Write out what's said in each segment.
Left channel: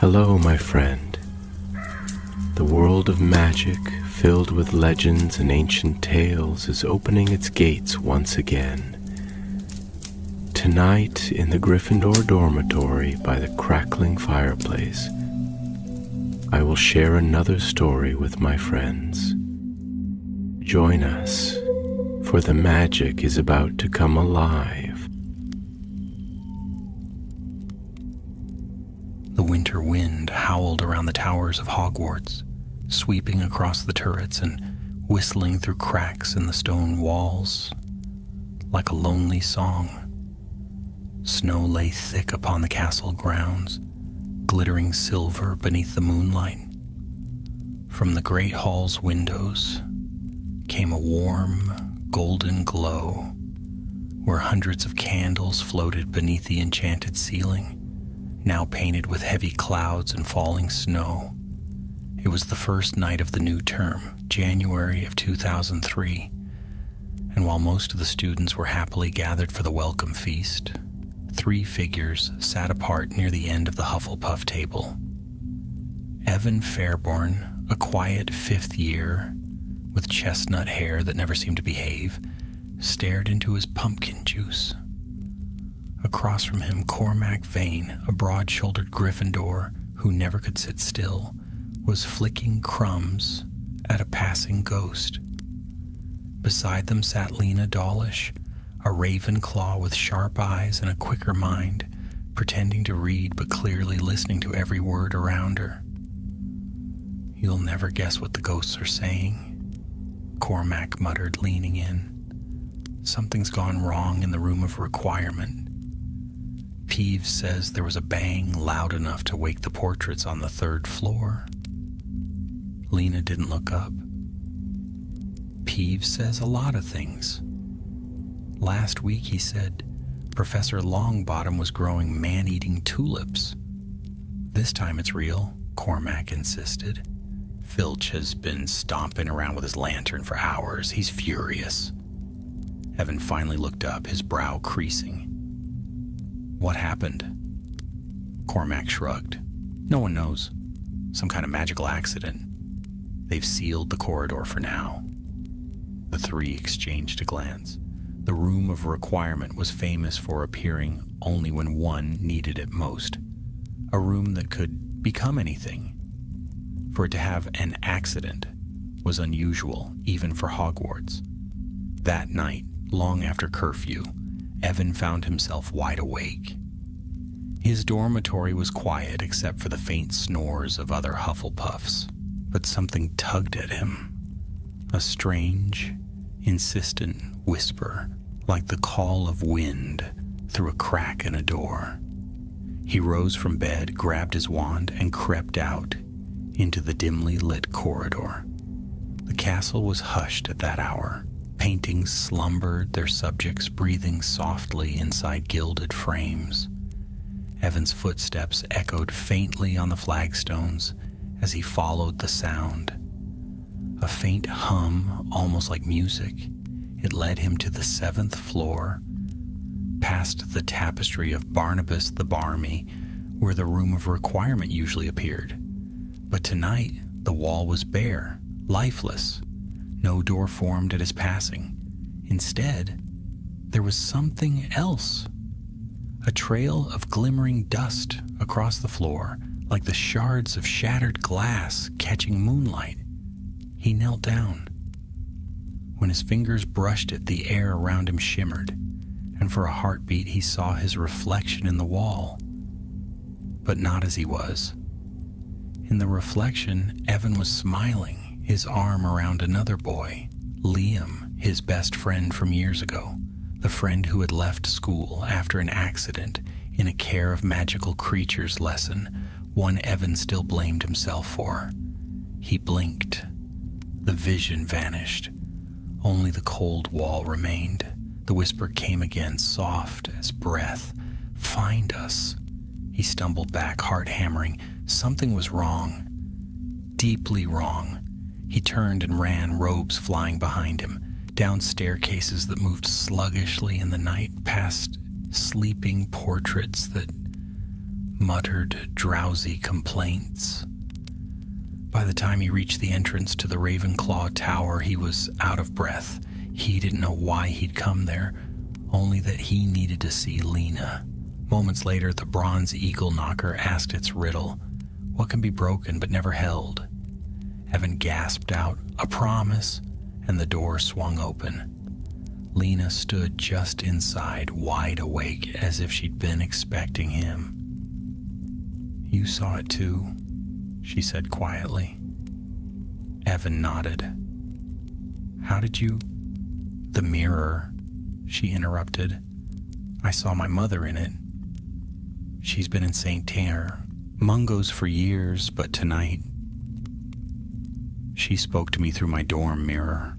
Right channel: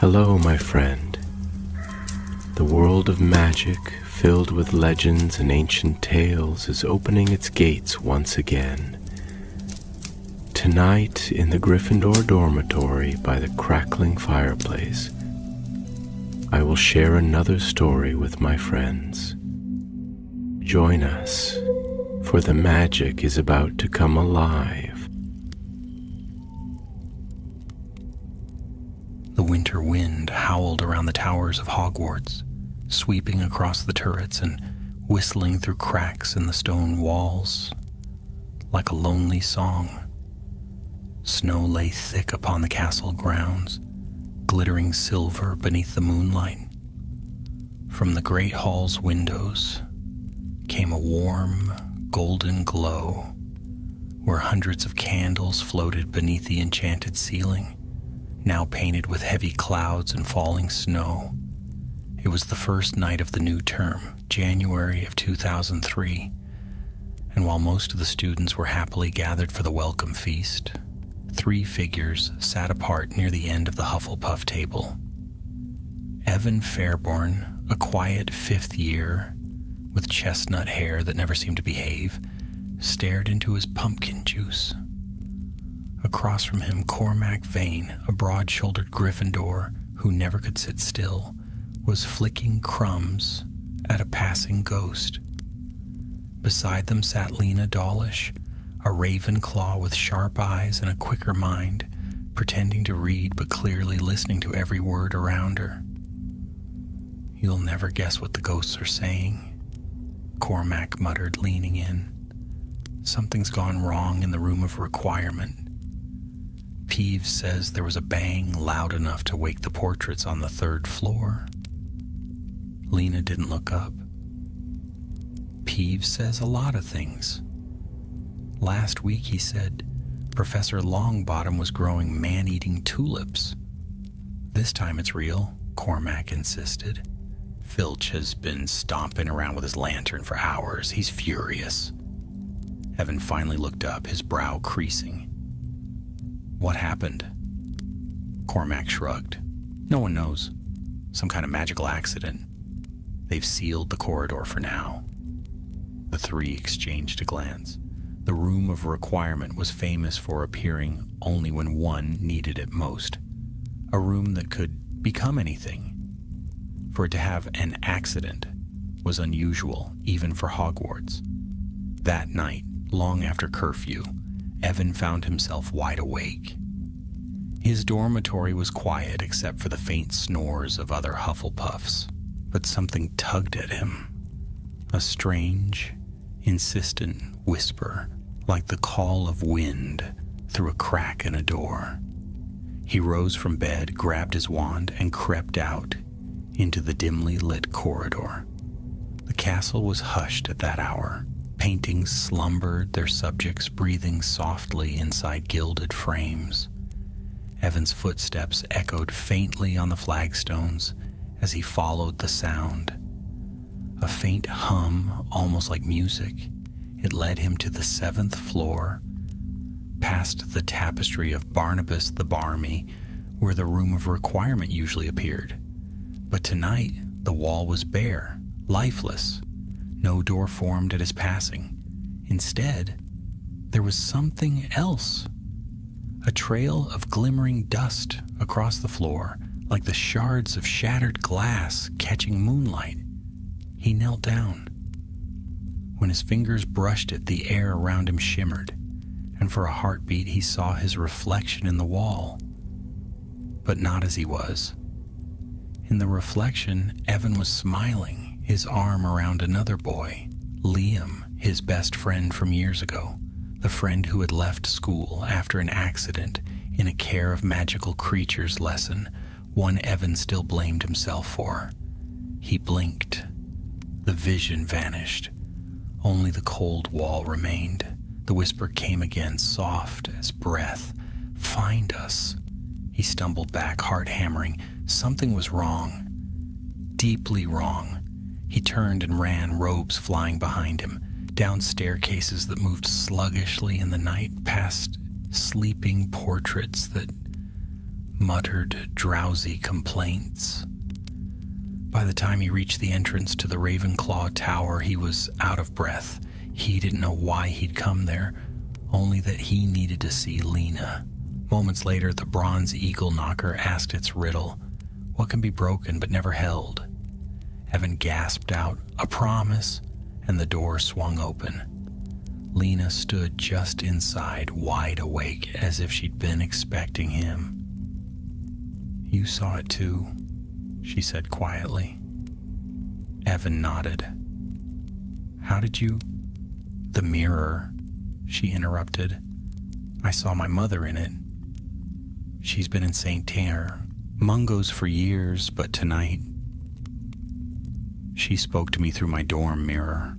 Hello, my friend. The world of magic, filled with legends and ancient tales, is opening its gates once again. Tonight, in the Gryffindor dormitory by the crackling fireplace, I will share another story with my friends. Join us, for the magic is about to come alive. The winter wind howled around the towers of Hogwarts, sweeping across the turrets and whistling through cracks in the stone walls like a lonely song. Snow lay thick upon the castle grounds, glittering silver beneath the moonlight. From the great hall's windows came a warm, golden glow, where hundreds of candles floated beneath the enchanted ceiling, now painted with heavy clouds and falling snow. It was the first night of the new term, January of 2003, and while most of the students were happily gathered for the welcome feast, 3 figures sat apart near the end of the Hufflepuff table. Evan Fairborn, a quiet 5th year, with chestnut hair that never seemed to behave, stared into his pumpkin juice. Across from him, Cormac Vane, a broad-shouldered Gryffindor who never could sit still, was flicking crumbs at a passing ghost. Beside them sat Lena Dawlish, a Ravenclaw with sharp eyes and a quicker mind, pretending to read but clearly listening to every word around her. "You'll never guess what the ghosts are saying," Cormac muttered, leaning in. "Something's gone wrong in the room of requirement. Peeves says there was a bang loud enough to wake the portraits on the 3rd floor." Lena didn't look up. "Peeves says a lot of things. Last week he said Professor Longbottom was growing man-eating tulips. This time it's real," Cormac insisted. "Filch has been stomping around with his lantern for hours. He's furious." Evan finally looked up, his brow creasing. "What happened?" Cormac shrugged. "No one knows. Some kind of magical accident. They've sealed the corridor for now." The 3 exchanged a glance. The room of requirement was famous for appearing only when one needed it most. A room that could become anything. For it to have an accident was unusual, even for Hogwarts. That night, long after curfew, Evan found himself wide awake. His dormitory was quiet except for the faint snores of other Hufflepuffs, but something tugged at him. A strange, insistent whisper, like the call of wind through a crack in a door. He rose from bed, grabbed his wand, and crept out into the dimly lit corridor. The castle was hushed at that hour. Paintings slumbered, their subjects breathing softly inside gilded frames. Evan's footsteps echoed faintly on the flagstones as he followed the sound. A faint hum, almost like music. It led him to the 7th floor, past the tapestry of Barnabas the Barmy, where the room of requirement usually appeared. But tonight, the wall was bare, lifeless. No door formed at his passing. Instead, there was something else. A trail of glimmering dust across the floor, like the shards of shattered glass catching moonlight. He knelt down. When his fingers brushed it, the air around him shimmered, and for a heartbeat he saw his reflection in the wall. But not as he was. In the reflection, Evan was smiling, his arm around another boy, Liam, his best friend from years ago, the friend who had left school after an accident in a care of magical creatures lesson, one Evan still blamed himself for. He blinked. The vision vanished. Only the cold wall remained. The whisper came again, soft as breath. "Find us." He stumbled back, heart hammering. Something was wrong. Deeply wrong. He turned and ran, robes flying behind him, down staircases that moved sluggishly in the night, past sleeping portraits that muttered drowsy complaints. By the time he reached the entrance to the Ravenclaw Tower, he was out of breath. He didn't know why he'd come there, only that he needed to see Lena. Moments later, the bronze eagle knocker asked its riddle. What can be broken but never held? Evan gasped out, "A promise," and the door swung open. Lena stood just inside, wide awake, as if she'd been expecting him. "You saw it too," she said quietly. Evan nodded. "How did you—" "The mirror," she interrupted. "I saw my mother in it. She's been in St. Terre, Mungo's for years, but tonight she spoke to me through my dorm mirror."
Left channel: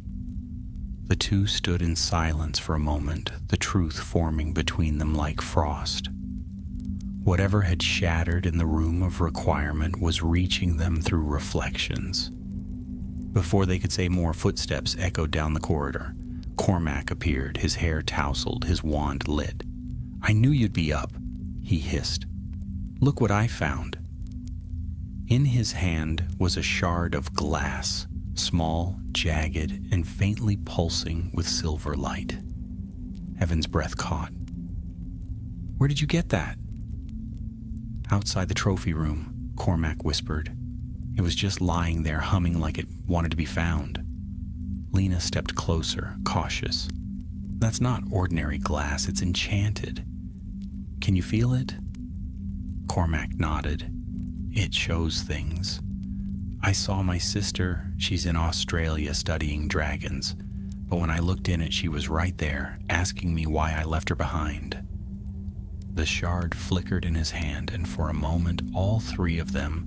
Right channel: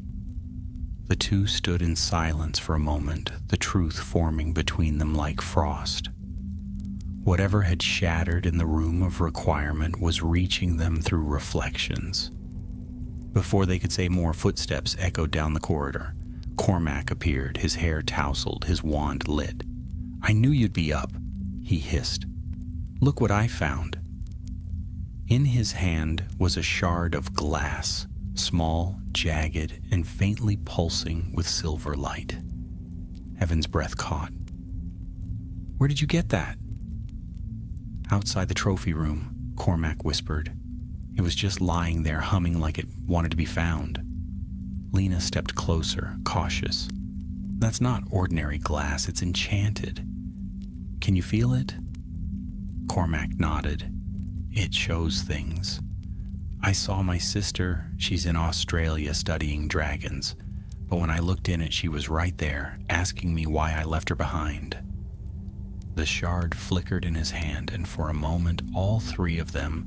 The two stood in silence for a moment, the truth forming between them like frost. Whatever had shattered in the room of requirement was reaching them through reflections. Before they could say more, footsteps echoed down the corridor. Cormac appeared, his hair tousled, his wand lit. "I knew you'd be up," he hissed. "Look what I found." In his hand was a shard of glass, small, jagged, and faintly pulsing with silver light. Evan's breath caught. "Where did you get that?" "Outside the trophy room," Cormac whispered. "It was just lying there, humming like it wanted to be found." Lena stepped closer, cautious. "That's not ordinary glass, it's enchanted. Can you feel it?" Cormac nodded. "It shows things. I saw my sister. She's in Australia studying dragons. But when I looked in it, she was right there, asking me why I left her behind." The shard flickered in his hand, and for a moment all three of them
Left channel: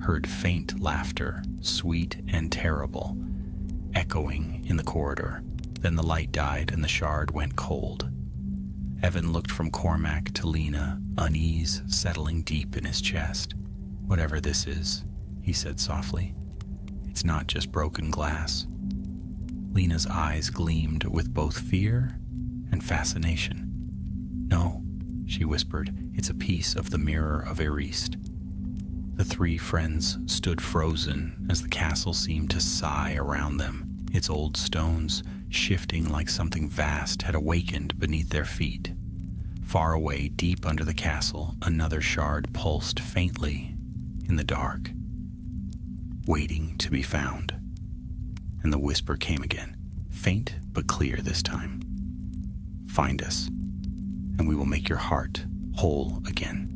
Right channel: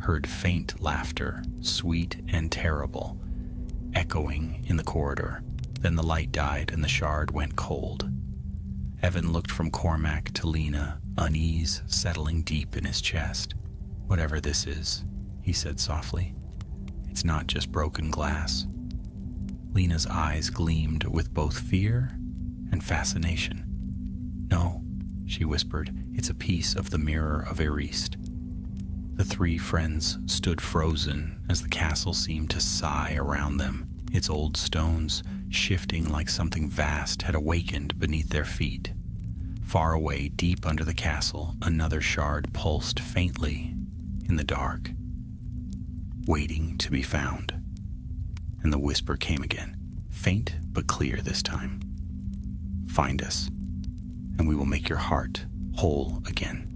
heard faint laughter, sweet and terrible, echoing in the corridor. Then the light died and the shard went cold. Evan looked from Cormac to Lena, unease settling deep in his chest. "Whatever this is," he said softly, "it's not just broken glass." Lena's eyes gleamed with both fear and fascination. "No," she whispered, "it's a piece of the mirror of Erist." The three friends stood frozen as the castle seemed to sigh around them, its old stones shifting like something vast had awakened beneath their feet. Far away, deep under the castle, another shard pulsed faintly in the dark, waiting to be found. And the whisper came again, faint but clear this time. "Find us, and we will make your heart whole again."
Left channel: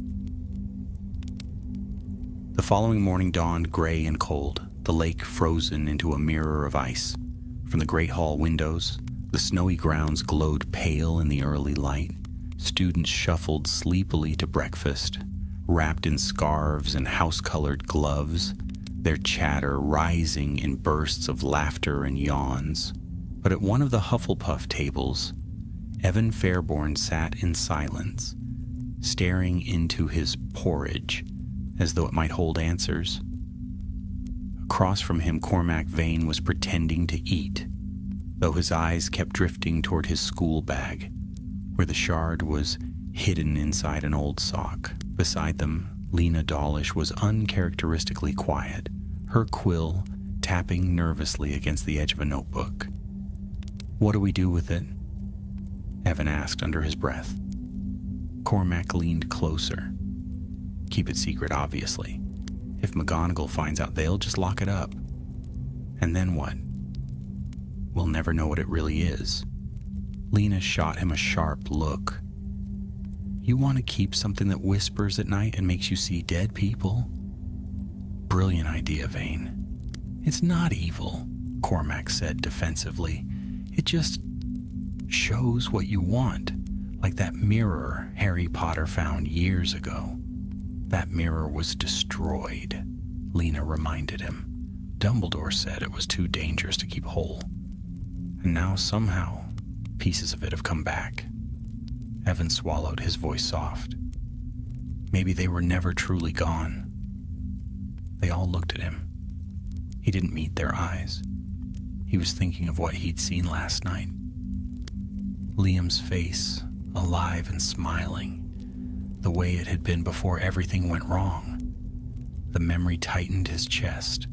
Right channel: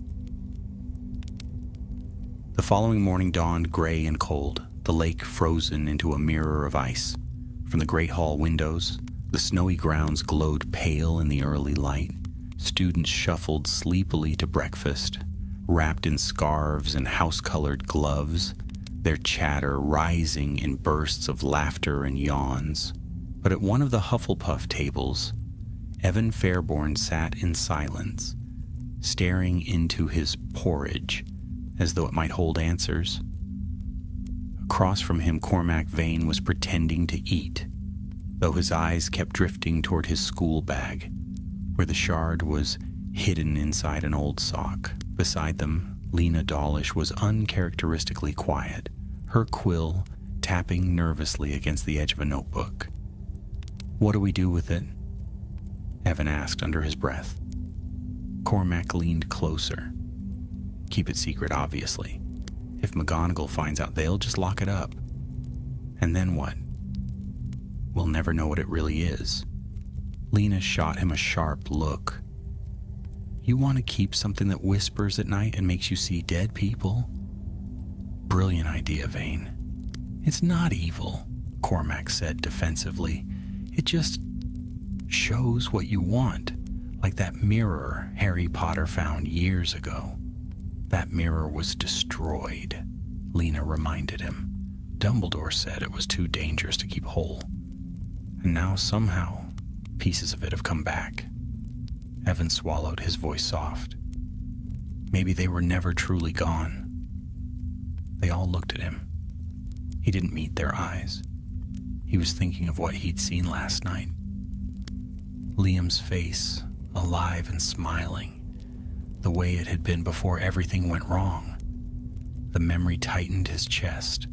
The following morning dawned gray and cold, the lake frozen into a mirror of ice. From the great hall windows, the snowy grounds glowed pale in the early light. Students shuffled sleepily to breakfast, wrapped in scarves and house-colored gloves, their chatter rising in bursts of laughter and yawns. But at one of the Hufflepuff tables, Evan Fairborn sat in silence, staring into his porridge as though it might hold answers. Across from him, Cormac Vane was pretending to eat, though his eyes kept drifting toward his school bag, where the shard was hidden inside an old sock. Beside them, Lena Dawlish was uncharacteristically quiet, her quill tapping nervously against the edge of a notebook. "What do we do with it?" Evan asked under his breath. Cormac leaned closer. "Keep it secret, obviously. If McGonagall finds out, they'll just lock it up. And then what? We'll never know what it really is." Lena shot him a sharp look. "You want to keep something that whispers at night and makes you see dead people?" "Brilliant idea, Vane." "It's not evil," Cormac said defensively. "It just shows what you want, like that mirror Harry Potter found years ago." "That mirror was destroyed," Lena reminded him. "Dumbledore said it was too dangerous to keep whole. And now somehow pieces of it have come back." Evan swallowed, his voice soft. "Maybe they were never truly gone." They all looked at him. He didn't meet their eyes. He was thinking of what he'd seen last night. Liam's face, alive and smiling. the way it had been before everything went wrong. The memory tightened his chest.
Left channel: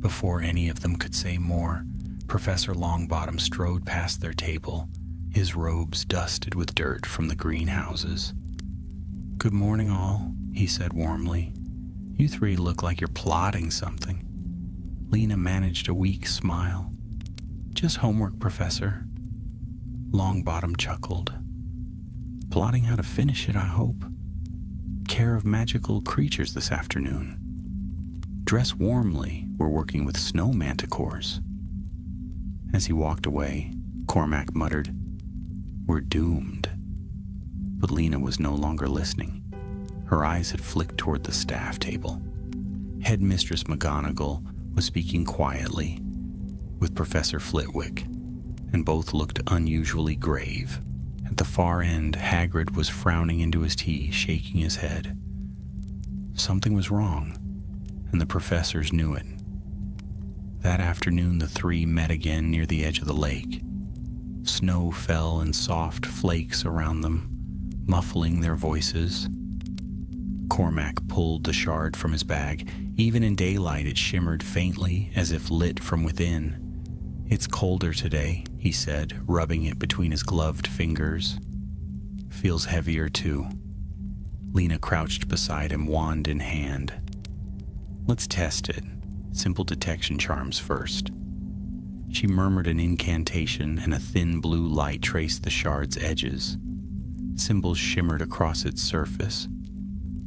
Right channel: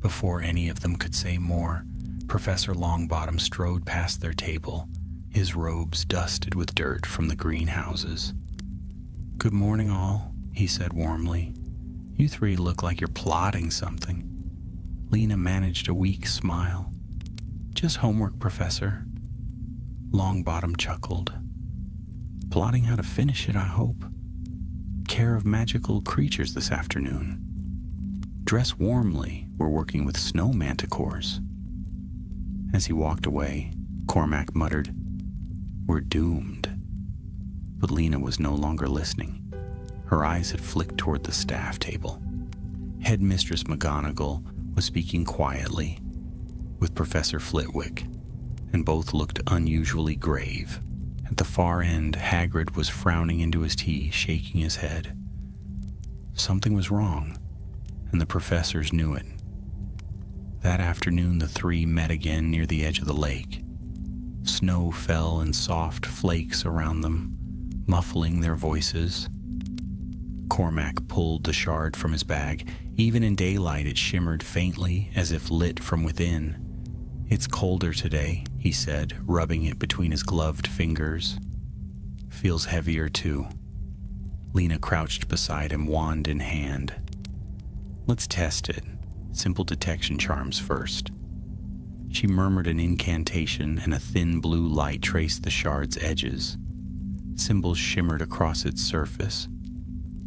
Before any of them could say more, Professor Longbottom strode past their table, his robes dusted with dirt from the greenhouses. "Good morning, all," he said warmly. "You three look like you're plotting something." Lena managed a weak smile. "Just homework, Professor." Longbottom chuckled. "Plotting how to finish it, I hope. Care of magical creatures this afternoon. Dress warmly, we're working with snow manticores." As he walked away, Cormac muttered, "We're doomed." But Lena was no longer listening. Her eyes had flicked toward the staff table. Headmistress McGonagall was speaking quietly with Professor Flitwick, and both looked unusually grave. At the far end, Hagrid was frowning into his tea, shaking his head. Something was wrong, and the professors knew it. That afternoon, the three met again near the edge of the lake. Snow fell in soft flakes around them, muffling their voices. Cormac pulled the shard from his bag. Even in daylight, it shimmered faintly, as if lit from within. "It's colder today," he said, rubbing it between his gloved fingers. "Feels heavier, too." Lena crouched beside him, wand in hand. "Let's test it. Simple detection charms first." She murmured an incantation, and a thin blue light traced the shard's edges. Symbols shimmered across its surface.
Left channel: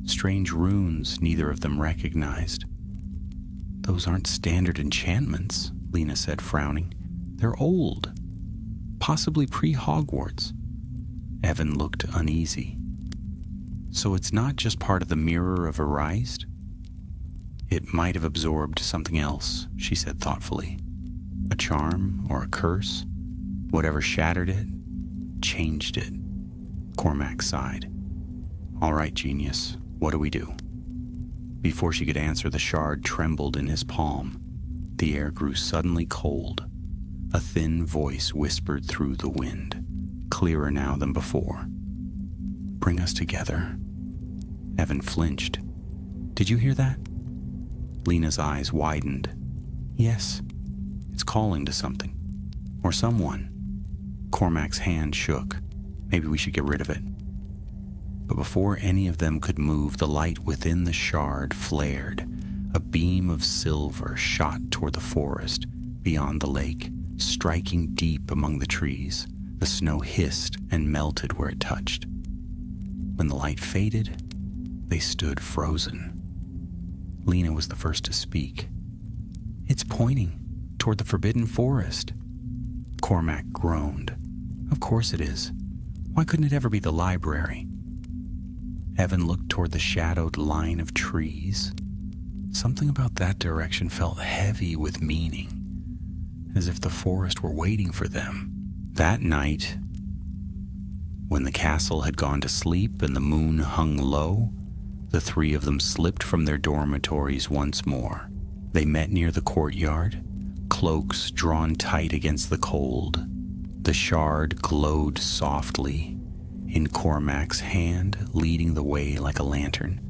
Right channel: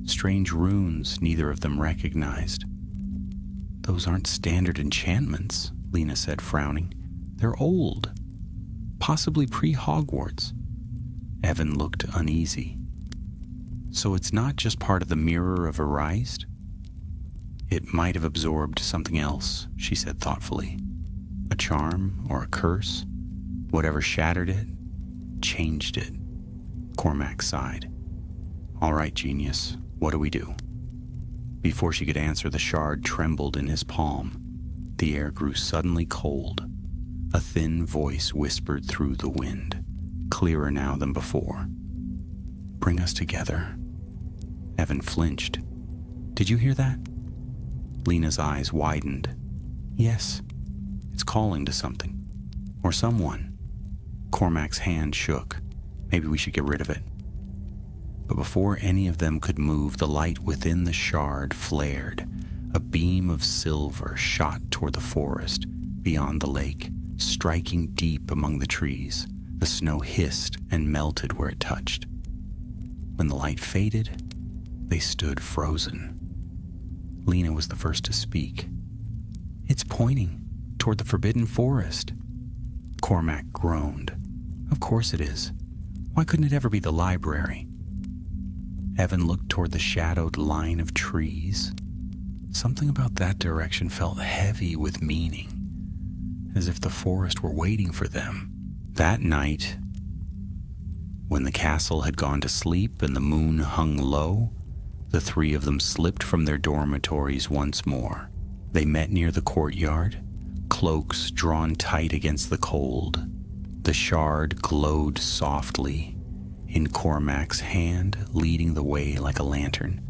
Strange runes neither of them recognized. "Those aren't standard enchantments," Lena said, frowning. "They're old. Possibly pre-Hogwarts." Evan looked uneasy. "So it's not just part of the Mirror of Erased?" "It might have absorbed something else," she said thoughtfully. "A charm or a curse. Whatever shattered it, changed it." Cormac sighed. "All right, genius. What do we do?" Before she could answer, the shard trembled in his palm. The air grew suddenly cold. A thin voice whispered through the wind, clearer now than before. "Bring us together." Evan flinched. "Did you hear that?" Lena's eyes widened. "Yes. It's calling to something. Or someone." Cormac's hand shook. "Maybe we should get rid of it." But before any of them could move, the light within the shard flared. A beam of silver shot toward the forest beyond the lake, striking deep among the trees. The snow hissed and melted where it touched. When the light faded, they stood frozen. Lena was the first to speak. "It's pointing toward the Forbidden Forest." Cormac groaned. "Of course it is. Why couldn't it ever be the library?" Evan looked toward the shadowed line of trees. Something about that direction felt heavy with meaning, as if the forest were waiting for them. That night, when the castle had gone to sleep and the moon hung low, the three of them slipped from their dormitories once more. They met near the courtyard, cloaks drawn tight against the cold. The shard glowed softly, in Cormac's hand, leading the way like a lantern.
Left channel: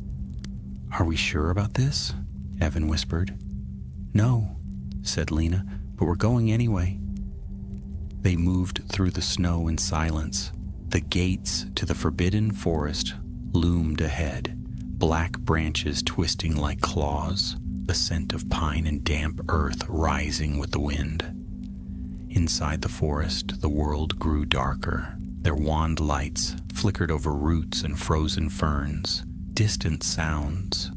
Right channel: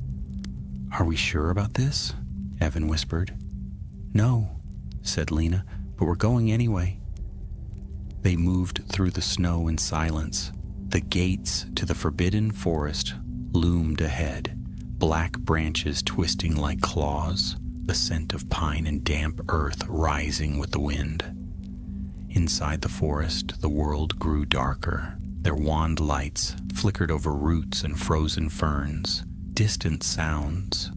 "Are we sure about this?" Evan whispered. "No," said Lena, "but we're going anyway." They moved through the snow in silence. The gates to the Forbidden Forest loomed ahead, black branches twisting like claws, the scent of pine and damp earth rising with the wind. Inside the forest, the world grew darker. Their wand lights flickered over roots and frozen ferns. Distant sounds,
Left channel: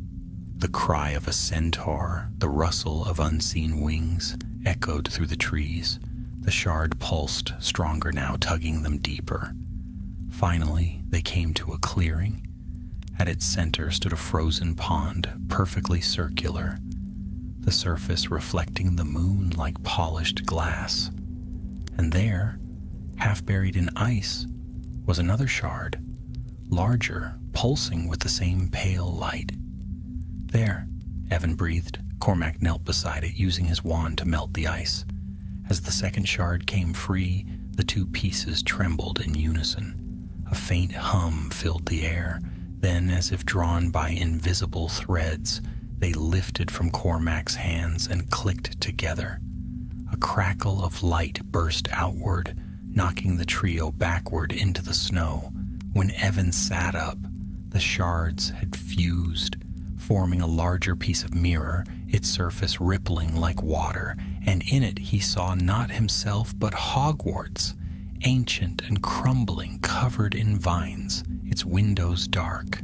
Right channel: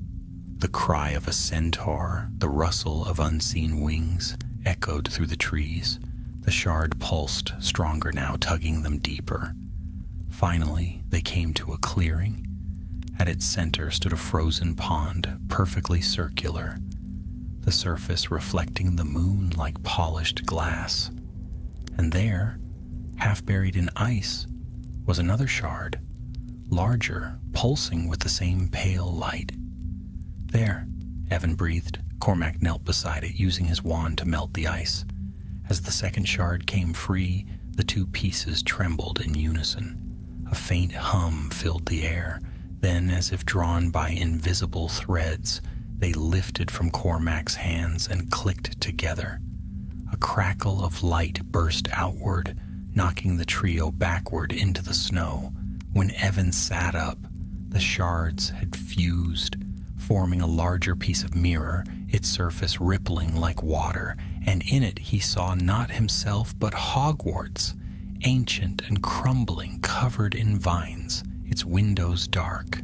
the cry of a centaur, the rustle of unseen wings, echoed through the trees. The shard pulsed, stronger now, tugging them deeper. Finally, they came to a clearing. At its center stood a frozen pond, perfectly circular, the surface reflecting the moon like polished glass. And there, half buried in ice, was another shard, larger, pulsing with the same pale light. "There," Evan breathed. Cormac knelt beside it, using his wand to melt the ice. As the second shard came free, the two pieces trembled in unison. A faint hum filled the air, Then, as if drawn by invisible threads, they lifted from Cormac's hands and clicked together. A crackle of light burst outward, knocking the trio backward into the snow. When Evan sat up, the shards had fused, forming a larger piece of mirror, its surface rippling like water, and in it he saw not himself but Hogwarts, ancient and crumbling, covered in vines, its windows dark.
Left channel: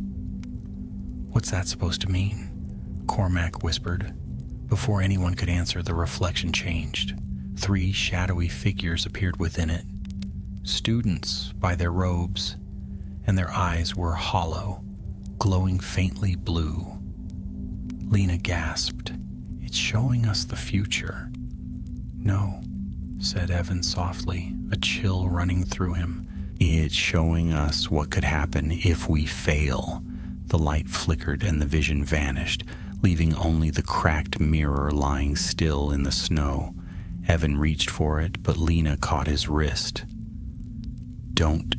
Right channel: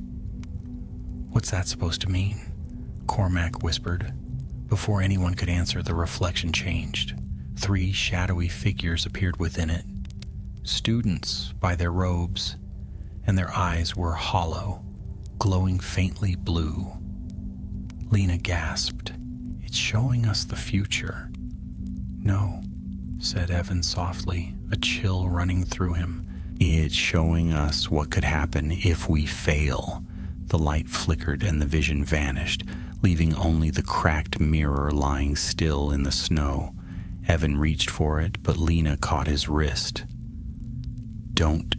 "What's that supposed to mean?" Cormac whispered. Before anyone could answer, the reflection changed. 3 shadowy figures appeared within it, students by their robes, and their eyes were hollow, glowing faintly blue. Lena gasped. "It's showing us the future." "No," said Evan softly, a chill running through him. "It's showing us what could happen if we fail." The light flickered and the vision vanished, leaving only the cracked mirror lying still in the snow. Evan reached for it, but Lena caught his wrist. "Don't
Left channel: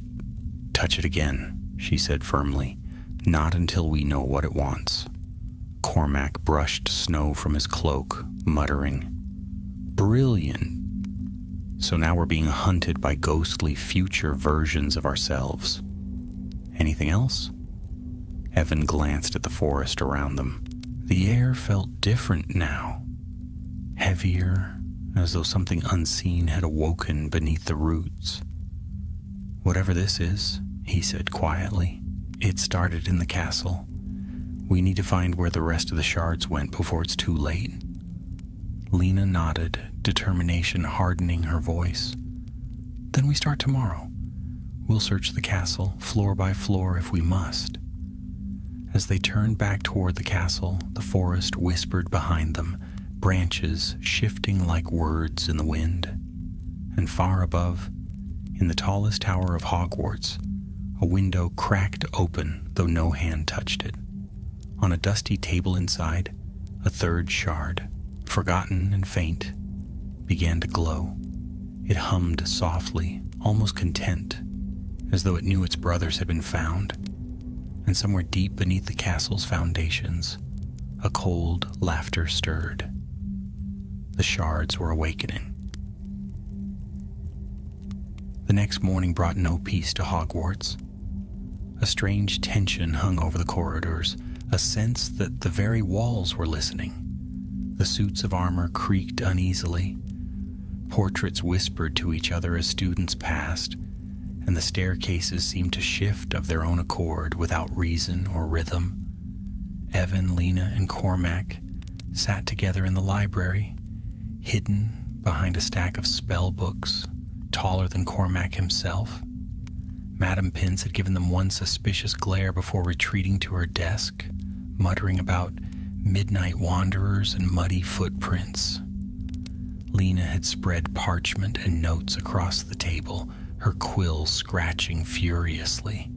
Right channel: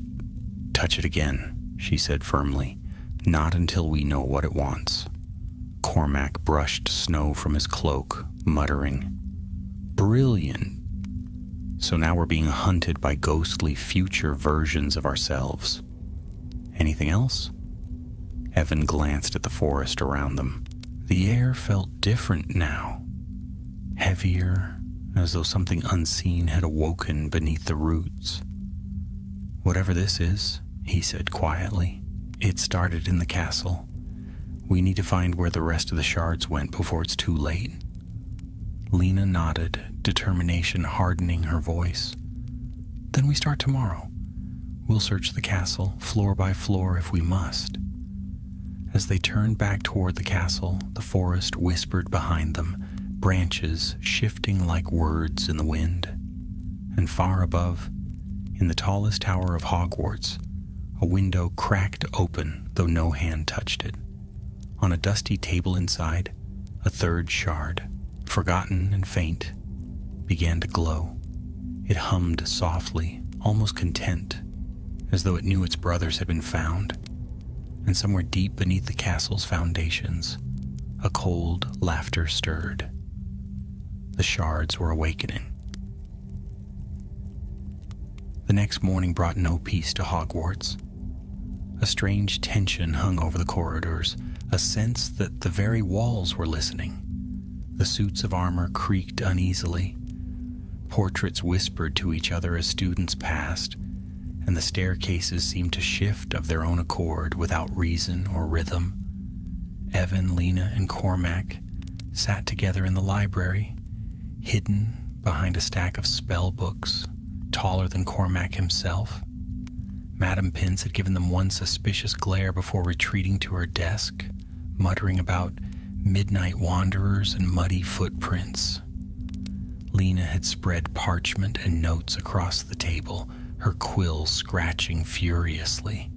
touch it again," she said firmly. "Not until we know what it wants." Cormac brushed snow from his cloak, muttering, "Brilliant. So now we're being hunted by ghostly future versions of ourselves. Anything else?" Evan glanced at the forest around them. The air felt different now, heavier, as though something unseen had awoken beneath the roots. "Whatever this is," he said quietly, "it started in the castle. We need to find where the rest of the shards went before it's too late." Lena nodded, determination hardening her voice. "Then we start tomorrow. We'll search the castle, floor by floor if we must." As they turned back toward the castle, the forest whispered behind them, branches shifting like words in the wind. And far above, in the tallest tower of Hogwarts, a window cracked open, though no hand touched it. On a dusty table inside, a third shard, forgotten and faint, began to glow. It hummed softly, almost content, as though it knew its brothers had been found. And somewhere deep beneath the castle's foundations, a cold laughter stirred. The shards were awakening. The next morning brought no peace to Hogwarts. A strange tension hung over the corridors, a sense that the very walls were listening. The suits of armor creaked uneasily. Portraits whispered to each other as students passed, and the staircases seemed to shift of their own accord without reason or rhythm. Evan, Lena, and Cormac sat together in the library, hidden behind a stack of spell books, taller than Cormac himself. Madame Pince had given them one suspicious glare before retreating to her desk, muttering about midnight wanderers and muddy footprints. Lena had spread parchment and notes across the table, her quill scratching furiously.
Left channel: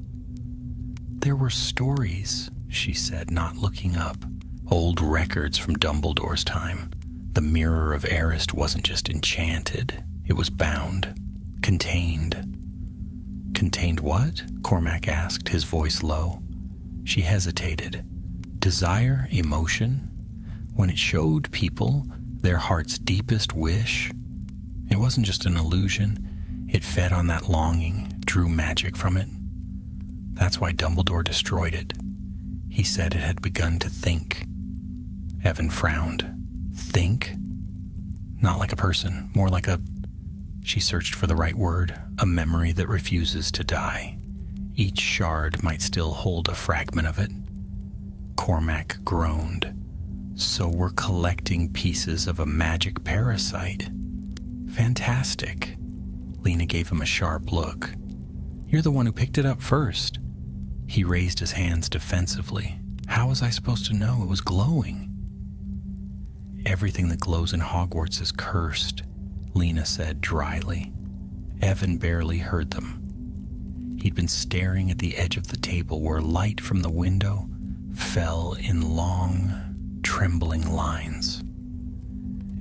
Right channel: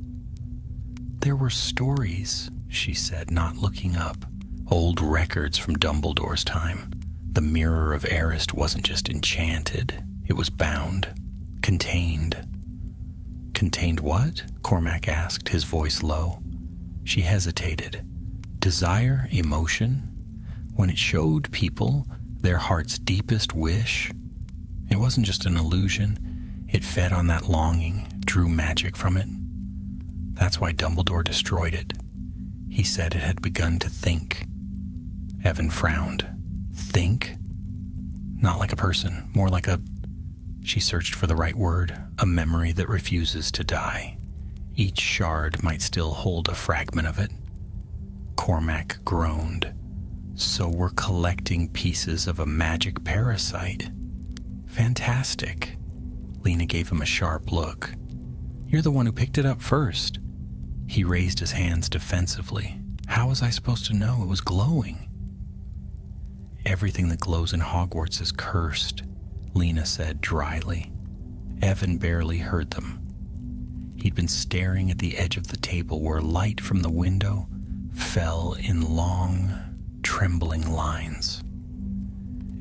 "There were stories," she said, not looking up. "Old records from Dumbledore's time. The Mirror of Erised wasn't just enchanted, it was bound, contained." "Contained what?" Cormac asked, his voice low. She hesitated. "Desire, emotion, when it showed people their heart's deepest wish. It wasn't just an illusion. It fed on that longing, drew magic from it. That's why Dumbledore destroyed it. He said it had begun to think." Evan frowned. "Think? Not like a person, more like a..." She searched for the right word, "a memory that refuses to die. Each shard might still hold a fragment of it." Cormac groaned. "So we're collecting pieces of a magic parasite. Fantastic." Lena gave him a sharp look. "You're the one who picked it up first." He raised his hands defensively. "How was I supposed to know it was glowing?" "Everything that glows in Hogwarts is cursed," Lena said dryly. Evan barely heard them. He'd been staring at the edge of the table where light from the window fell in long, trembling lines.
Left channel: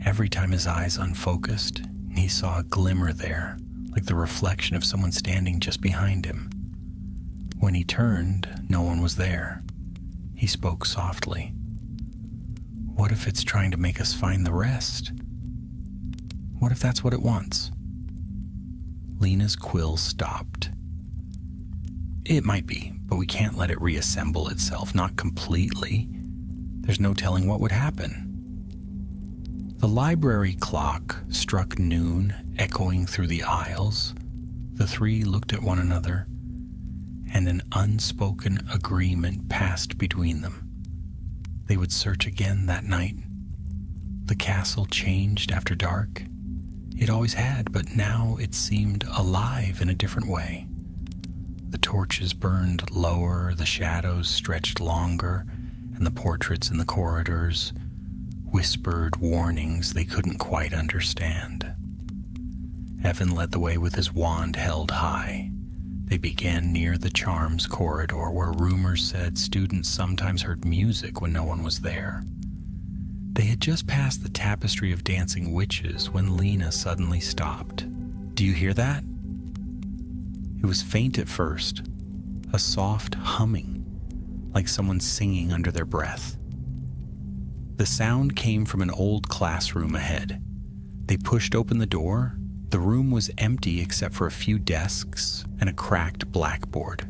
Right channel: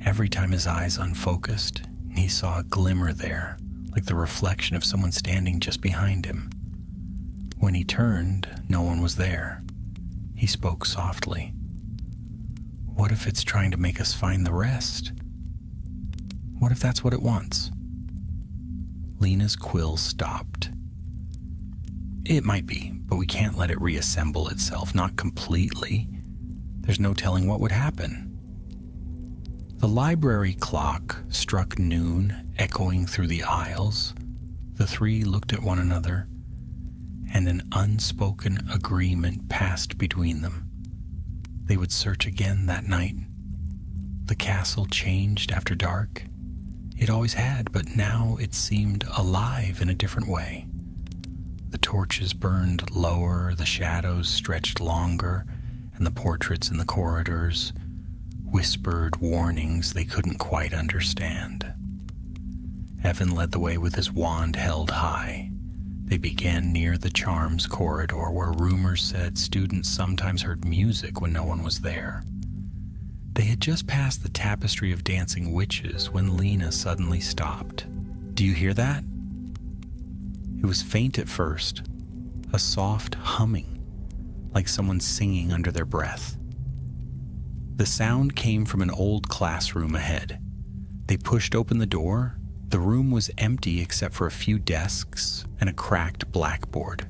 Every time his eyes unfocused, he saw a glimmer there, like the reflection of someone standing just behind him. When he turned, no one was there. He spoke softly. What if it's trying to make us find the rest? What if that's what it wants? Lena's quill stopped. It might be, but we can't let it reassemble itself, not completely. There's no telling what would happen. The library clock struck noon, echoing through the aisles. The three looked at one another, and an unspoken agreement passed between them. They would search again that night. The castle changed after dark. It always had, but now it seemed alive in a different way. The torches burned lower, the shadows stretched longer, and the portraits in the corridors whispered warnings they couldn't quite understand. Evan led the way with his wand held high. They began near the charms corridor, where rumors said students sometimes heard music when no one was there. They had just passed the tapestry of dancing witches when Lena suddenly stopped. Do you hear that? It was faint at first, a soft humming, like someone singing under their breath. The sound came from an old classroom ahead. They pushed open the door. The room was empty except for a few desks and a cracked blackboard.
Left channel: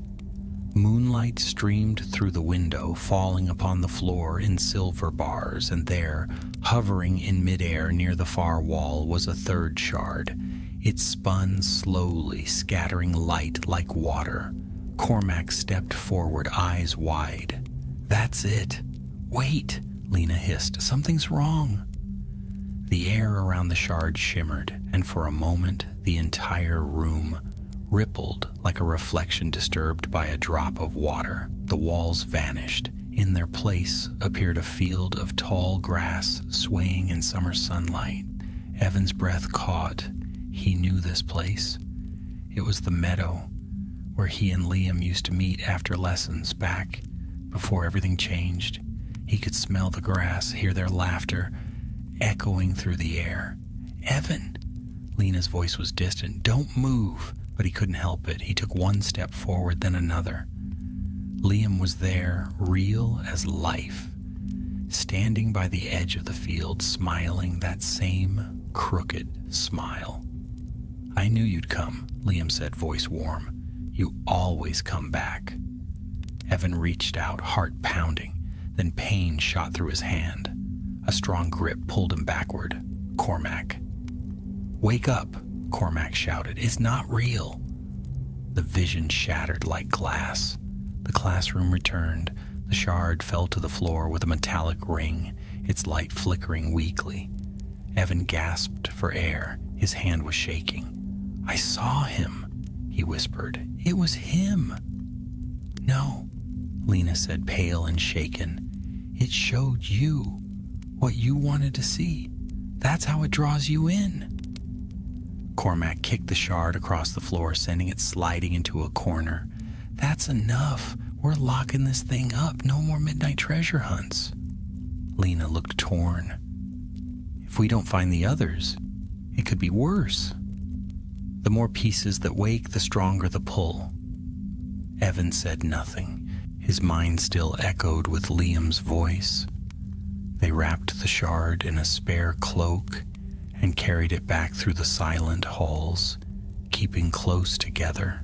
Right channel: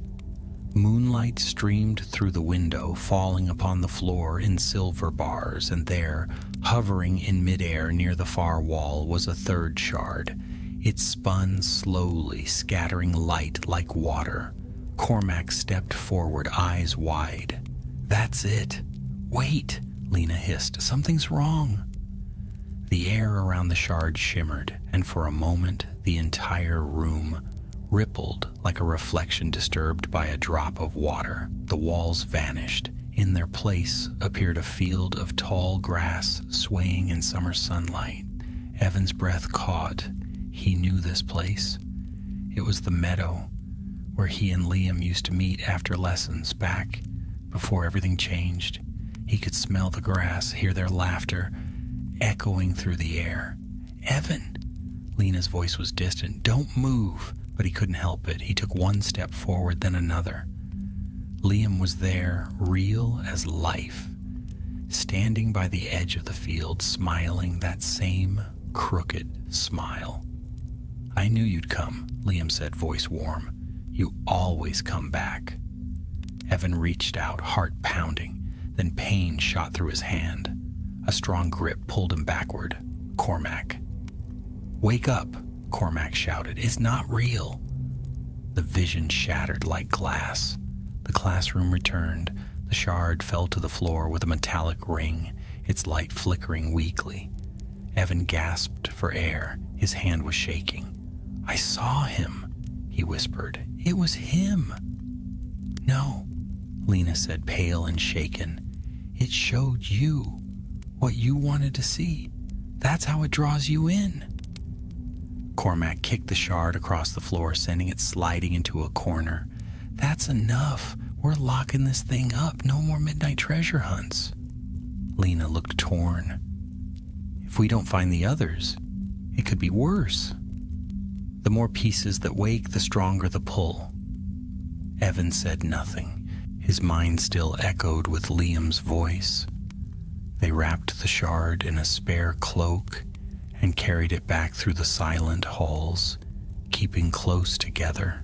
Moonlight streamed through the window, falling upon the floor in silver bars, and there, hovering in midair near the far wall, was a third shard. It spun slowly, scattering light like water. Cormac stepped forward, eyes wide. That's it. Wait, Lena hissed. Something's wrong. The air around the shard shimmered, and for a moment the entire room rippled like a reflection disturbed by a drop of water. The walls vanished. In their place appeared a field of tall grass swaying in summer sunlight. Evan's breath caught. He knew this place. It was the meadow where he and Liam used to meet after lessons back before everything changed. He could smell the grass, hear their laughter echoing through the air. Evan! Lena's voice was distant. Don't move! But he couldn't help it. He took one step forward, then another. Liam was there, real as life, standing by the edge of the field, smiling that same crooked smile. I knew you'd come, Liam said, voice warm. You always come back. Evan reached out, heart pounding. Then pain shot through his hand. A strong grip pulled him backward. Cormac. Wake up, Cormac shouted. It's not real. The vision shattered like glass. The classroom returned. The shard fell to the floor with a metallic ring, its light flickering weakly. Evan gasped for air. His hand was shaking. I saw him, he whispered. It was him. No, Lena said, pale and shaken. It showed you what you wanted to see. That's how it draws you in. Cormac kicked the shard across the floor, sending it sliding into a corner. That's enough. We're locking this thing up. No more midnight treasure hunts. Lena looked torn. If we don't find the others, it could be worse. The more pieces that wake, the stronger the pull. Evan said nothing. His mind still echoed with Liam's voice. They wrapped the shard in a spare cloak and carried it back through the silent halls, keeping close together.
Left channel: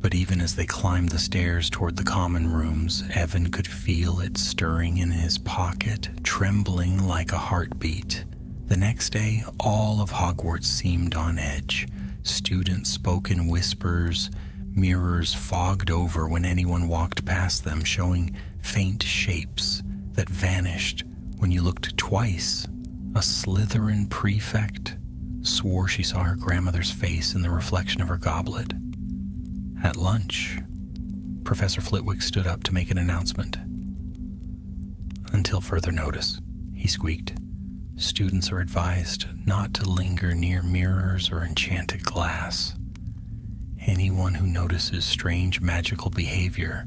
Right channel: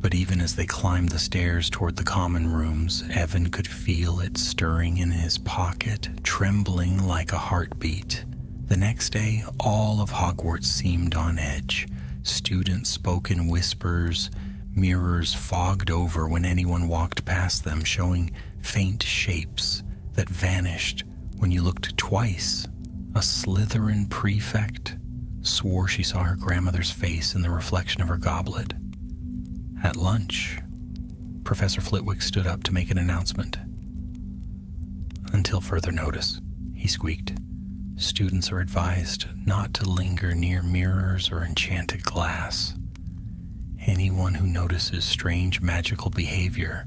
But even as they climbed the stairs toward the common rooms, Evan could feel it stirring in his pocket, trembling like a heartbeat. The next day, all of Hogwarts seemed on edge. Students spoke in whispers, mirrors fogged over when anyone walked past them, showing faint shapes that vanished when you looked twice. A Slytherin prefect swore she saw her grandmother's face in the reflection of her goblet. At lunch, Professor Flitwick stood up to make an announcement. Until further notice, he squeaked. Students are advised not to linger near mirrors or enchanted glass. Anyone who notices strange magical behavior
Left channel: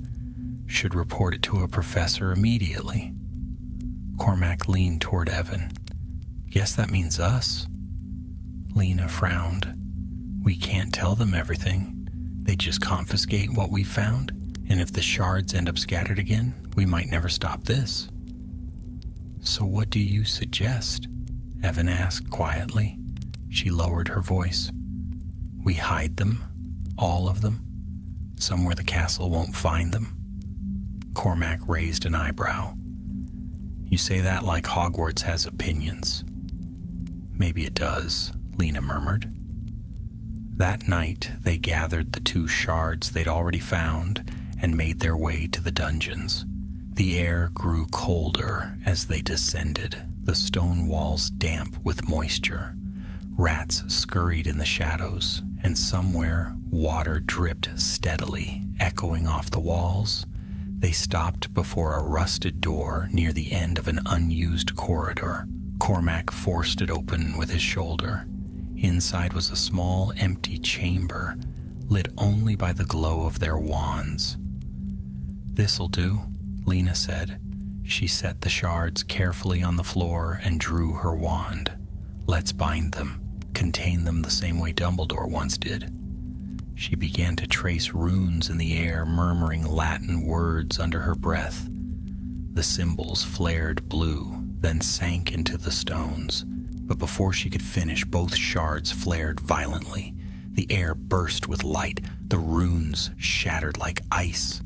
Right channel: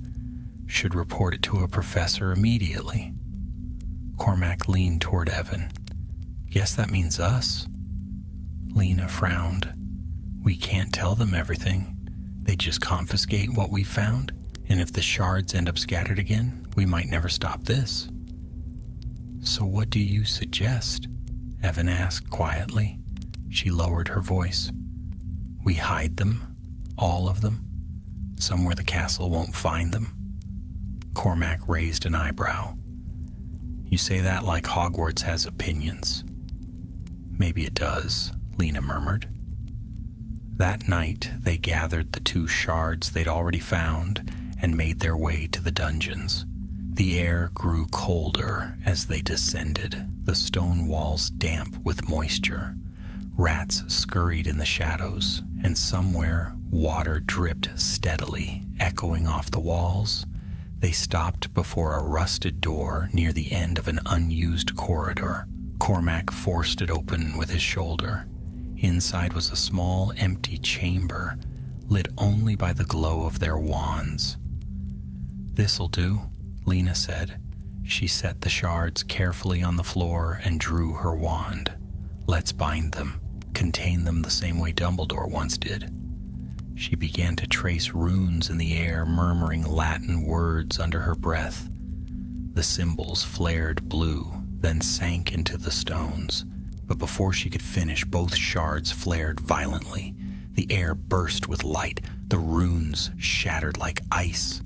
should report it to a professor immediately. Cormac leaned toward Evan. Guess that means us. Lena frowned. We can't tell them everything. They just confiscate what we found. And if the shards end up scattered again, we might never stop this. So what do you suggest? Evan asked quietly. She lowered her voice. We hide them, all of them, somewhere the castle won't find them. Cormac raised an eyebrow. You say that like Hogwarts has opinions. Maybe it does, Lena murmured. That night, they gathered the 2 shards they'd already found and made their way to the dungeons. The air grew colder as they descended, the stone walls damp with moisture. Rats scurried in the shadows, and somewhere water dripped steadily, echoing off the walls. They stopped before a rusted door near the end of an unused corridor. Cormac forced it open with his shoulder. Inside was a small, empty chamber, lit only by the glow of their wands. This'll do, Lena said. She set the shards carefully on the floor and drew her wand. Let's bind them, contain them the same way Dumbledore once did. She began to trace runes in the air, murmuring Latin words under her breath. The symbols flared blue, then sank into the stones. But before she could finish, both shards flared violently. The air burst with light. The runes shattered like ice.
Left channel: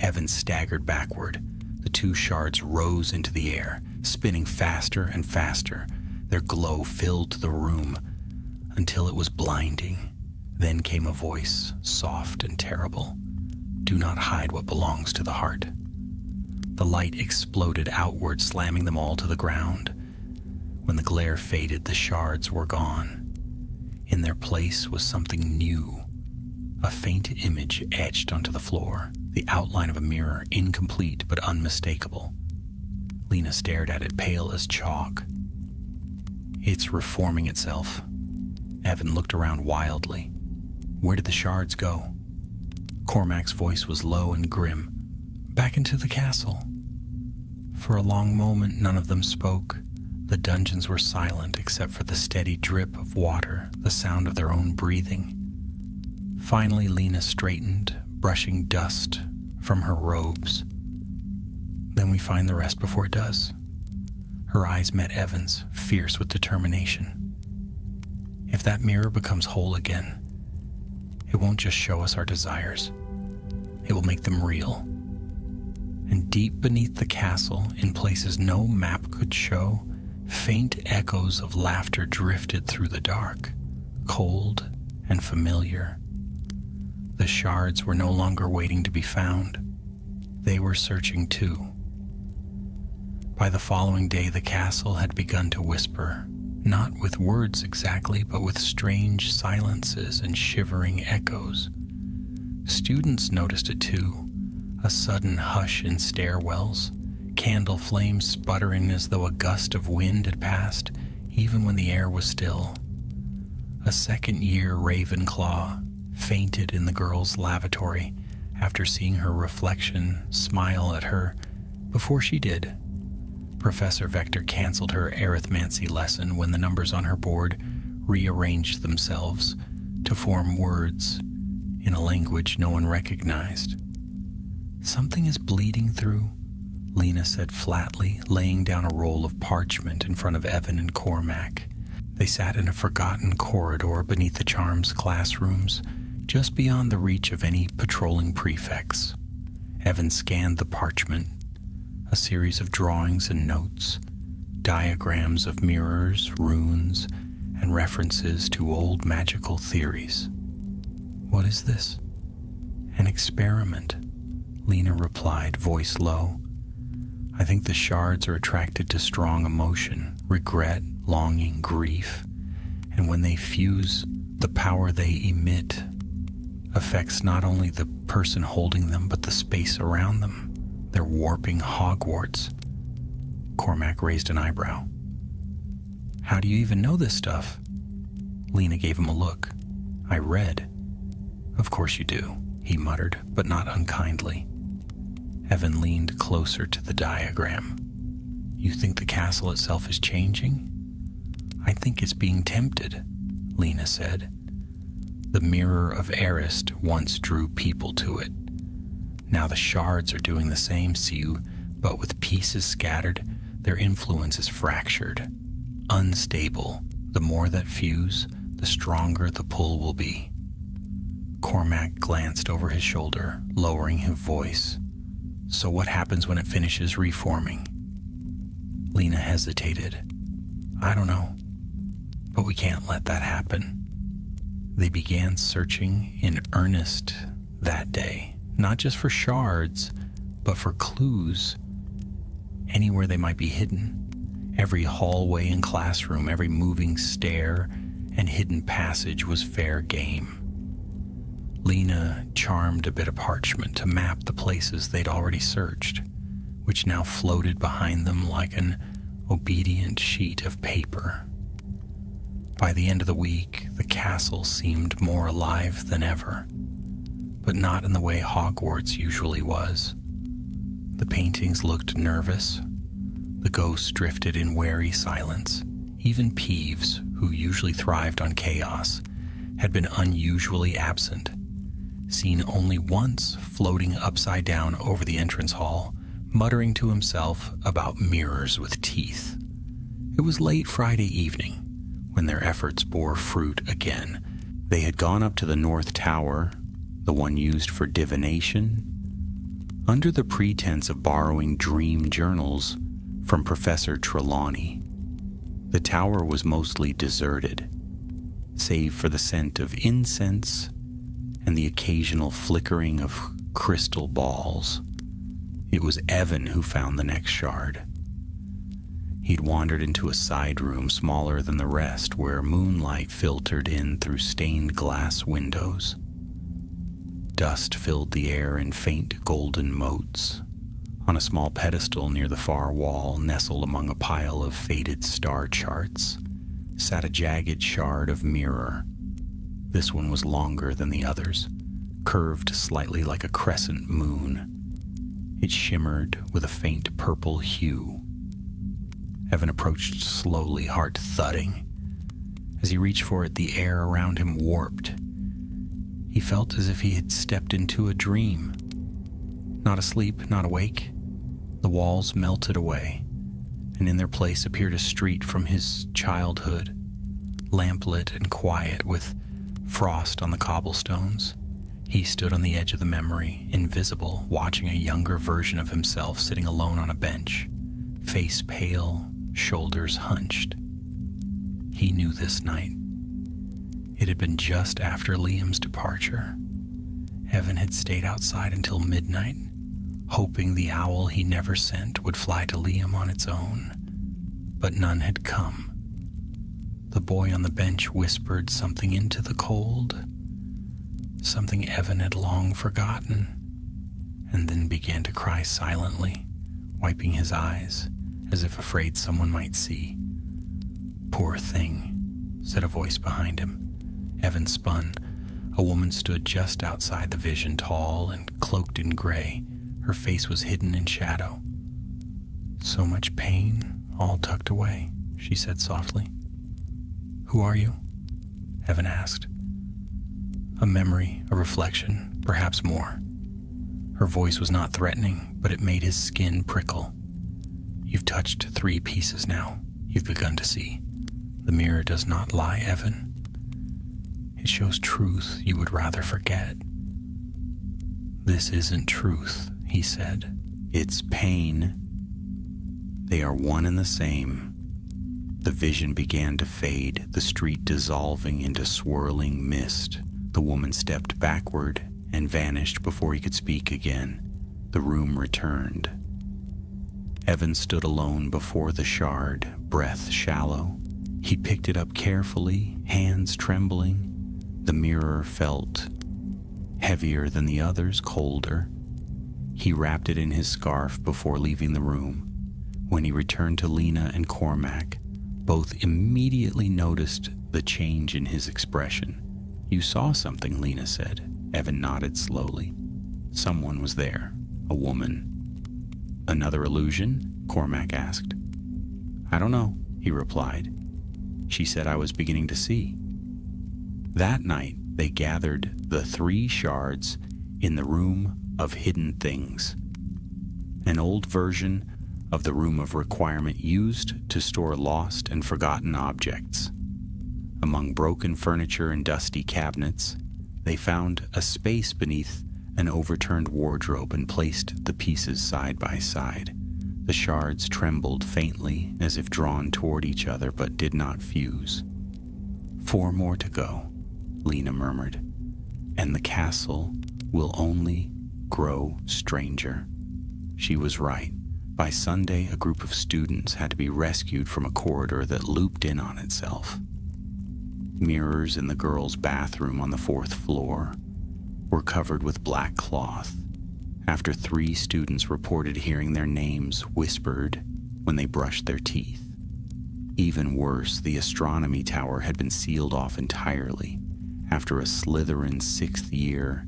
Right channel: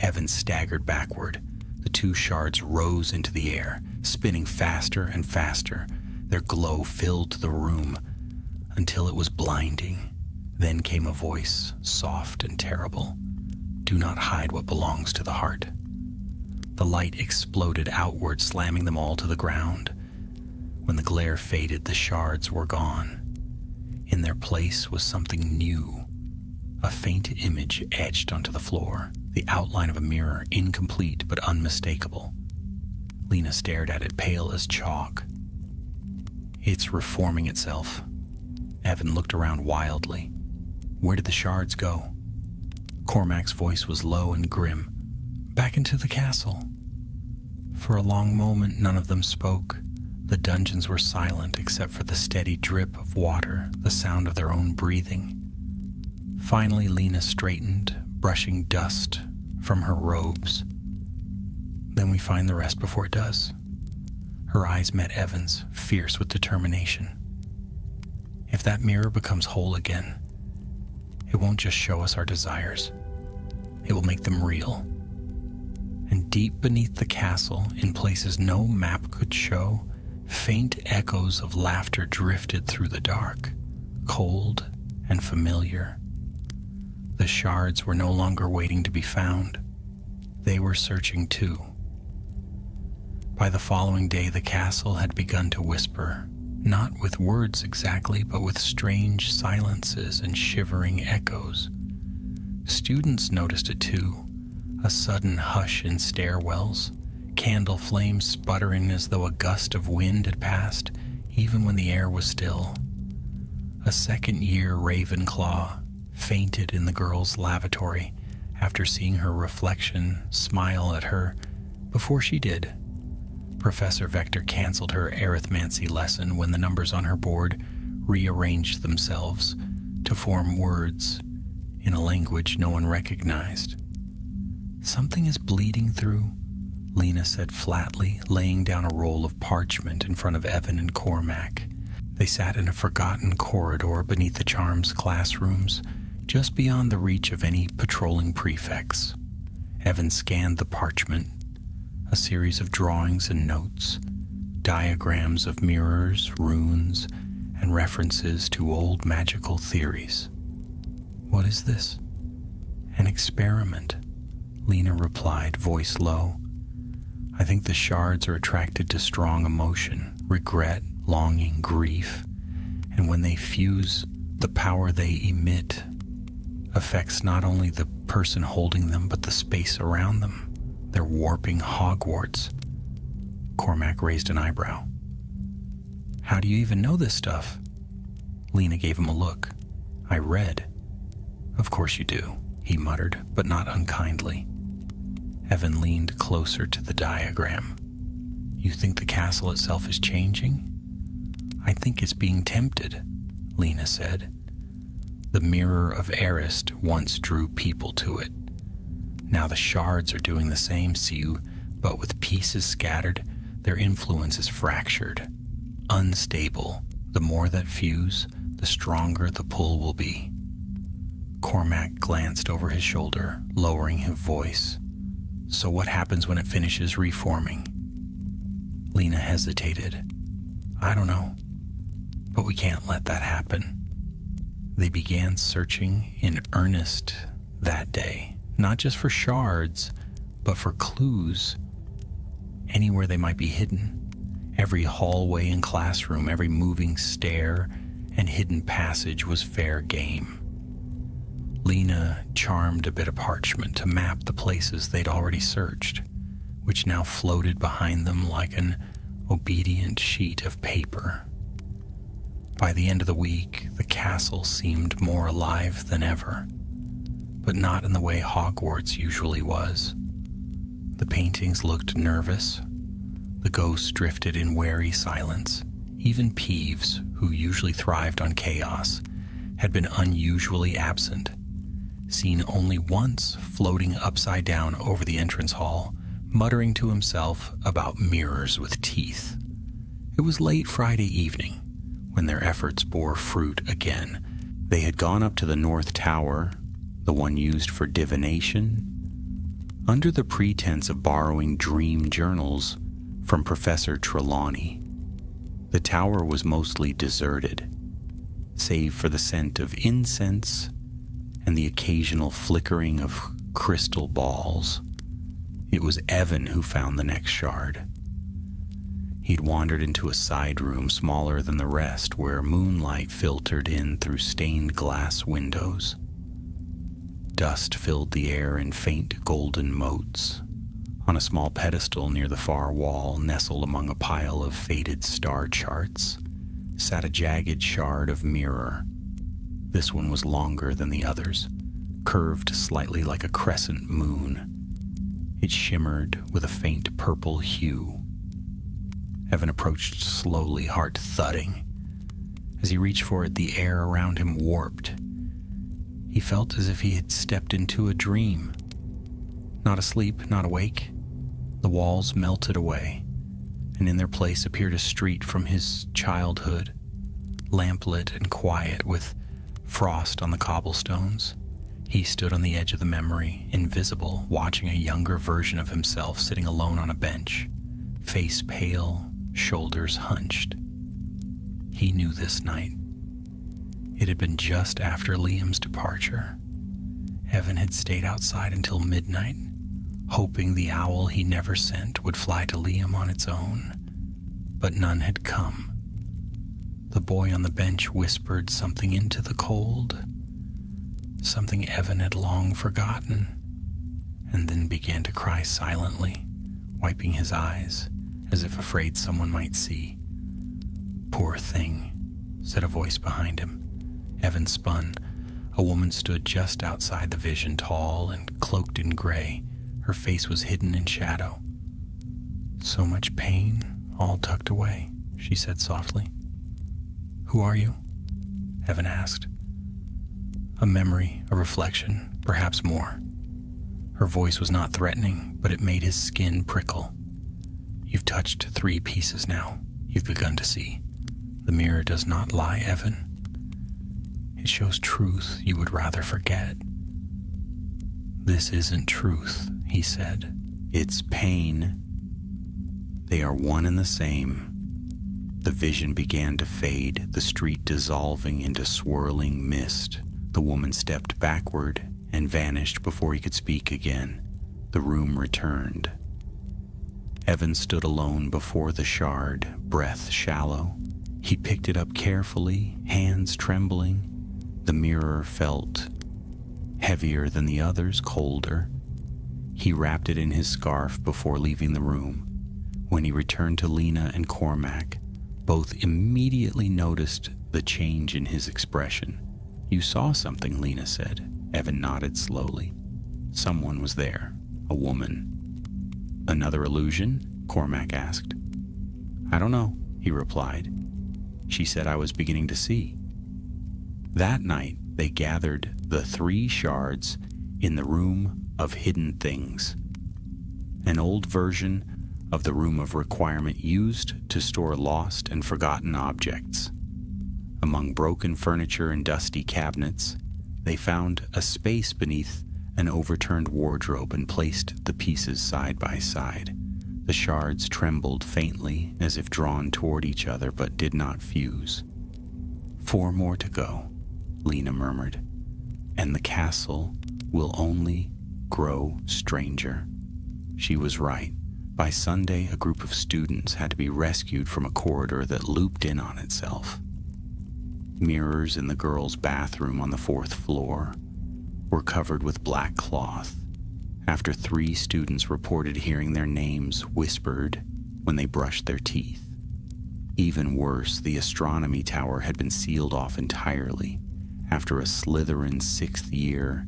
Evan staggered backward. The 2 shards rose into the air, spinning faster and faster. Their glow filled the room until it was blinding. Then came a voice, soft and terrible. Do not hide what belongs to the heart. The light exploded outward, slamming them all to the ground. When the glare faded, the shards were gone. In their place was something new. A faint image etched onto the floor, the outline of a mirror, incomplete but unmistakable. Lena stared at it, pale as chalk. It's reforming itself. Evan looked around wildly. Where did the shards go? Cormac's voice was low and grim. Back into the castle. For a long moment, none of them spoke. The dungeons were silent except for the steady drip of water, the sound of their own breathing. Finally, Lena straightened, brushing dust from her robes. Then we find the rest before it does. Her eyes met Evan's, fierce with determination. If that mirror becomes whole again, it won't just show us our desires. It will make them real. And deep beneath the castle, in places no map could show, faint echoes of laughter drifted through the dark, cold and familiar. The shards were no longer waiting to be found. They were searching too. By the following day, the castle had begun to whisper, not with words exactly, but with strange silences and shivering echoes. Students noticed it too, a sudden hush in stairwells, candle flames sputtering as though a gust of wind had passed, even when the air was still. A second-year Ravenclaw fainted in the girls' lavatory after seeing her reflection smile at her. Before she did, Professor Vector canceled her arithmancy lesson when the numbers on her board rearranged themselves to form words in a language no one recognized. Something is bleeding through, Lena said flatly, laying down a roll of parchment in front of Evan and Cormac. They sat in a forgotten corridor beneath the charms classrooms, just beyond the reach of any patrolling prefects. Evan scanned the parchment, a series of drawings and notes, diagrams of mirrors, runes, and references to old magical theories. What is this? An experiment, Lena replied, voice low. I think the shards are attracted to strong emotion, regret, longing, grief, and when they fuse, the power they emit affects not only the person holding them, but the space around them. They're warping Hogwarts. Cormac raised an eyebrow. How do you even know this stuff? Lena gave him a look. I read. Of course you do, he muttered, but not unkindly. Evan leaned closer to the diagram. You think the castle itself is changing? I think it's being tempted, Lena said. The mirror of Arist once drew people to it. Now the shards are doing the same, Siu, but with pieces scattered, their influence is fractured, unstable. The more that fuse, the stronger the pull will be. Cormac glanced over his shoulder, lowering his voice. So what happens when it finishes reforming? Lena hesitated. I don't know, but we can't let that happen. They began searching in earnest that day, not just for shards, but for clues anywhere they might be hidden. Every hallway and classroom, every moving stair and hidden passage was fair game. Lena charmed a bit of parchment to map the places they'd already searched, which now floated behind them like an obedient sheet of paper. By the end of the week, the castle seemed more alive than ever, but not in the way Hogwarts usually was. The paintings looked nervous. The ghosts drifted in wary silence. Even Peeves, who usually thrived on chaos, had been unusually absent, seen only once floating upside down over the entrance hall, muttering to himself about mirrors with teeth. It was late Friday evening when their efforts bore fruit again. They had gone up to the North Tower, the one used for divination, under the pretense of borrowing dream journals from Professor Trelawney. The tower was mostly deserted, save for the scent of incense and the occasional flickering of crystal balls. It was Evan who found the next shard. He'd wandered into a side room smaller than the rest, where moonlight filtered in through stained glass windows. Dust filled the air in faint golden motes. On a small pedestal near the far wall, nestled among a pile of faded star charts, sat a jagged shard of mirror. This one was longer than the others, curved slightly like a crescent moon. It shimmered with a faint purple hue. Evan approached slowly, heart thudding. As he reached for it, the air around him warped. He felt as if he had stepped into a dream. Not asleep, not awake. The walls melted away, and in their place appeared a street from his childhood, lamplit and quiet with frost on the cobblestones. He stood on the edge of the memory, invisible, watching a younger version of himself sitting alone on a bench, face pale, shoulders hunched. He knew this night. It had been just after Liam's departure. Evan had stayed outside until midnight, hoping the owl he never sent would fly to Liam on its own, but none had come. The boy on the bench whispered something into the cold, something Evan had long forgotten, and then began to cry silently, wiping his eyes as if afraid someone might see. "Poor thing," said a voice behind him. Evan spun. A woman stood just outside the vision, tall and cloaked in gray. Her face was hidden in shadow. "So much pain, all tucked away," she said softly. "Who are you?" Evan asked. A memory, a reflection, perhaps more. Her voice was not threatening, but it made his skin prickle. "You've touched 3 pieces now. You've begun to see. The mirror does not lie, Evan. It shows truth you would rather forget." "This isn't truth," he said. "It's pain. They are one and the same." The vision began to fade, the street dissolving into swirling mist. The woman stepped backward and vanished before he could speak again. The room returned. Evan stood alone before the shard, breath shallow. He picked it up carefully, hands trembling. The mirror felt heavier than the others, colder. He wrapped it in his scarf before leaving the room. When he returned to Lena and Cormac, both immediately noticed the change in his expression. "You saw something," Lena said. Evan nodded slowly. "Someone was there. A woman." "Another illusion?" Cormac asked. "I don't know," he replied. "She said I was beginning to see." That night, they gathered the 3 shards in the room of hidden things, an old version of the room of requirement used to store lost and forgotten objects. Among broken furniture and dusty cabinets, they found a space beneath an overturned wardrobe and placed the pieces side by side. The shards trembled faintly as if drawn toward each other but did not fuse. 4 more to go, Lena murmured, and the castle will only grow stranger. She was right. By Sunday, a group of students had to be rescued from a corridor that looped in on itself. Mirrors in the girls' bathroom on the 4th floor were covered with black cloth after 3 students reported hearing their names whispered when they brushed their teeth. Even worse, the astronomy tower had been sealed off entirely after a Slytherin 6th year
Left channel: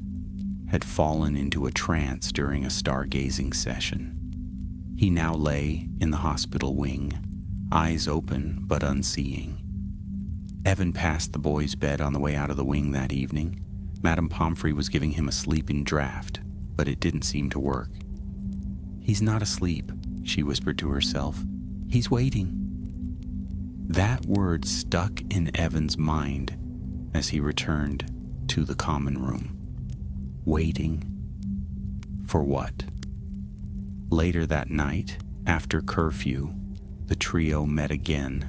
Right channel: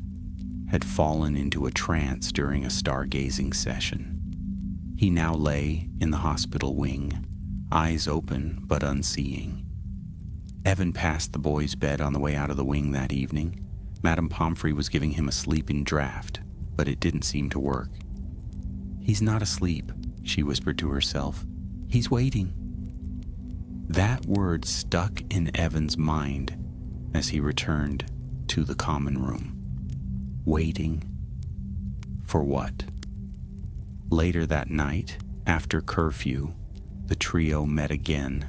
had fallen into a trance during a stargazing session. He now lay in the hospital wing, eyes open but unseeing. Evan passed the boy's bed on the way out of the wing that evening. Madame Pomfrey was giving him a sleeping draft, but it didn't seem to work. "He's not asleep," she whispered to herself. "He's waiting." That word stuck in Evan's mind as he returned to the common room. Waiting for what? Later that night, after curfew, the trio met again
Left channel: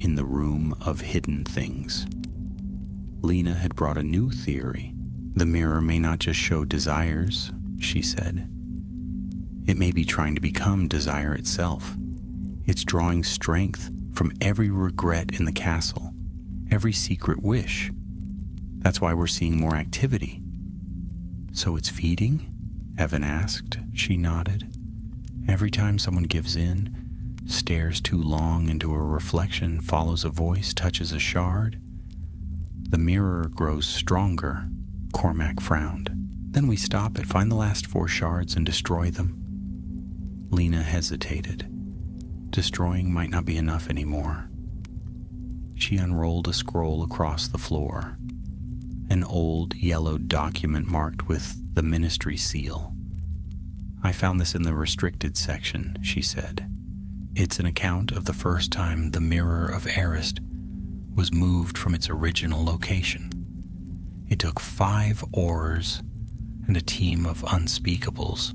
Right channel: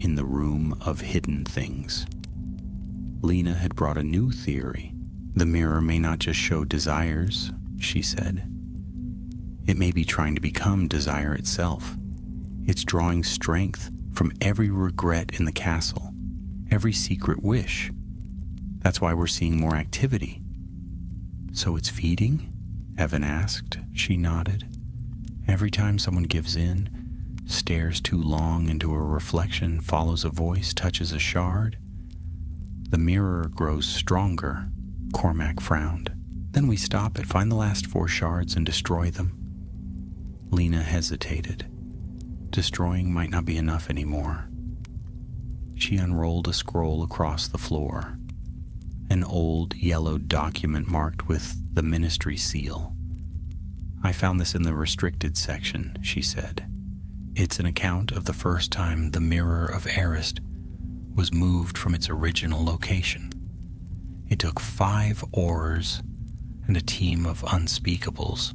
in the room of hidden things. Lena had brought a new theory. The mirror may not just show desires, she said. It may be trying to become desire itself. It's drawing strength from every regret in the castle, every secret wish. That's why we're seeing more activity. "So it's feeding?" Evan asked. She nodded. "Every time someone gives in, stares too long into a reflection, follows a voice, touches a shard, the mirror grows stronger." Cormac frowned. "Then we stop it, find the last 4 shards and destroy them." Lena hesitated. Destroying might not be enough anymore. She unrolled a scroll across the floor, an old yellowed document marked with the ministry seal. "I found this in the restricted section," she said. "It's an account of the first time the Mirror of Arist was moved from its original location. It took 5 oars and a team of unspeakables.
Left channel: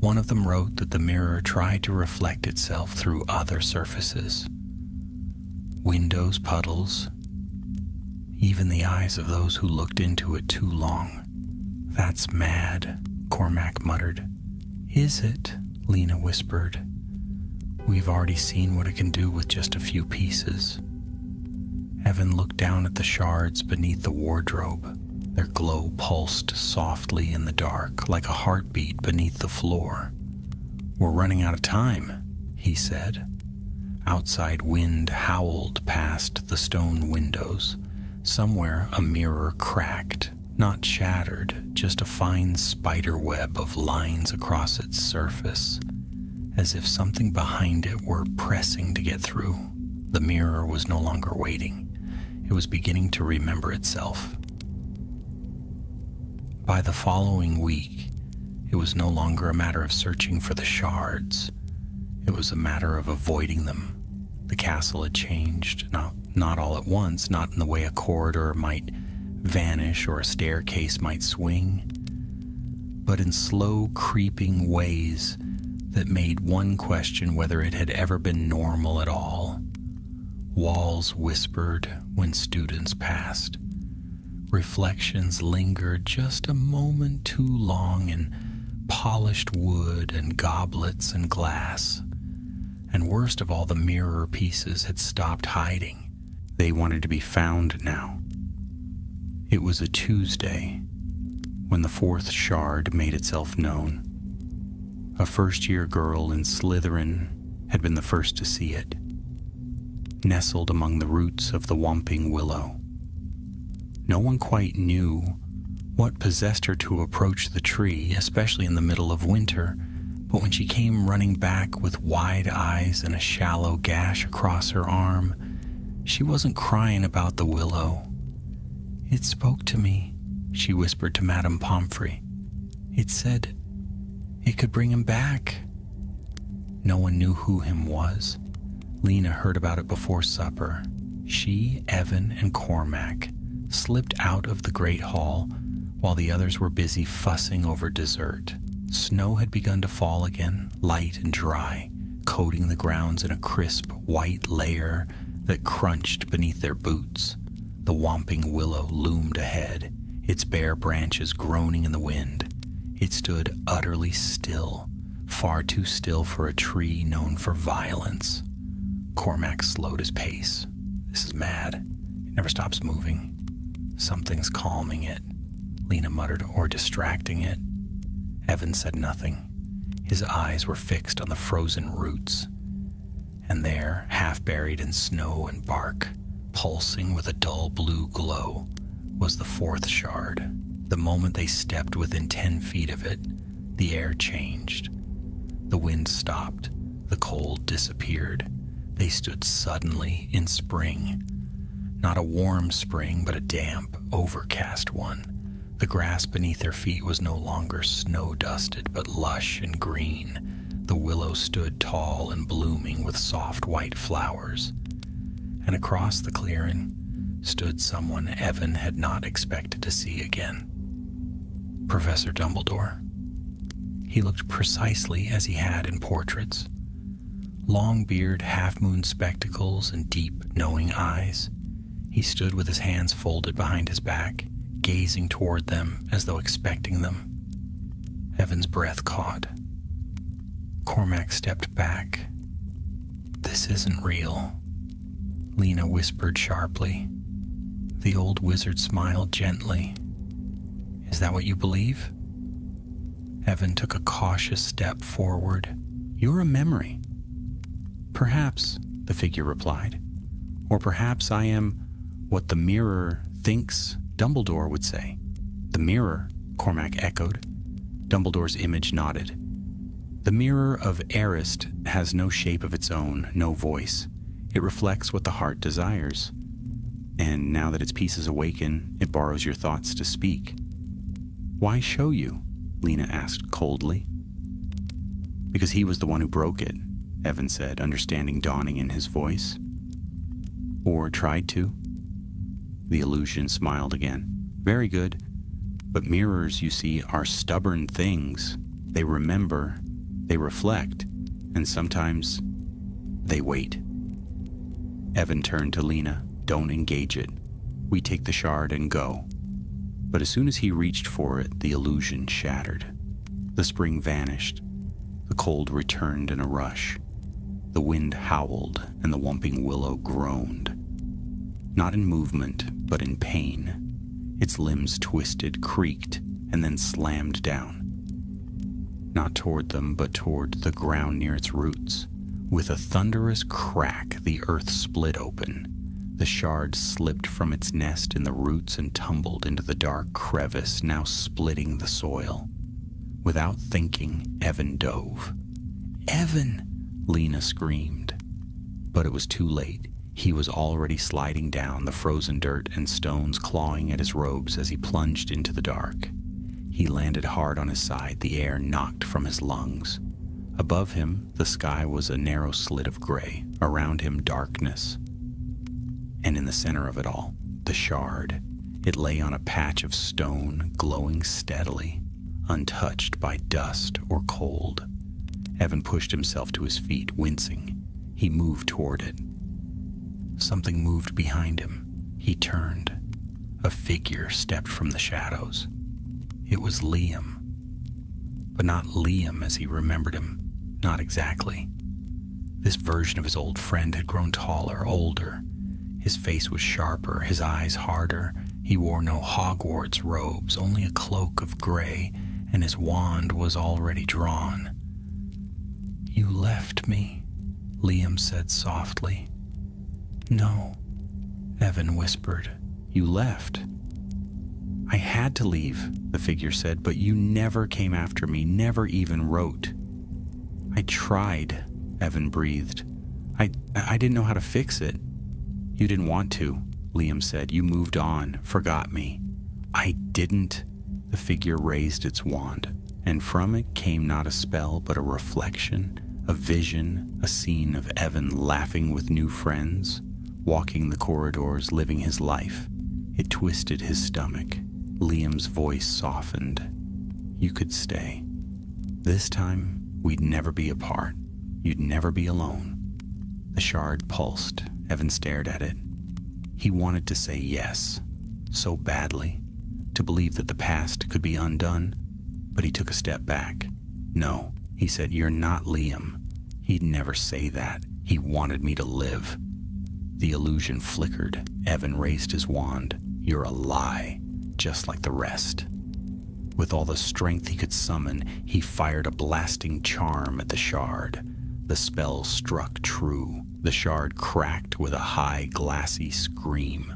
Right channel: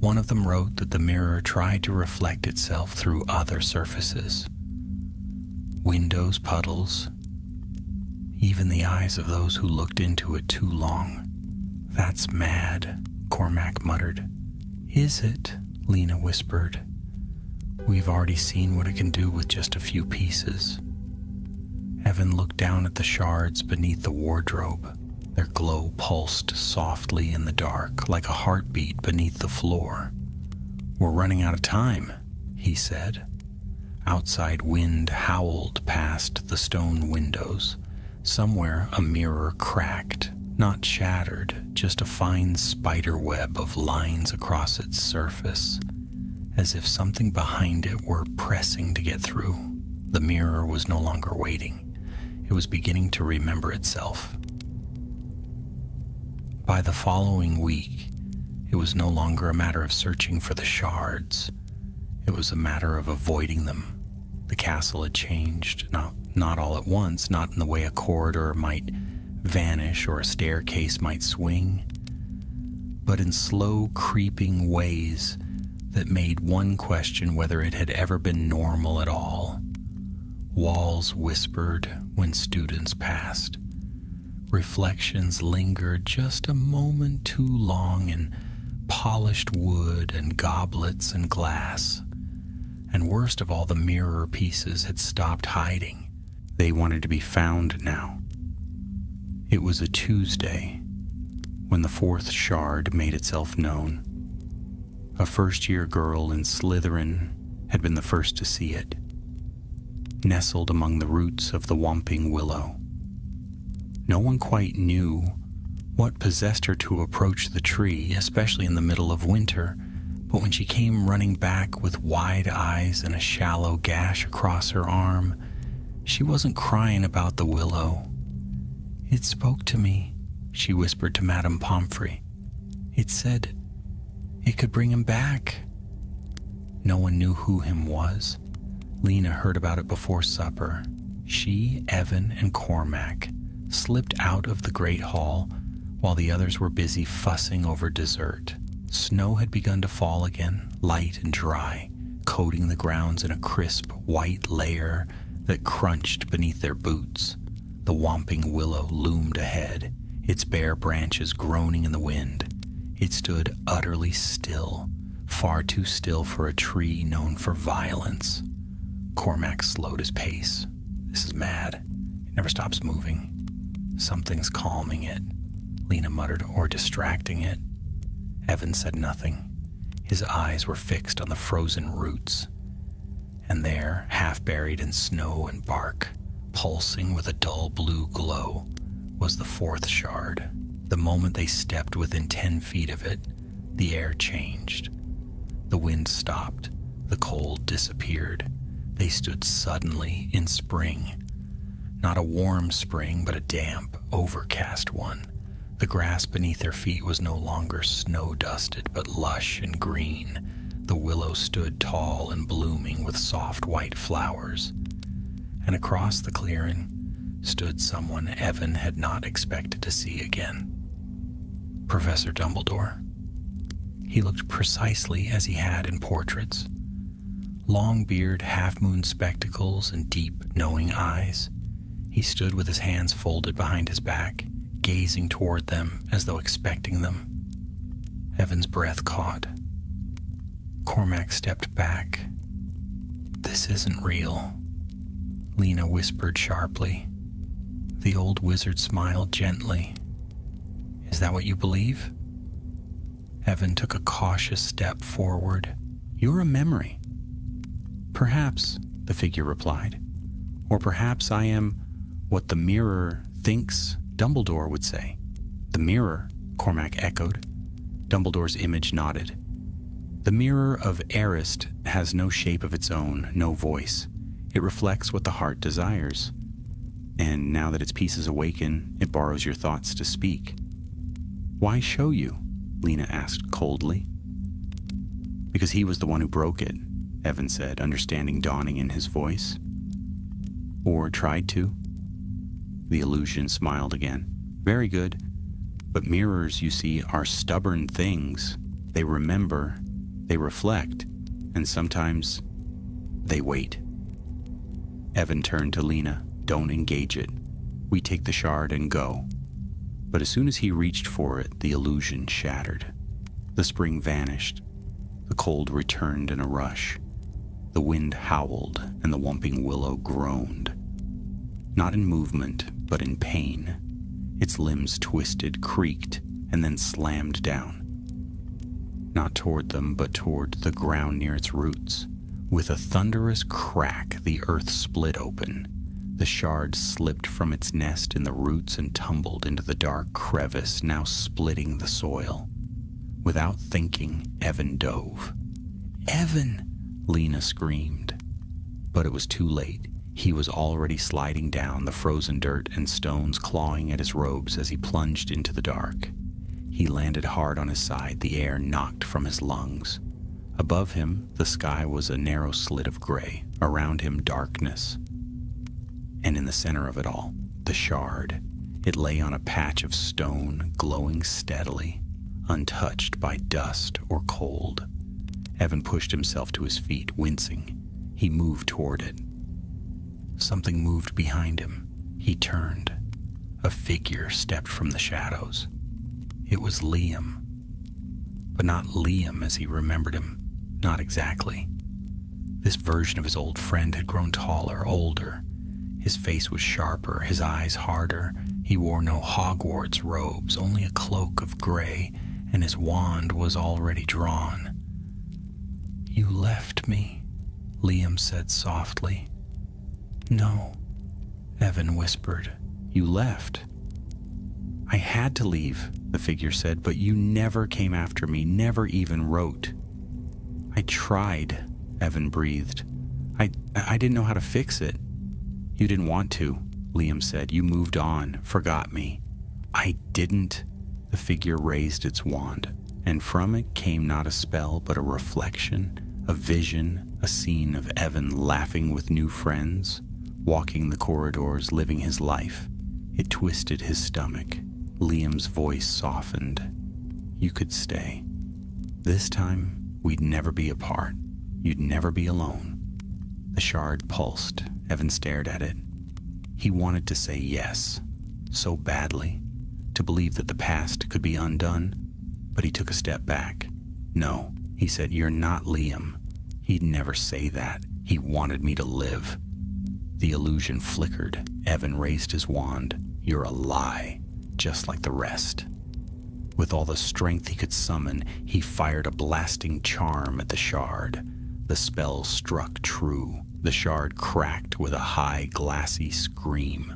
One of them wrote that the mirror tried to reflect itself through other surfaces. Windows, puddles, even the eyes of those who looked into it too long." "That's mad," Cormac muttered. "Is it?" Lena whispered. "We've already seen what it can do with just a few pieces." Evan looked down at the shards beneath the wardrobe. Their glow pulsed softly in the dark, like a heartbeat beneath the floor. "We're running out of time," he said. Outside wind howled past the stone windows. Somewhere a mirror cracked, not shattered, just a fine spider web of lines across its surface, as if something behind it were pressing to get through. The mirror was no longer waiting. It was beginning to remember itself. By the following week, it was no longer a matter of searching for the shards. It was a matter of avoiding them. The castle had changed, not all at once, not in the way a corridor might vanish or a staircase might swing, but in slow, creeping ways that made one question whether it had ever been normal at all. Walls whispered when students passed. Reflections lingered just a moment too long in polished wood and goblets and glass. And worst of all, the mirror pieces had stopped hiding. They wanted to be found now. It was a Tuesday when the 4th shard made itself known. A first-year girl in Slytherin had been the first to see it, nestled among the roots of the whomping willow. No one quite knew what possessed her to approach the tree, especially in the middle of winter, but when she came running back with wide eyes and a shallow gash across her arm, she wasn't crying about the willow. "It spoke to me," she whispered to Madame Pomfrey. It said it could bring him back. No one knew who him was. Lena heard about it before supper. She, Evan, and Cormac slipped out of the great hall while the others were busy fussing over dessert. Snow had begun to fall again, light and dry, coating the grounds in a crisp white layer that crunched beneath their boots. The whomping willow loomed ahead, its bare branches groaning in the wind. It stood utterly still, far too still for a tree known for violence. Cormac slowed his pace. This is mad. It never stops moving. Something's calming it, Lena muttered, or distracting it. Evan said nothing. His eyes were fixed on the frozen roots. And there, half buried in snow and bark, pulsing with a dull blue glow, was the fourth shard. The moment they stepped within 10 feet of it, the air changed. The wind stopped. The cold disappeared. They stood suddenly in spring. Not a warm spring, but a damp, overcast one. The grass beneath their feet was no longer snow-dusted, but lush and green. The willow stood tall and blooming with soft white flowers. And across the clearing stood someone Evan had not expected to see again. Professor Dumbledore. He looked precisely as he had in portraits. Long beard, half-moon spectacles, and deep, knowing eyes. He stood with his hands folded behind his back, gazing toward them as though expecting them. Evan's breath caught. Cormac stepped back. "This isn't real," Lena whispered sharply. The old wizard smiled gently. "Is that what you believe?" Evan took a cautious step forward. "You're a memory." "Perhaps," the figure replied. "Or perhaps I am what the mirror thinks Dumbledore would say." "The mirror," Cormac echoed. Dumbledore's image nodded. "The mirror of Arist has no shape of its own, no voice. It reflects what the heart desires. And now that its pieces awaken, it borrows your thoughts to speak." "Why show you?" Lena asked coldly. "Because he was the one who broke it," Evan said, understanding dawning in his voice. "Or tried to." The illusion smiled again. "Very good. But mirrors, you see, are stubborn things. They remember, they reflect, and sometimes they wait." Evan turned to Lena. "Don't engage it. We take the shard and go." But as soon as he reached for it, the illusion shattered. The spring vanished. The cold returned in a rush. The wind howled, and the whomping willow groaned. Not in movement, but in pain. Its limbs twisted, creaked, and then slammed down. Not toward them, but toward the ground near its roots. With a thunderous crack, the earth split open. The shard slipped from its nest in the roots and tumbled into the dark crevice, now splitting the soil. Without thinking, Evan dove. "Evan!" Lena screamed. But it was too late. He was already sliding down, the frozen dirt and stones clawing at his robes as he plunged into the dark. He landed hard on his side, the air knocked from his lungs. Above him, the sky was a narrow slit of gray. Around him, darkness. And in the center of it all, the shard. It lay on a patch of stone, glowing steadily, untouched by dust or cold. Evan pushed himself to his feet, wincing. He moved toward it. Something moved behind him. He turned. A figure stepped from the shadows. It was Liam. But not Liam as he remembered him. Not exactly. This version of his old friend had grown taller, older. His face was sharper, his eyes harder. He wore no Hogwarts robes, only a cloak of gray, and his wand was already drawn. "You left me," Liam said softly. "No," Evan whispered. "You left." "I had to leave," the figure said, "but you never came after me, never even wrote." "I tried," Evan breathed. I didn't know how to fix it." "You didn't want to," Liam said. "You moved on, forgot me." "I didn't." The figure raised its wand. and from it came not a spell but a reflection, a vision, a scene of Evan laughing with new friends, walking the corridors, living his life. It twisted his stomach. Liam's voice softened. You could stay. This time, we'd never be apart. You'd never be alone. The shard pulsed. Evan stared at it. He wanted to say yes, so badly, to believe that the past could be undone, but he took a step back. No, he said, you're not Liam. He'd never say that. He wanted me to live. The illusion flickered. Evan raised his wand. You're a lie, just like the rest. With all the strength he could summon, he fired a blasting charm at the shard. The spell struck true. The shard cracked with a high, glassy scream.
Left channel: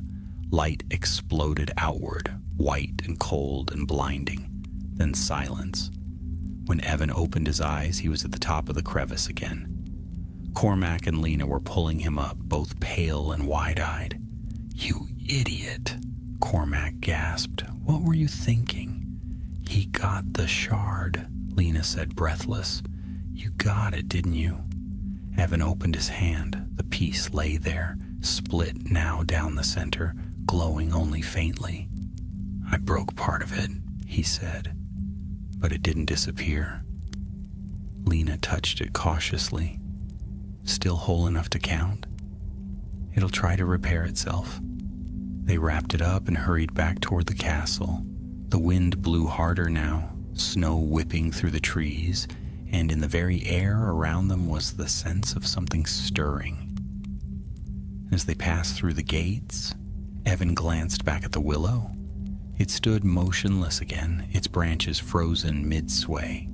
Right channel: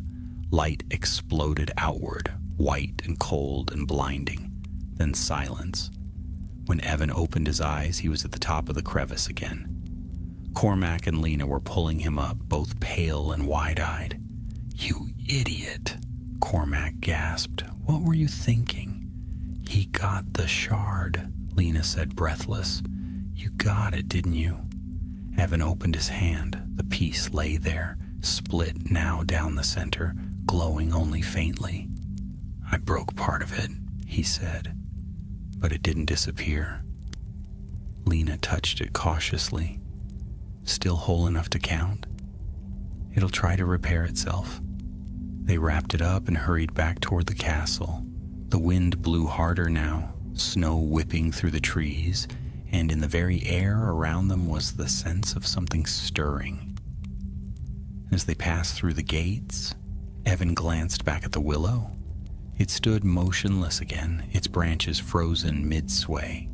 Light exploded outward, white and cold and blinding. Then silence. When Evan opened his eyes, he was at the top of the crevice again. Cormac and Lena were pulling him up, both pale and wide-eyed. You idiot, Cormac gasped. What were you thinking? He got the shard, Lena said, breathless. You got it, didn't you? Evan opened his hand. The piece lay there, split now down the center, glowing only faintly. I broke part of it, he said, but it didn't disappear. Lena touched it cautiously. Still whole enough to count? It'll try to repair itself. They wrapped it up and hurried back toward the castle. The wind blew harder now, snow whipping through the trees, and in the very air around them was the sense of something stirring. As they passed through the gates, Evan glanced back at the willow. It stood motionless again, its branches frozen mid-sway.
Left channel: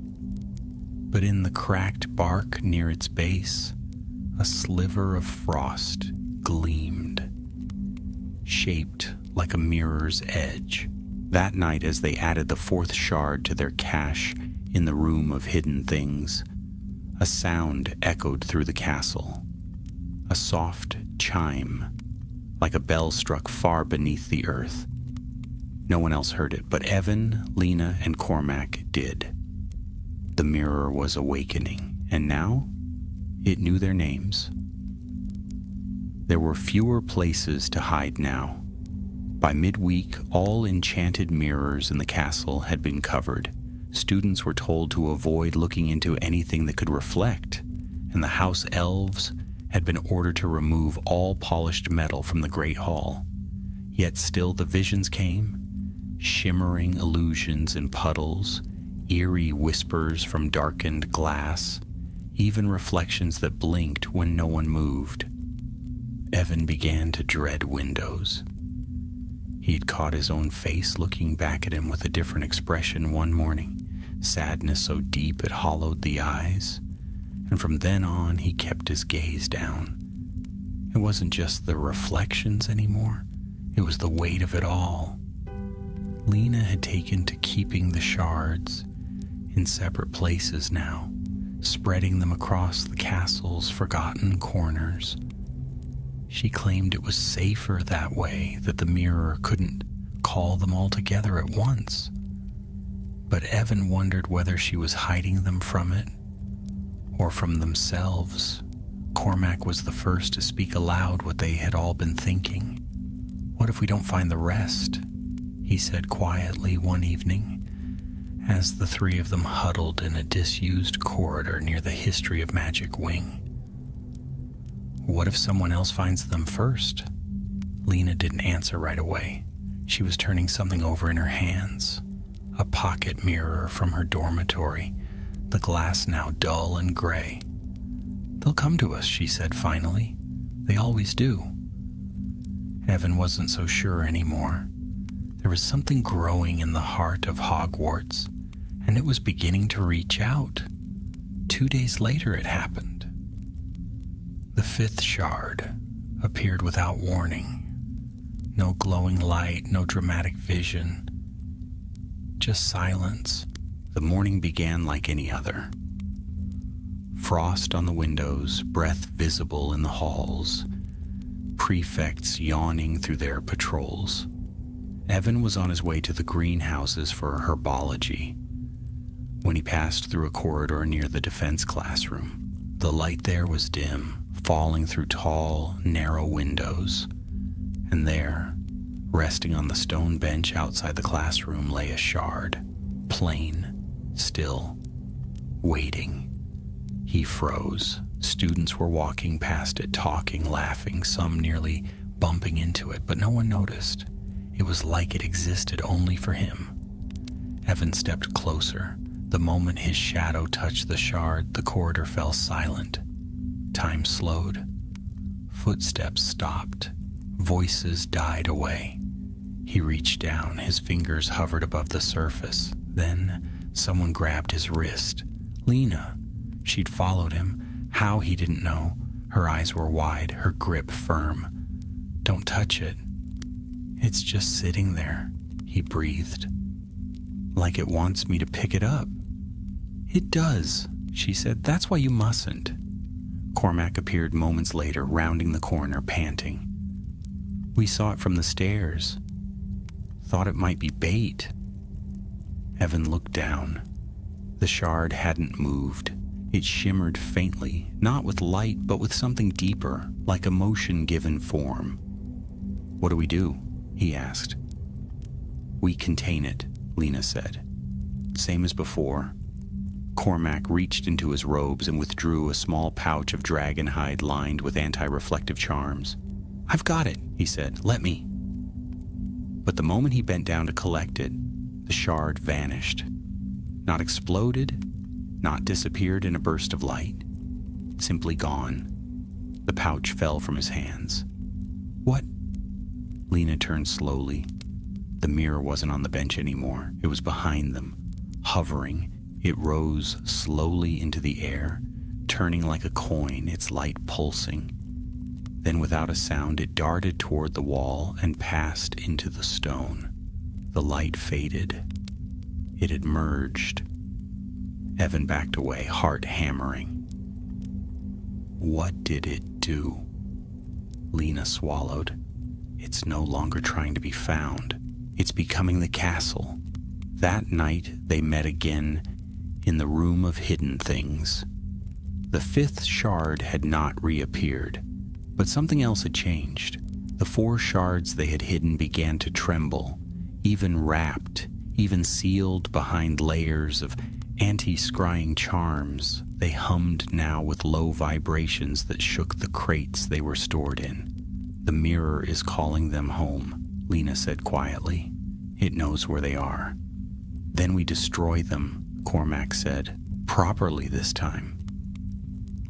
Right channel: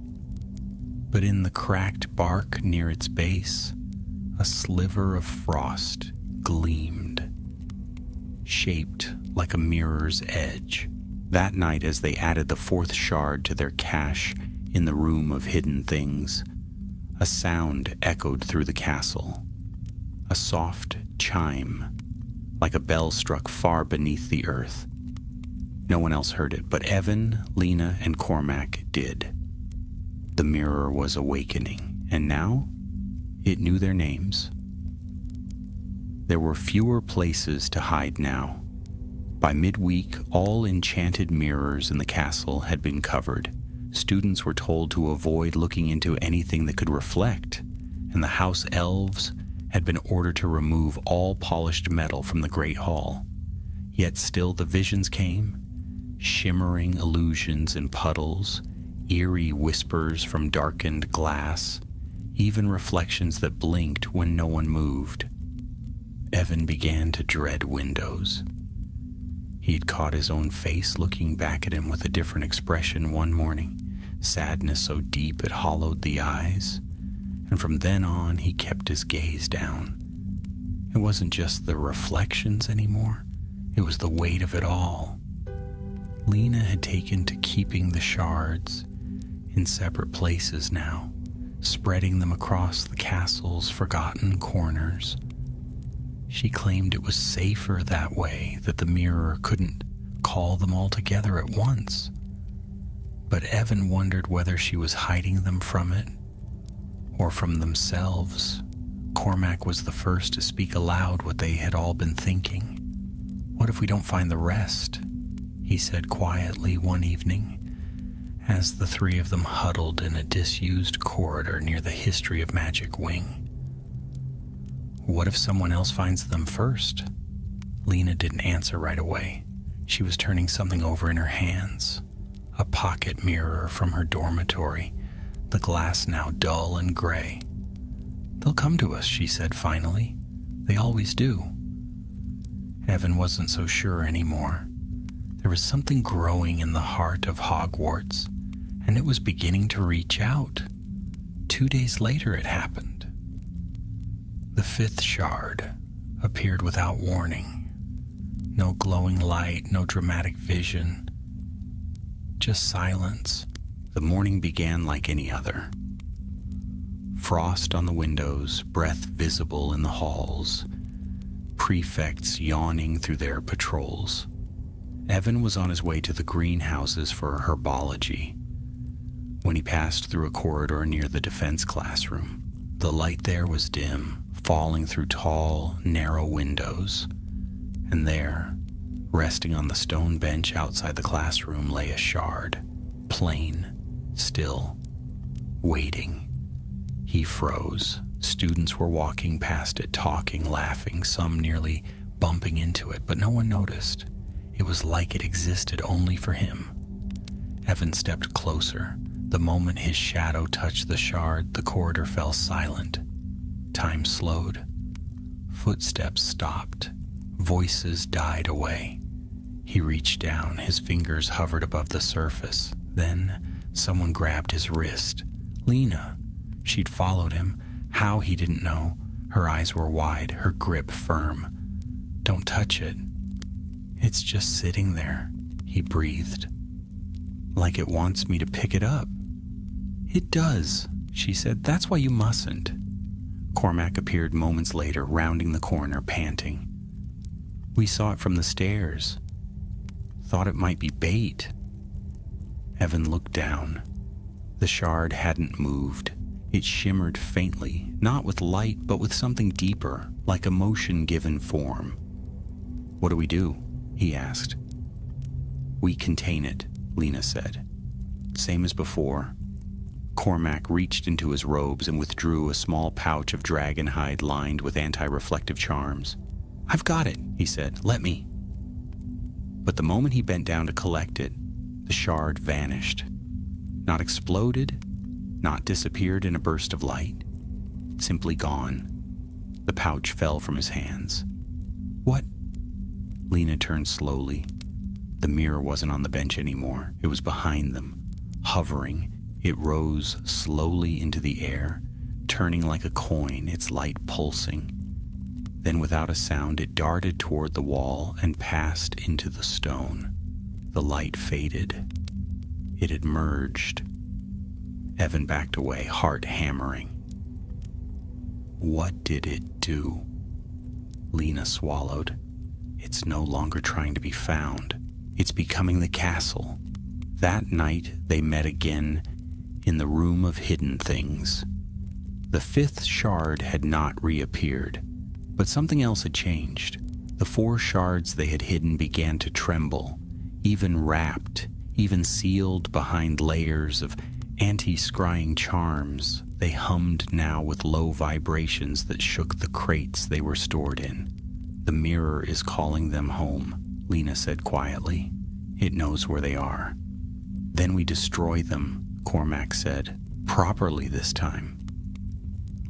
But in the cracked bark near its base, a sliver of frost gleamed, shaped like a mirror's edge. That night, as they added the fourth shard to their cache in the room of hidden things, a sound echoed through the castle. A soft chime, like a bell struck far beneath the earth. No one else heard it, but Evan, Lena, and Cormac did. The mirror was awakening, and now it knew their names. There were fewer places to hide now. By midweek, all enchanted mirrors in the castle had been covered. Students were told to avoid looking into anything that could reflect, and the house elves had been ordered to remove all polished metal from the Great Hall. Yet still the visions came, shimmering illusions in puddles, eerie whispers from darkened glass, even reflections that blinked when no one moved. Evan began to dread windows. He'd caught his own face looking back at him with a different expression one morning, sadness so deep it hollowed the eyes, and from then on he kept his gaze down. It wasn't just the reflections anymore, it was the weight of it all. Lena had taken to keeping the shards in separate places now, spreading them across the castle's forgotten corners. She claimed it was safer that way, that the mirror couldn't call them all together at once. But Evan wondered whether she was hiding them from it, or from themselves. Cormac was the first to speak aloud what they had all been thinking. What if we don't find the rest? He said quietly one evening, as the three of them huddled in a disused corridor near the History of Magic wing. What if someone else finds them first? Lena didn't answer right away. She was turning something over in her hands. A pocket mirror from her dormitory, the glass now dull and gray. They'll come to us, she said finally. They always do. Evan wasn't so sure anymore. There was something growing in the heart of Hogwarts, and it was beginning to reach out. 2 days later it happened. The fifth shard appeared without warning. No glowing light, no dramatic vision. Just silence. The morning began like any other. Frost on the windows, breath visible in the halls, prefects yawning through their patrols. Evan was on his way to the greenhouses for herbology. When he passed through a corridor near the defense classroom, the light there was dim, falling through tall, narrow windows. And there, resting on the stone bench outside the classroom, lay a shard, plain, still, waiting. He froze. Students were walking past it, talking, laughing, some nearly bumping into it, but no one noticed. It was like it existed only for him. Evan stepped closer. The moment his shadow touched the shard, the corridor fell silent. Time slowed. Footsteps stopped. Voices died away. He reached down. His fingers hovered above the surface. Then someone grabbed his wrist. Lena. She'd followed him. How, he didn't know. Her eyes were wide, her grip firm. "Don't touch it. It's just sitting there," he breathed. "Like it wants me to pick it up." "It does," she said. "That's why you mustn't." Cormac appeared moments later, rounding the corner, panting. "We saw it from the stairs. Thought it might be bait." Evan looked down. The shard hadn't moved. It shimmered faintly, not with light, but with something deeper, like emotion given form. "What do we do?" he asked. "We contain it," Lena said. Same as before. Cormac reached into his robes and withdrew a small pouch of dragon hide lined with anti-reflective charms. "I've got it," he said. "Let me." But the moment he bent down to collect it, the shard vanished. Not exploded, not disappeared in a burst of light. Simply gone. The pouch fell from his hands. "What?" Lena turned slowly. The mirror wasn't on the bench anymore. It was behind them, hovering. It rose slowly into the air, turning like a coin, its light pulsing. Then without a sound, it darted toward the wall and passed into the stone. The light faded. It had merged. Evan backed away, heart hammering. What did it do? Lena swallowed. It's no longer trying to be found. It's becoming the castle. That night they met again in the room of hidden things. The fifth shard had not reappeared, but something else had changed. The 4 shards they had hidden began to tremble, even wrapped, even sealed behind layers of anti-scrying charms. They hummed now with low vibrations that shook the crates they were stored in. The mirror is calling them home, Lena said quietly. It knows where they are. Then we destroy them, Cormac said. Properly this time.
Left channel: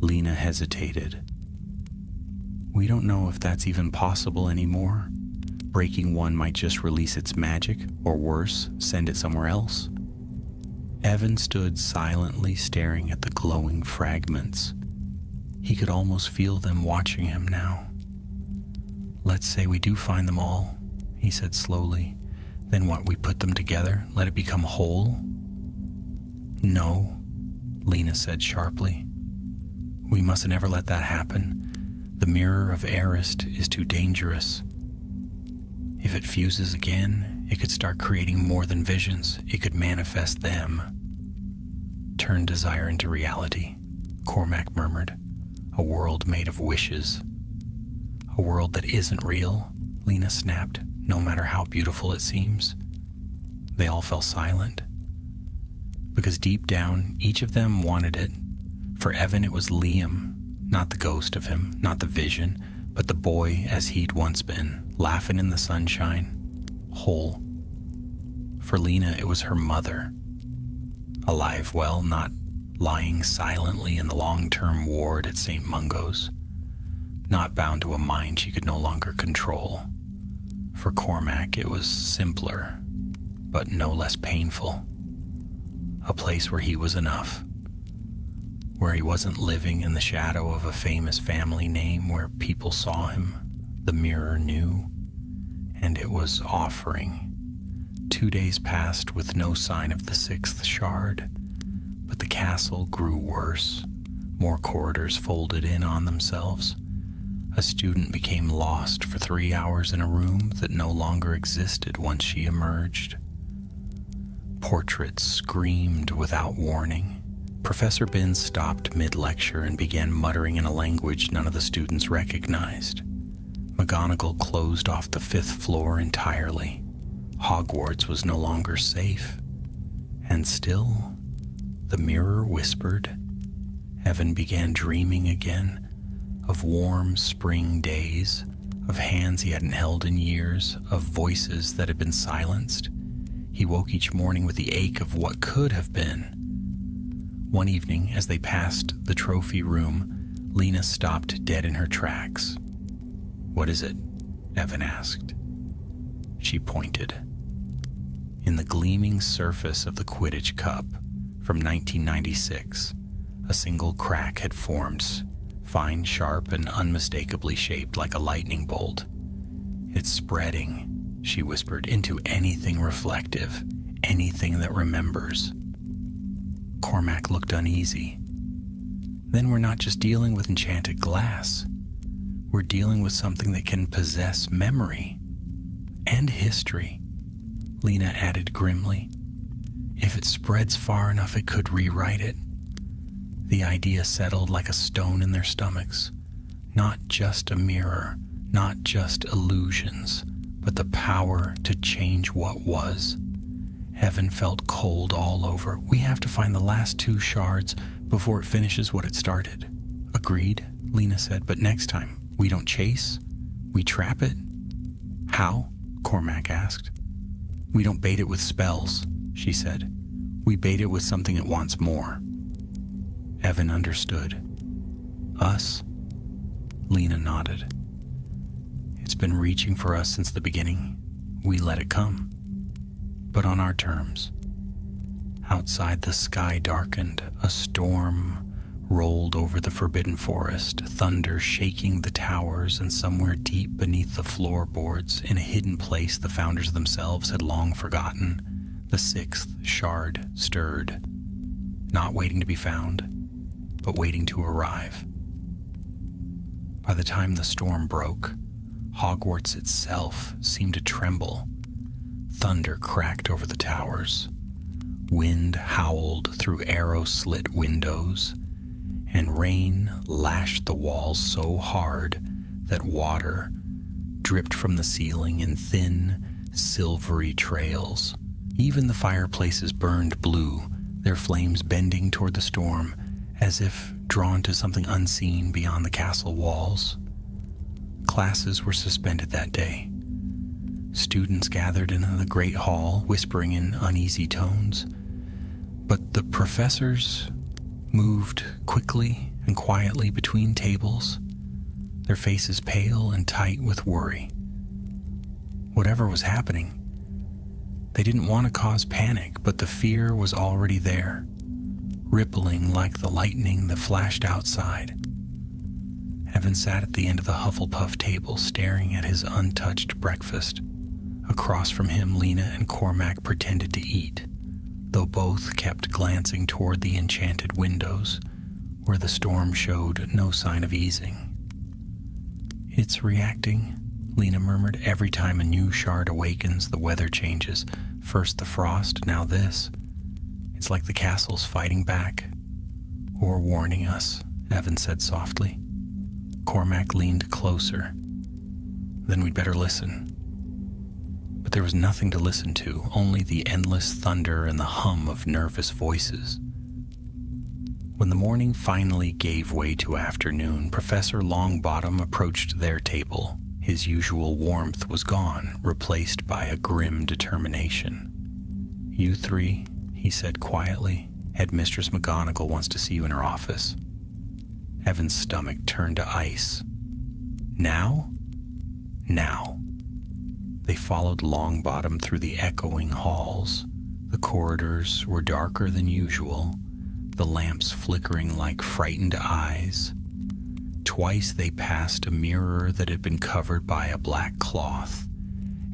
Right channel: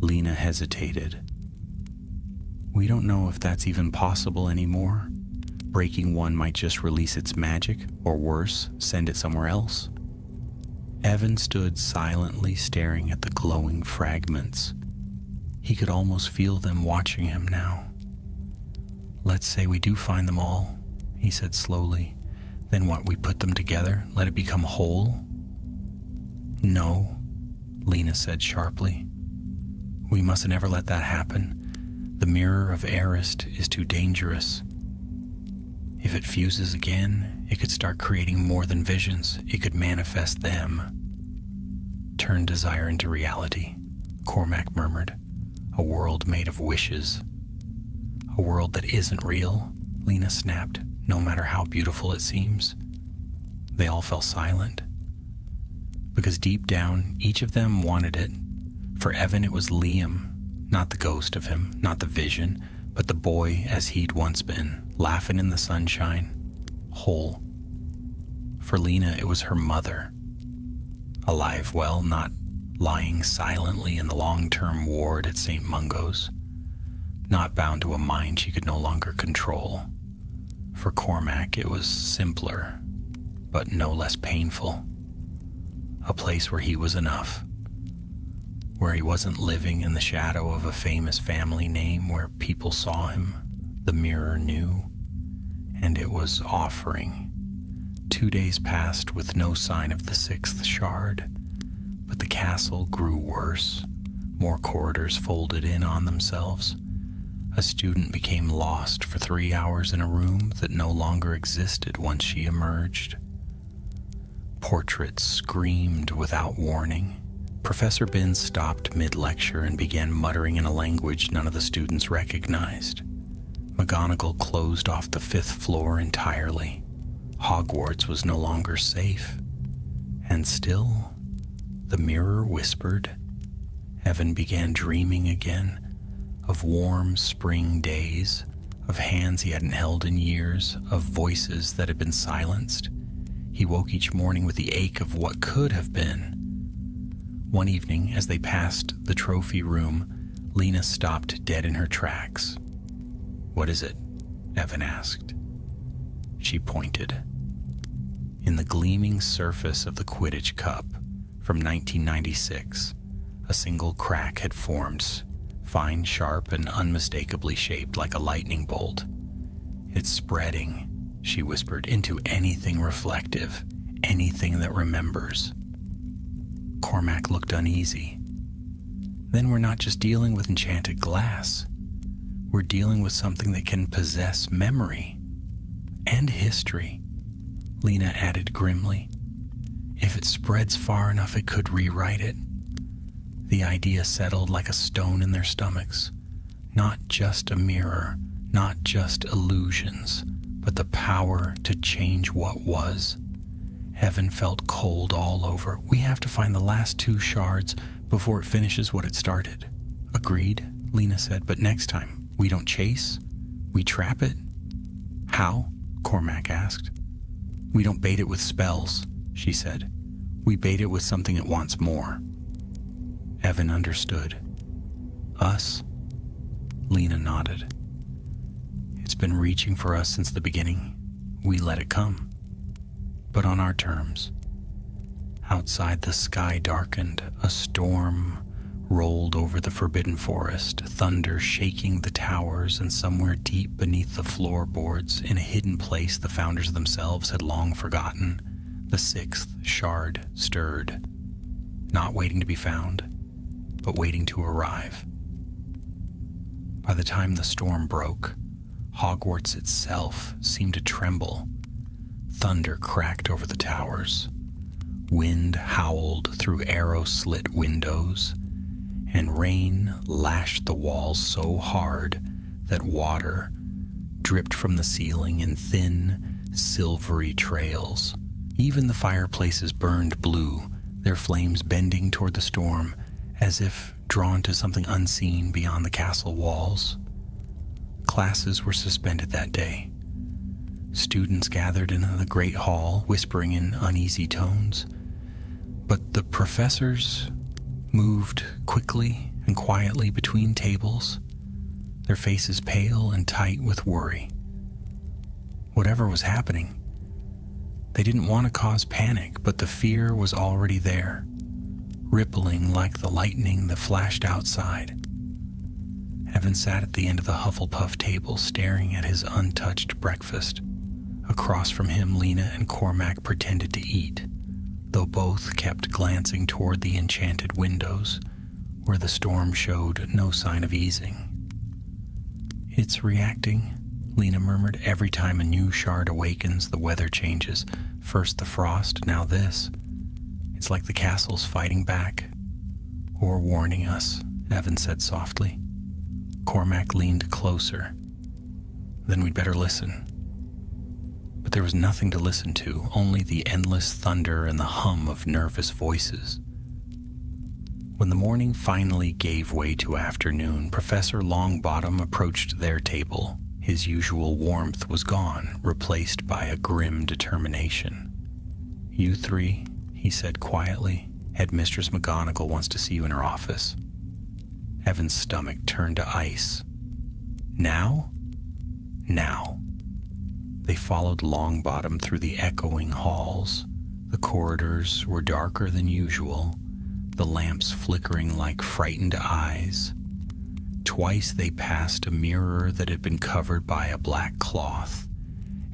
Lena hesitated. We don't know if that's even possible anymore. Breaking one might just release its magic, or worse, send it somewhere else. Evan stood silently staring at the glowing fragments. He could almost feel them watching him now. Let's say we do find them all, he said slowly. Then what, we put them together, let it become whole? No, Lena said sharply. We mustn't ever let that happen. The mirror of Arist is too dangerous. If it fuses again, it could start creating more than visions. It could manifest them. Turn desire into reality, Cormac murmured. A world made of wishes. A world that isn't real, Lena snapped, no matter how beautiful it seems. They all fell silent. Because deep down, each of them wanted it. For Evan, it was Liam, not the ghost of him, not the vision, but the boy as he'd once been, laughing in the sunshine, whole. For Lena, it was her mother. Alive, well, not lying silently in the long-term ward at St. Mungo's, not bound to a mind she could no longer control. For Cormac, it was simpler, but no less painful. A place where he was enough, where he wasn't living in the shadow of a famous family name, where people saw him, the mirror knew, and it was offering. 2 days passed with no sign of the 6th shard, but the castle grew worse. More corridors folded in on themselves. A student became lost for 3 hours in a room that no longer existed once she emerged. Portraits screamed without warning. Professor Bin stopped mid-lecture and began muttering in a language none of the students recognized. McGonagall closed off the 5th floor entirely. Hogwarts was no longer safe. And still, the mirror whispered. Evan began dreaming again of warm spring days, of hands he hadn't held in years, of voices that had been silenced. He woke each morning with the ache of what could have been. One evening, as they passed the trophy room, Lena stopped dead in her tracks. "What is it?" Evan asked. She pointed. In the gleaming surface of the Quidditch Cup from 1996, a single crack had formed, fine, sharp, and unmistakably shaped like a lightning bolt. "It's spreading," she whispered, "into anything reflective, anything that remembers." Cormac looked uneasy. "Then we're not just dealing with enchanted glass. We're dealing with something that can possess memory and history," Lena added grimly. "If it spreads far enough, it could rewrite it." The idea settled like a stone in their stomachs. Not just a mirror, not just illusions, but the power to change what was. Evan felt cold all over. "We have to find the last 2 shards before it finishes what it started." "Agreed," Lena said, "but next time, we don't chase, we trap it." "How?" Cormac asked. "We don't bait it with spells," she said. "We bait it with something it wants more." Evan understood. "Us?" Lena nodded. "It's been reaching for us since the beginning. We let it come, but on our terms." Outside, the sky darkened. A storm rolled over the forbidden forest, thunder shaking the towers, and somewhere deep beneath the floorboards, in a hidden place the founders themselves had long forgotten, the 6th shard stirred, not waiting to be found, but waiting to arrive. By the time the storm broke, Hogwarts itself seemed to tremble. Thunder cracked over the towers. Wind howled through arrow-slit windows, and rain lashed the walls so hard that water dripped from the ceiling in thin, silvery trails. Even the fireplaces burned blue, their flames bending toward the storm, as if drawn to something unseen beyond the castle walls. Classes were suspended that day. Students gathered in the great hall, whispering in uneasy tones. But the professors moved quickly and quietly between tables, their faces pale and tight with worry. Whatever was happening, they didn't want to cause panic, but the fear was already there, rippling like the lightning that flashed outside. Evan sat at the end of the Hufflepuff table, staring at his untouched breakfast. Across from him, Lena and Cormac pretended to eat, though both kept glancing toward the enchanted windows, where the storm showed no sign of easing. "It's reacting," Lena murmured. "Every time a new shard awakens, the weather changes. First the frost, now this. It's like the castle's fighting back, or warning us," Evan said softly. Cormac leaned closer. "Then we'd better listen." But there was nothing to listen to, only the endless thunder and the hum of nervous voices. When the morning finally gave way to afternoon, Professor Longbottom approached their table. His usual warmth was gone, replaced by a grim determination. "You 3, he said quietly. "Headmistress McGonagall wants to see you in her office." Evan's stomach turned to ice. "Now?" "Now." They followed Longbottom through the echoing halls. The corridors were darker than usual, the lamps flickering like frightened eyes. Twice they passed a mirror that had been covered by a black cloth,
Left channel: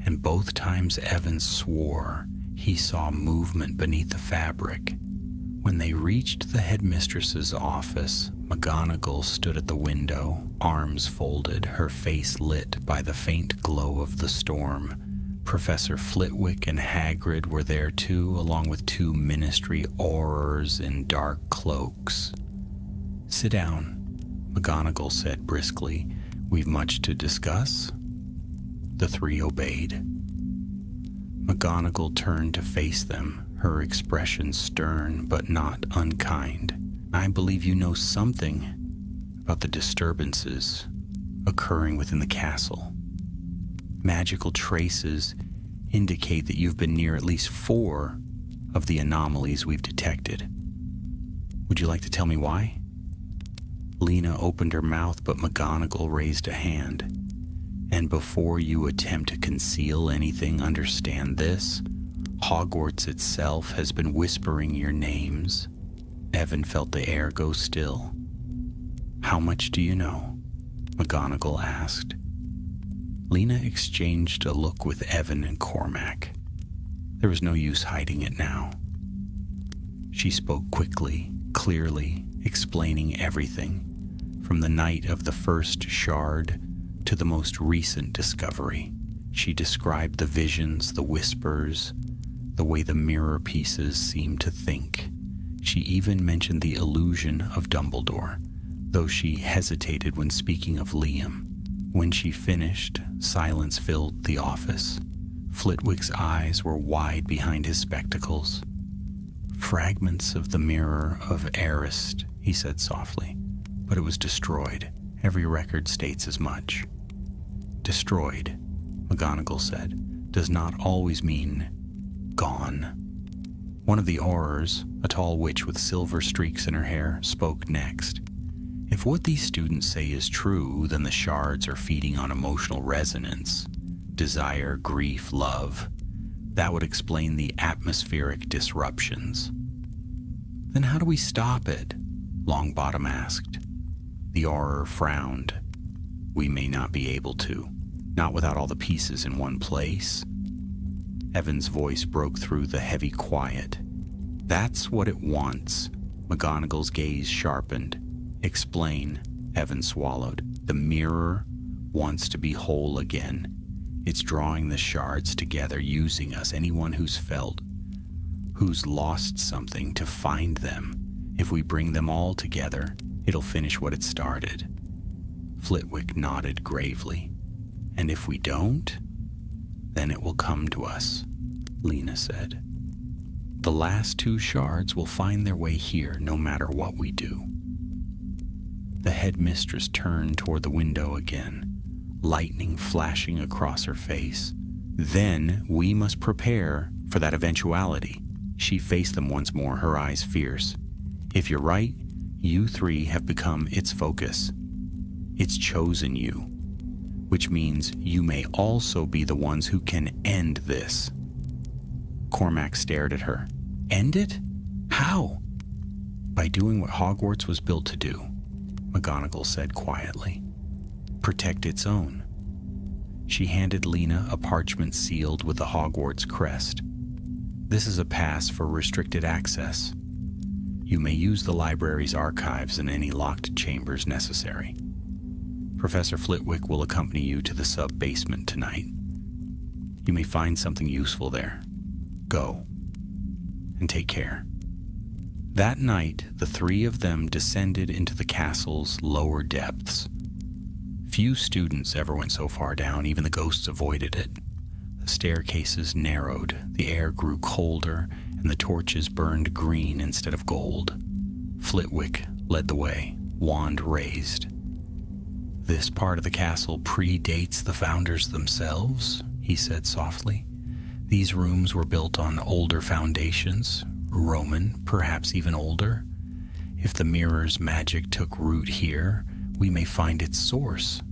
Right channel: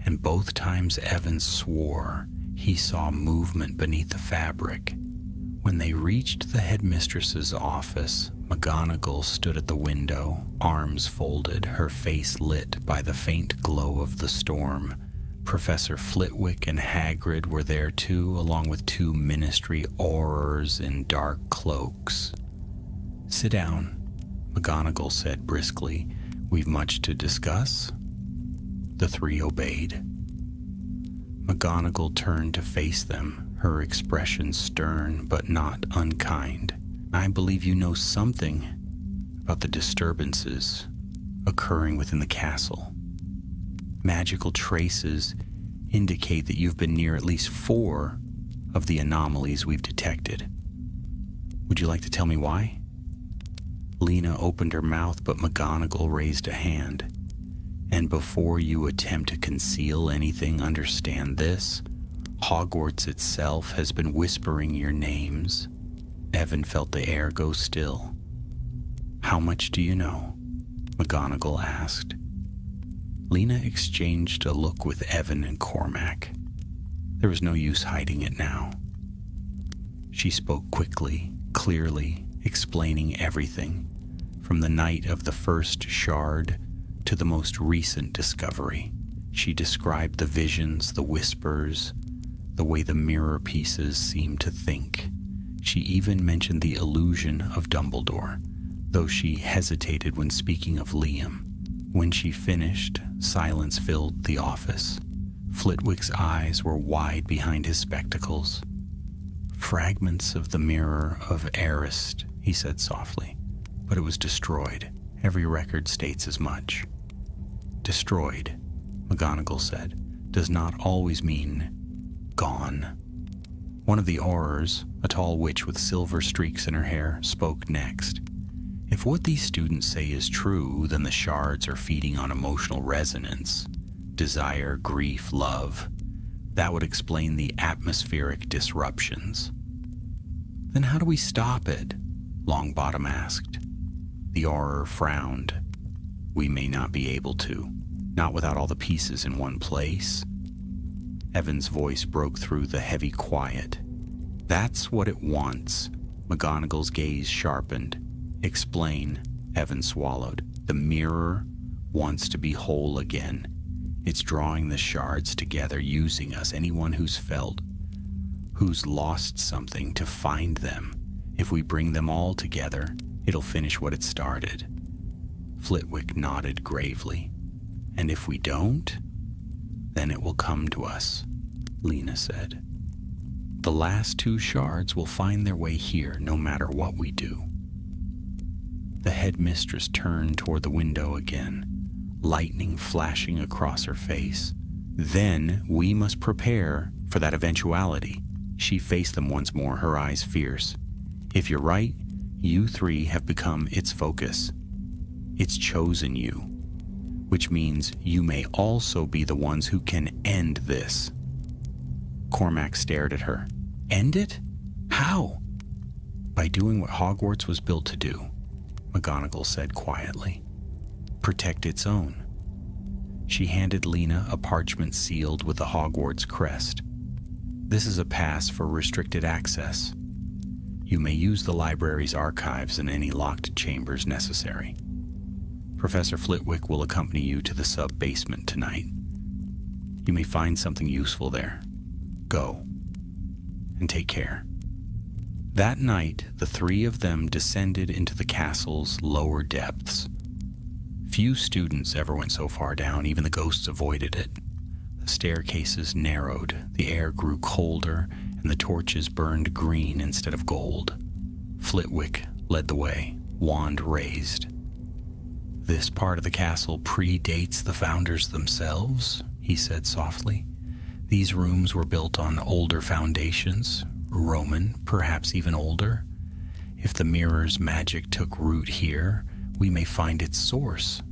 and both times Evan swore he saw movement beneath the fabric. When they reached the headmistress's office, McGonagall stood at the window, arms folded, her face lit by the faint glow of the storm, Professor Flitwick and Hagrid were there too, along with 2 ministry aurors in dark cloaks. "Sit down," McGonagall said briskly. "We've much to discuss." The 3 obeyed. McGonagall turned to face them, her expression stern but not unkind. "I believe you know something about the disturbances occurring within the castle. Magical traces indicate that you've been near at least 4 of the anomalies we've detected. Would you like to tell me why?" Lena opened her mouth, but McGonagall raised a hand. "And before you attempt to conceal anything, understand this. Hogwarts itself has been whispering your names." Evan felt the air go still. "How much do you know?" McGonagall asked. Lena exchanged a look with Evan and Cormac. There was no use hiding it now. She spoke quickly, clearly, explaining everything, from the night of the first shard to the most recent discovery. She described the visions, the whispers, the way the mirror pieces seemed to think. She even mentioned the illusion of Dumbledore, though she hesitated when speaking of Liam. When she finished, silence filled the office. Flitwick's eyes were wide behind his spectacles. "Fragments of the mirror of Arist," he said softly, "but it was destroyed. Every record states as much." "Destroyed," McGonagall said, "does not always mean gone." One of the aurors, a tall witch with silver streaks in her hair, spoke next. "If what these students say is true, then the shards are feeding on emotional resonance, desire, grief, love. That would explain the atmospheric disruptions." "Then how do we stop it?" Longbottom asked. The auror frowned. "We may not be able to, not without all the pieces in one place." Evan's voice broke through the heavy quiet. "That's what it wants." McGonagall's gaze sharpened. "Explain," Evan swallowed. "The mirror wants to be whole again. It's drawing the shards together, using us, anyone who's lost something, to find them. If we bring them all together, it'll finish what it started." Flitwick nodded gravely. "And if we don't, then it will come to us," Lena said. "The last 2 shards will find their way here, no matter what we do." The headmistress turned toward the window again, lightning flashing across her face. "Then we must prepare for that eventuality." She faced them once more, her eyes fierce. "If you're right, you 3 have become its focus. It's chosen you, which means you may also be the ones who can end this." Cormac stared at her. "End it? How?" "By doing what Hogwarts was built to do," McGonagall said quietly. "Protect its own." She handed Lena a parchment sealed with the Hogwarts crest. "This is a pass for restricted access. You may use the library's archives in any locked chambers necessary. Professor Flitwick will accompany you to the sub-basement tonight. You may find something useful there. Go, and take care." That night, the 3 of them descended into the castle's lower depths. Few students ever went so far down, even the ghosts avoided it. The staircases narrowed, the air grew colder, and the torches burned green instead of gold. Flitwick led the way, wand raised. "This part of the castle predates the founders themselves," he said softly. "These rooms were built on older foundations, Roman, perhaps even older. If the mirror's magic took root here, we may find its source."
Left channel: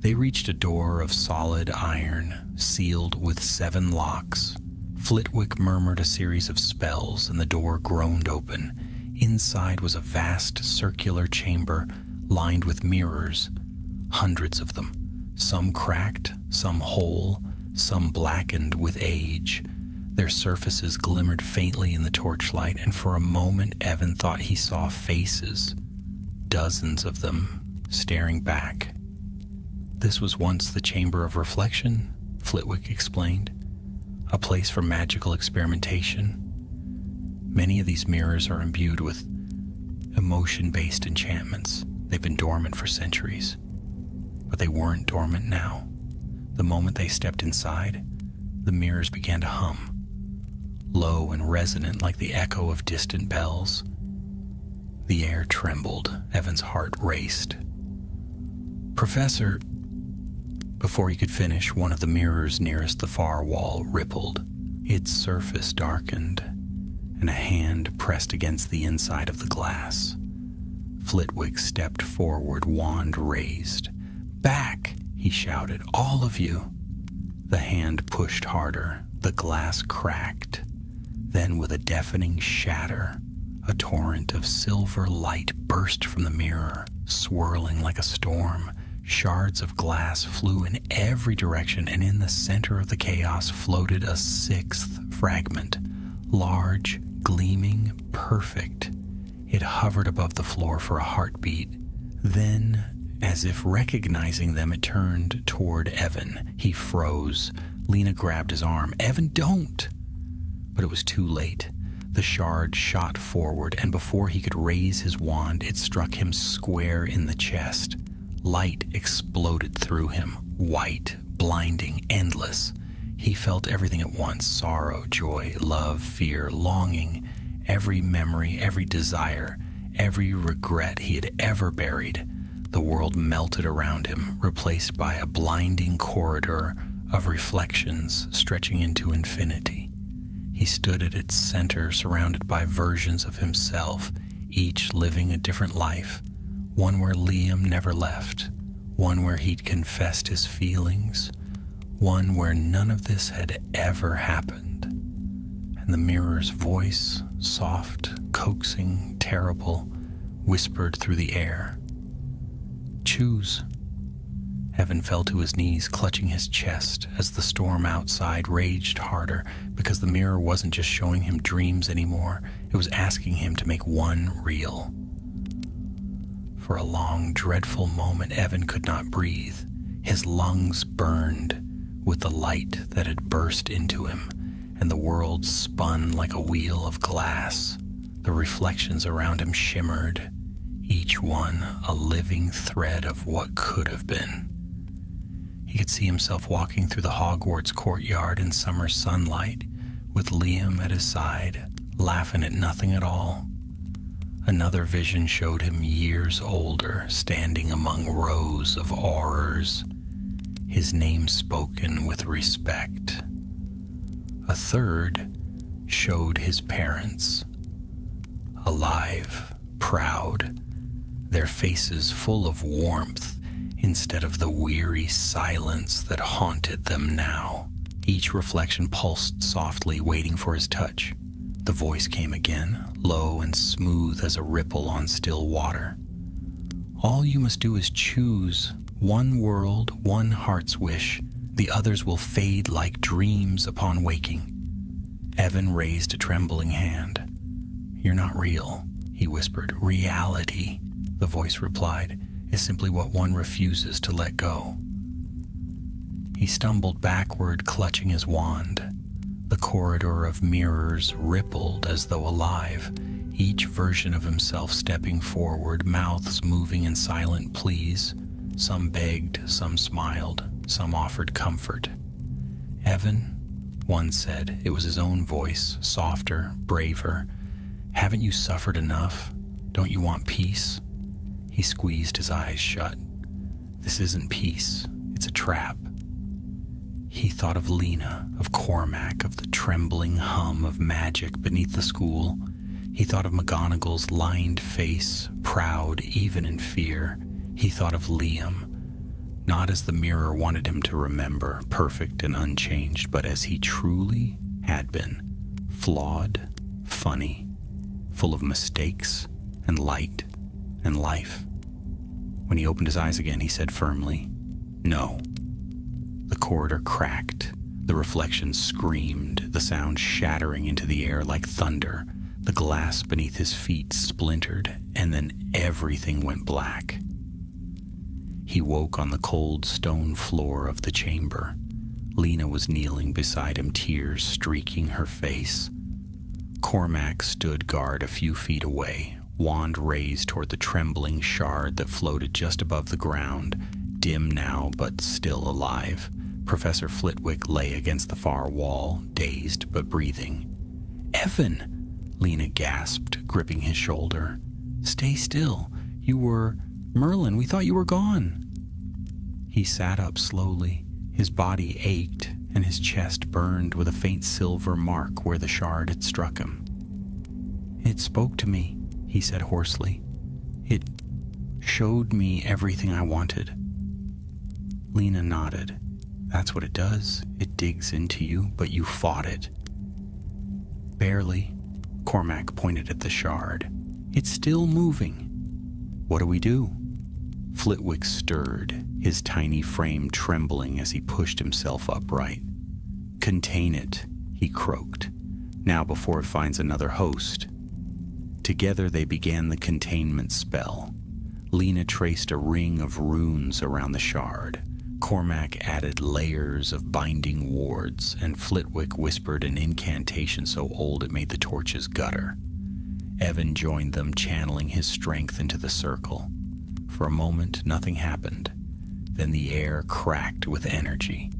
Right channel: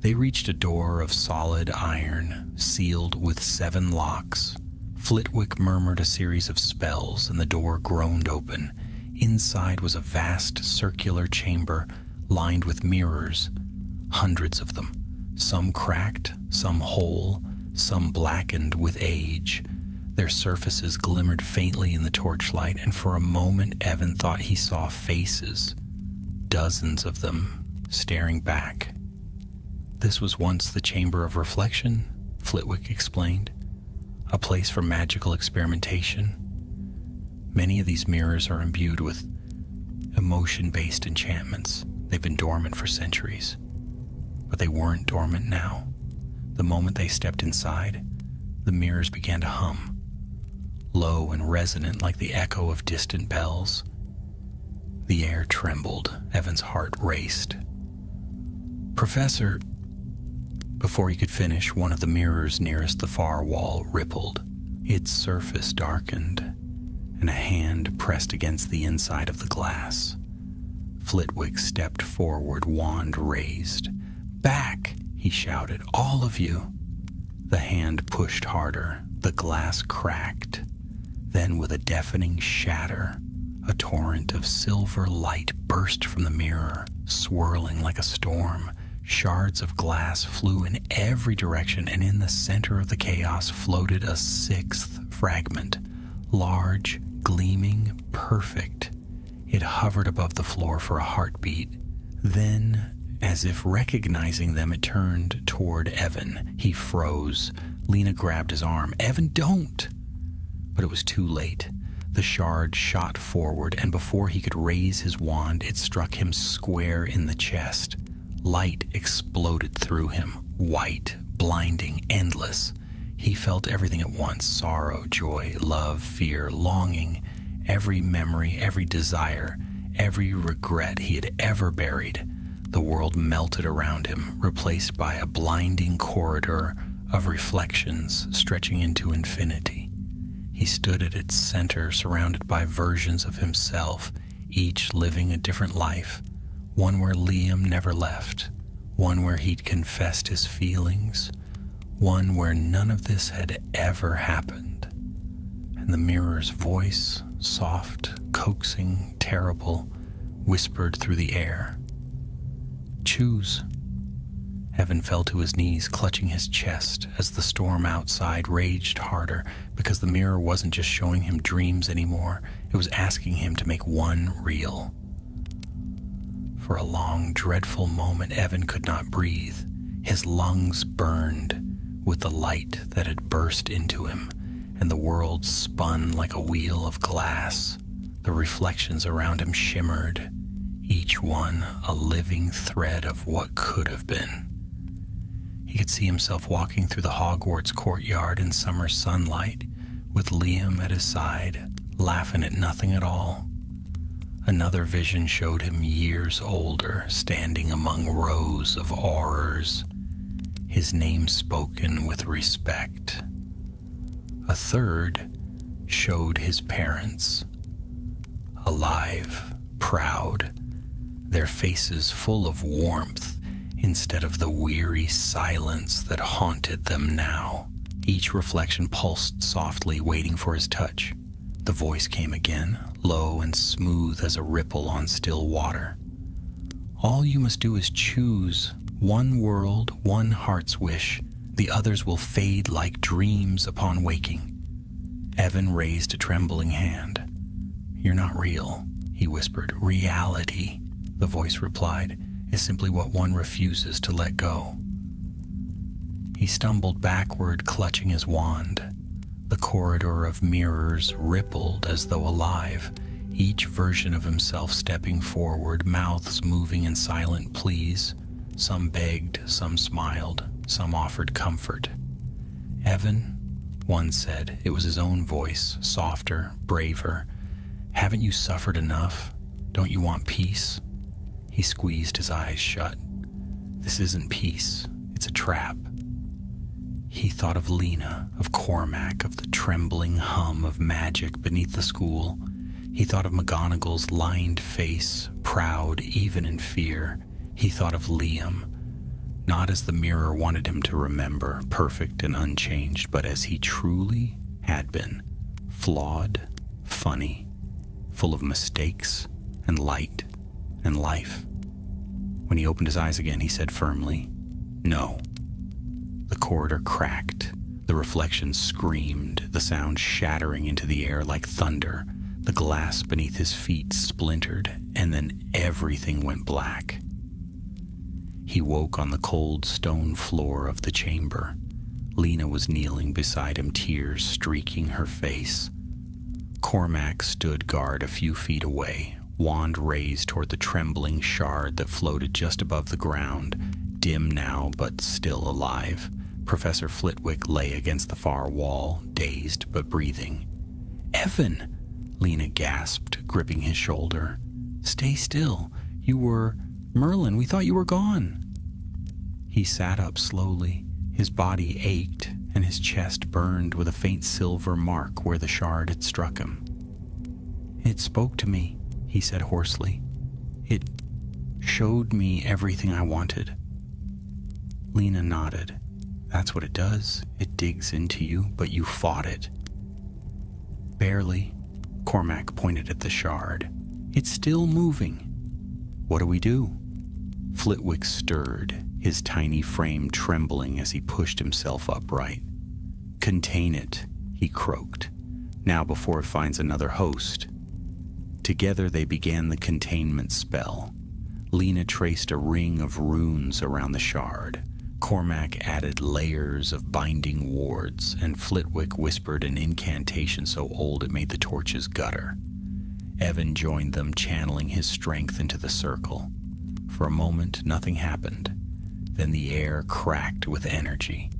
They reached a door of solid iron, sealed with 7 locks. Flitwick murmured a series of spells, and the door groaned open. Inside was a vast circular chamber lined with mirrors, hundreds of them, some cracked, some whole, some blackened with age. Their surfaces glimmered faintly in the torchlight, and for a moment Evan thought he saw faces, dozens of them, staring back. "This was once the Chamber of Reflection," Flitwick explained. A place for magical experimentation. Many of these mirrors are imbued with emotion-based enchantments. They've been dormant for centuries. But they weren't dormant now. The moment they stepped inside, the mirrors began to hum, low and resonant like the echo of distant bells. The air trembled. Evan's heart raced. "Professor..." Before he could finish, one of the mirrors nearest the far wall rippled. Its surface darkened, and a hand pressed against the inside of the glass. Flitwick stepped forward, wand raised. "Back!" he shouted. "All of you!" The hand pushed harder. The glass cracked. Then, with a deafening shatter, a torrent of silver light burst from the mirror, swirling like a storm. Shards of glass flew in every direction, and in the center of the chaos floated a sixth fragment, large, gleaming, perfect. It hovered above the floor for a heartbeat. Then, as if recognizing them, it turned toward Evan. He froze. Lena grabbed his arm. "Evan, don't!" But it was too late. The shard shot forward, and before he could raise his wand, it struck him square in the chest. Light exploded through him, white, blinding, endless. He felt everything at once: sorrow, joy, love, fear, longing, every memory, every desire, every regret he had ever buried. The world melted around him, replaced by a blinding corridor of reflections stretching into infinity. He stood at its center, surrounded by versions of himself, each living a different life. One where Liam never left, one where he'd confessed his feelings, one where none of this had ever happened. And the mirror's voice, soft, coaxing, terrible, whispered through the air. "Choose." Evan fell to his knees, clutching his chest as the storm outside raged harder, because the mirror wasn't just showing him dreams anymore. It was asking him to make one real. For a long, dreadful moment, Evan could not breathe. His lungs burned with the light that had burst into him, and the world spun like a wheel of glass. The reflections around him shimmered, each one a living thread of what could have been. He could see himself walking through the Hogwarts courtyard in summer sunlight, with Liam at his side, laughing at nothing at all. Another vision showed him years older, standing among rows of aurors, his name spoken with respect. A third showed his parents, alive, proud, their faces full of warmth instead of the weary silence that haunted them now. Each reflection pulsed softly, waiting for his touch. The voice came again, low and smooth as a ripple on still water. "All you must do is choose one world, one heart's wish. The others will fade like dreams upon waking." Evan raised a trembling hand. "You're not real," he whispered. "Reality," the voice replied, "is simply what one refuses to let go." He stumbled backward, clutching his wand. The corridor of mirrors rippled as though alive, each version of himself stepping forward, mouths moving in silent pleas. Some begged, some smiled, some offered comfort. "Evan," one said, it was his own voice, softer, braver. "Haven't you suffered enough? Don't you want peace?" He squeezed his eyes shut. "This isn't peace. It's a trap." He thought of Lena, of Cormac, of the trembling hum of magic beneath the school. He thought of McGonagall's lined face, proud even in fear. He thought of Liam, not as the mirror wanted him to remember, perfect and unchanged, but as he truly had been, flawed, funny, full of mistakes and light and life. When he opened his eyes again, he said firmly, "No." The corridor cracked. The reflections screamed, the sound shattering into the air like thunder. The glass beneath his feet splintered, and then everything went black. He woke on the cold stone floor of the chamber. Lena was kneeling beside him, tears streaking her face. Cormac stood guard a few feet away, wand raised toward the trembling shard that floated just above the ground, dim now but still alive. Professor Flitwick lay against the far wall, dazed but breathing. "Evan!" Lena gasped, gripping his shoulder. "Stay still. You were... Merlin, we thought you were gone." He sat up slowly. His body ached, and his chest burned with a faint silver mark where the shard had struck him. "It spoke to me," he said hoarsely. "It showed me everything I wanted." Lena nodded. "That's what it does. It digs into you, but you fought it." "Barely." Cormac pointed at the shard. "It's still moving." "What do we do?" Flitwick stirred, his tiny frame trembling as he pushed himself upright. "Contain it," he croaked, "now before it finds another host." Together they began the containment spell. Lena traced a ring of runes around the shard. Cormac added layers of binding wards, and Flitwick whispered an incantation so old it made the torches gutter. Evan joined them, channeling his strength into the circle. For a moment, nothing happened. Then the air cracked with energy,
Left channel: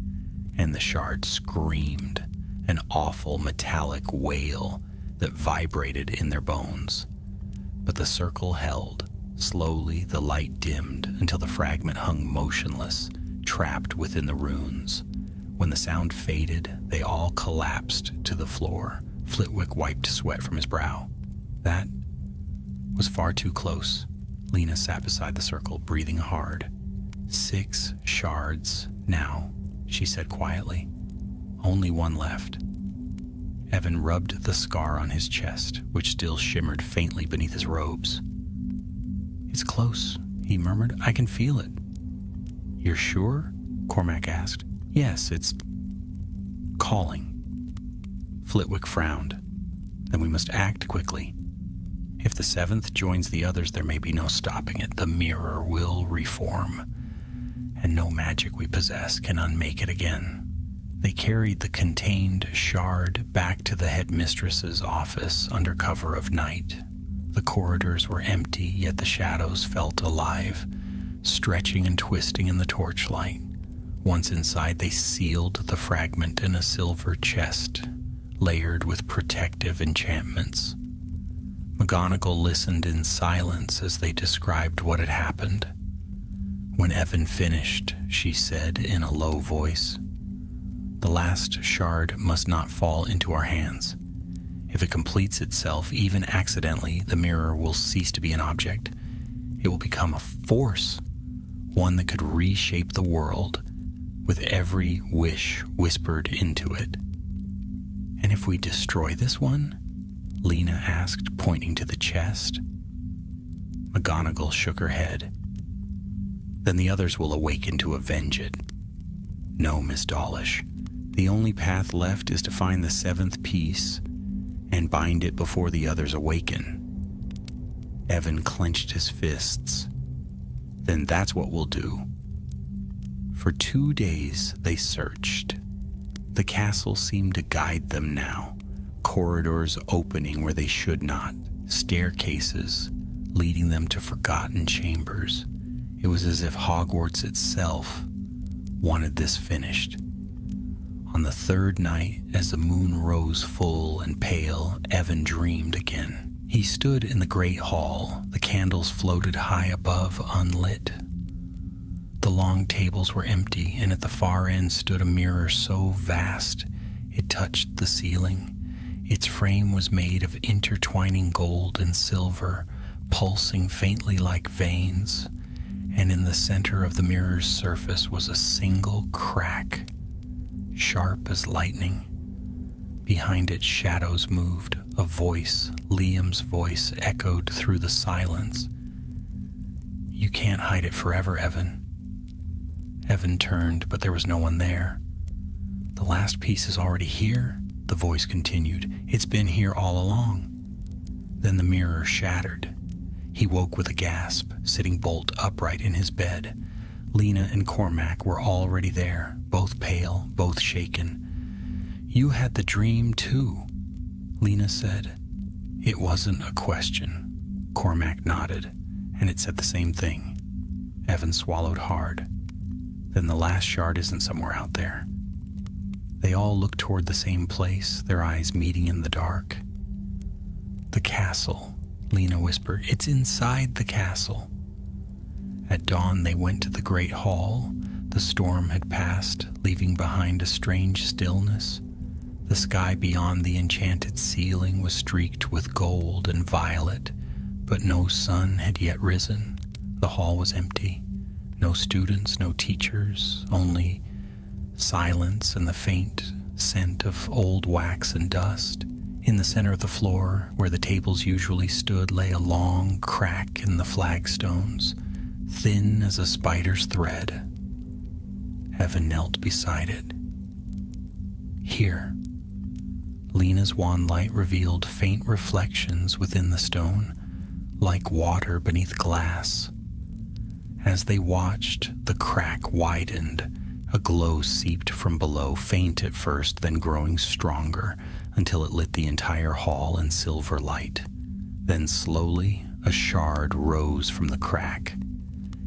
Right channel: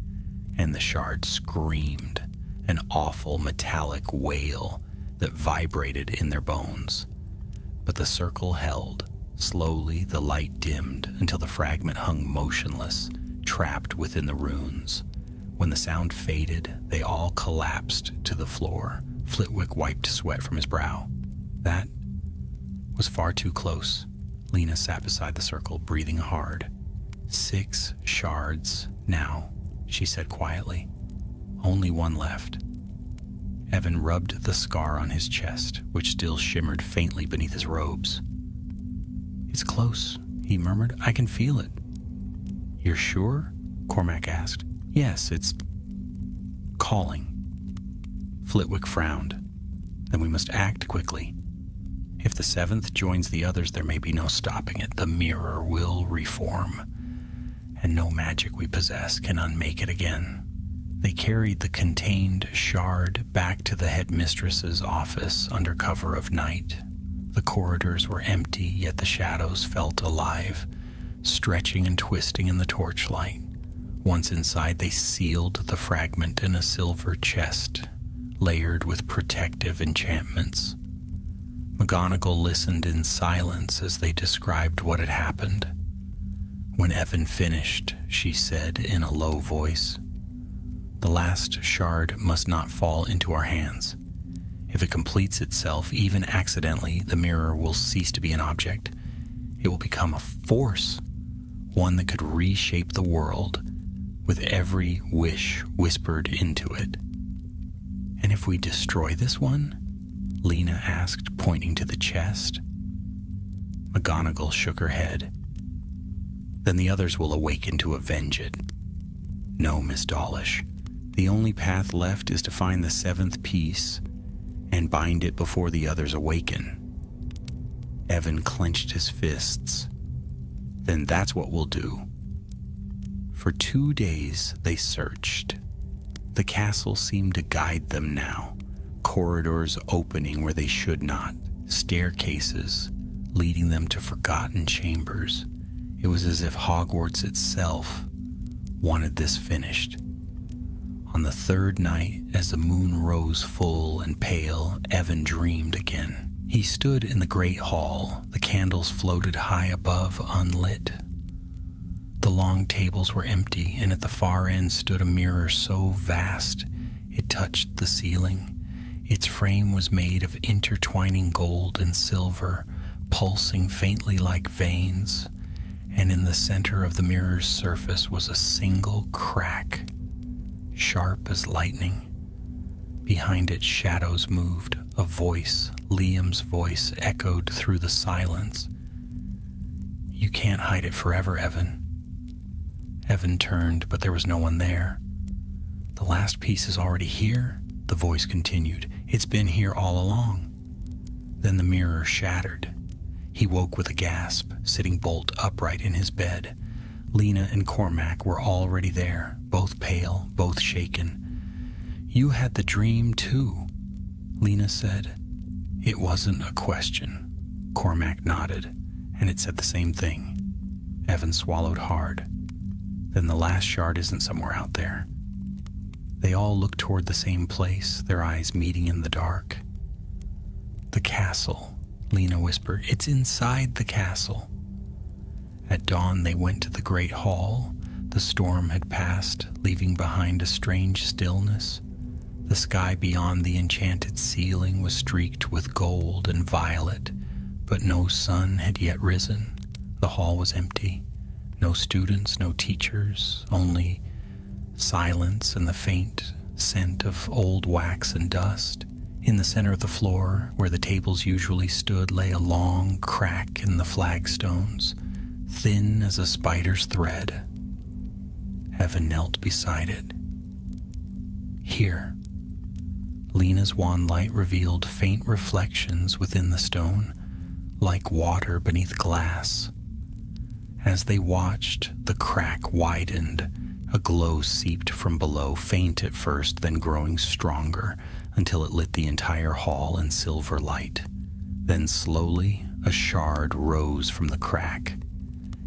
and the shard screamed, an awful metallic wail that vibrated in their bones. But the circle held. Slowly, the light dimmed until the fragment hung motionless, trapped within the runes. When the sound faded, they all collapsed to the floor. Flitwick wiped sweat from his brow. That was far too close. Lena sat beside the circle, breathing hard. 6 shards now, she said quietly. Only one left. Evan rubbed the scar on his chest, which still shimmered faintly beneath his robes. "It's close," he murmured. "I can feel it." "You're sure?" Cormac asked. "Yes, it's calling." Flitwick frowned. "Then we must act quickly. If the 7th joins the others, there may be no stopping it. The mirror will reform, and no magic we possess can unmake it again." They carried the contained shard back to the headmistress's office under cover of night. The corridors were empty, yet the shadows felt alive, stretching and twisting in the torchlight. Once inside, they sealed the fragment in a silver chest, layered with protective enchantments. McGonagall listened in silence as they described what had happened. When Evan finished, she said in a low voice, "The last shard must not fall into our hands. If it completes itself, even accidentally, the mirror will cease to be an object. It will become a force, one that could reshape the world, with every wish whispered into it." "And if we destroy this one?" Lena asked, pointing to the chest. McGonagall shook her head. "Then the others will awaken to avenge it." "No, Miss Dawlish. The only path left is to find the 7th piece and bind it before the others awaken." Evan clenched his fists. "Then that's what we'll do." For 2 days they searched. The castle seemed to guide them now, corridors opening where they should not, staircases leading them to forgotten chambers. It was as if Hogwarts itself wanted this finished. On the 3rd night, as the moon rose full and pale, Evan dreamed again. He stood in the great hall. The candles floated high above, unlit. The long tables were empty, and at the far end stood a mirror so vast it touched the ceiling. Its frame was made of intertwining gold and silver, pulsing faintly like veins, and in the center of the mirror's surface was a single crack, sharp as lightning. Behind it, shadows moved. A voice, Liam's voice, echoed through the silence. "You can't hide it forever, Evan." Evan turned, but there was no one there. "The last piece is already here," the voice continued. "It's been here all along." Then the mirror shattered. He woke with a gasp, sitting bolt upright in his bed. Lena and Cormac were already there, both pale, both shaken. "You had the dream too," Lena said. "It wasn't a question." Cormac nodded, and it said the same thing. Evan swallowed hard. "Then the last shard isn't somewhere out there." They all looked toward the same place, their eyes meeting in the dark. "The castle," Lena whispered. "It's inside the castle." At dawn, they went to the great hall. The storm had passed, leaving behind a strange stillness. The sky beyond the enchanted ceiling was streaked with gold and violet, but no sun had yet risen. The hall was empty. No students, no teachers, only silence and the faint scent of old wax and dust. In the center of the floor, where the tables usually stood, lay a long crack in the flagstones, thin as a spider's thread. Evan knelt beside it. "Here." Lena's wand light revealed faint reflections within the stone, like water beneath glass. As they watched, the crack widened. A glow seeped from below, faint at first, then growing stronger, until it lit the entire hall in silver light. Then slowly, a shard rose from the crack.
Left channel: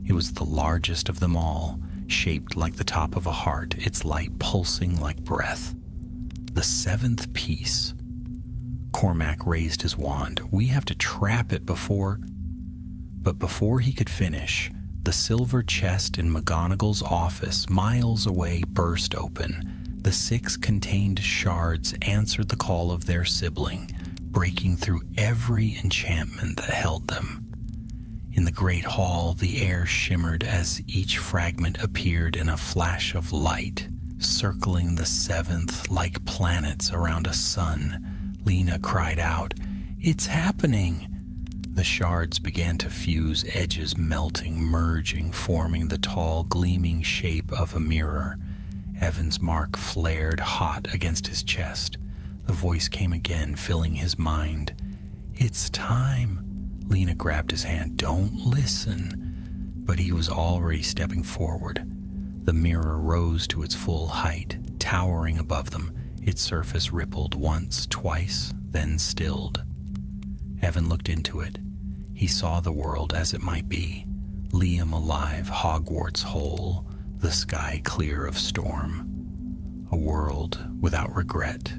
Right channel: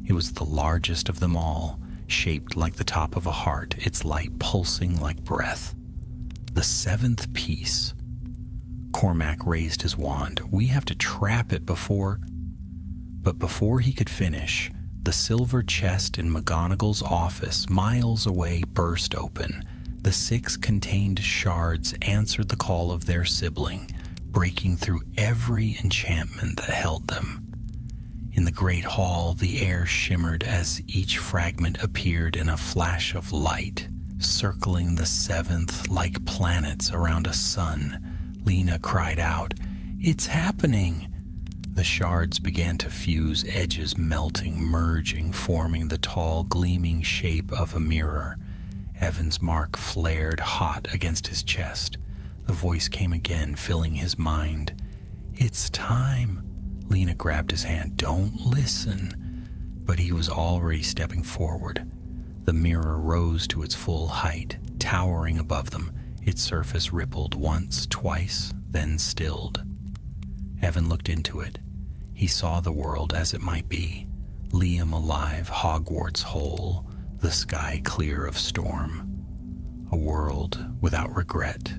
It was the largest of them all, shaped like the top of a heart, its light pulsing like breath. The seventh piece. Cormac raised his wand. "We have to trap it before..." But before he could finish, the silver chest in McGonagall's office, miles away, burst open. The 6 contained shards answered the call of their sibling, breaking through every enchantment that held them. In the great hall, the air shimmered as each fragment appeared in a flash of light, circling the 7th like planets around a sun. Lena cried out, "It's happening!" The shards began to fuse, edges melting, merging, forming the tall, gleaming shape of a mirror. Evan's mark flared hot against his chest. The voice came again, filling his mind. "It's time." Lena grabbed his hand. "Don't listen." But he was already stepping forward. The mirror rose to its full height, towering above them. Its surface rippled once, twice, then stilled. Evan looked into it. He saw the world as it might be. Liam alive, Hogwarts whole, the sky clear of storm. A world without regret,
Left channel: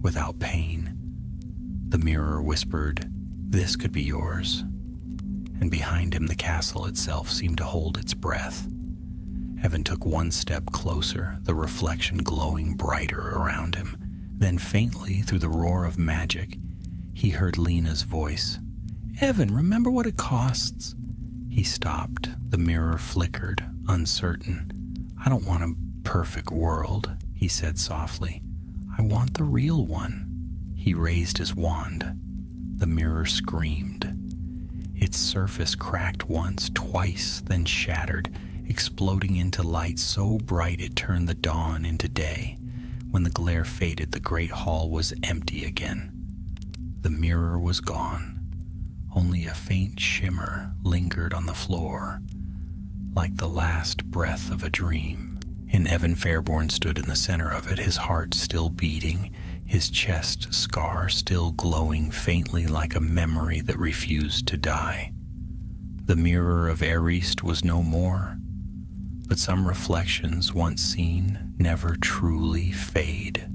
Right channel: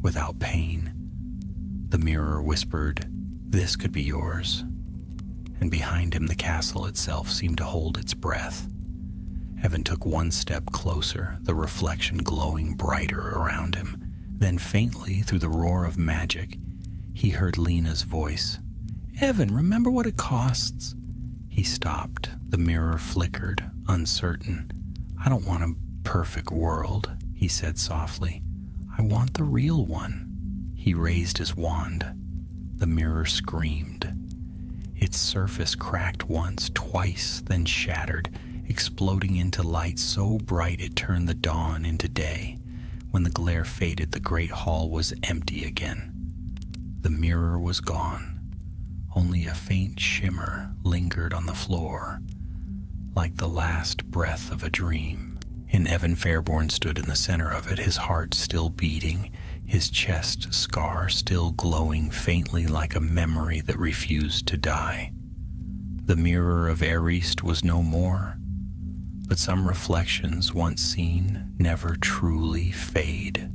without pain. The mirror whispered, "This could be yours." And behind him the castle itself seemed to hold its breath. Evan took one step closer, the reflection glowing brighter around him. Then faintly, through the roar of magic, he heard Lena's voice. "Evan, remember what it costs?" He stopped. The mirror flickered, uncertain. "I don't want a perfect world," he said softly. "I want the real one." He raised his wand. The mirror screamed. Its surface cracked once, twice, then shattered, exploding into light so bright it turned the dawn into day. When the glare faded, the great hall was empty again. The mirror was gone. Only a faint shimmer lingered on the floor, like the last breath of a dream. And Evan Fairborn stood in the center of it, his heart still beating, his chest scar still glowing faintly like a memory that refused to die. The mirror of Arist was no more, but some reflections once seen never truly fade.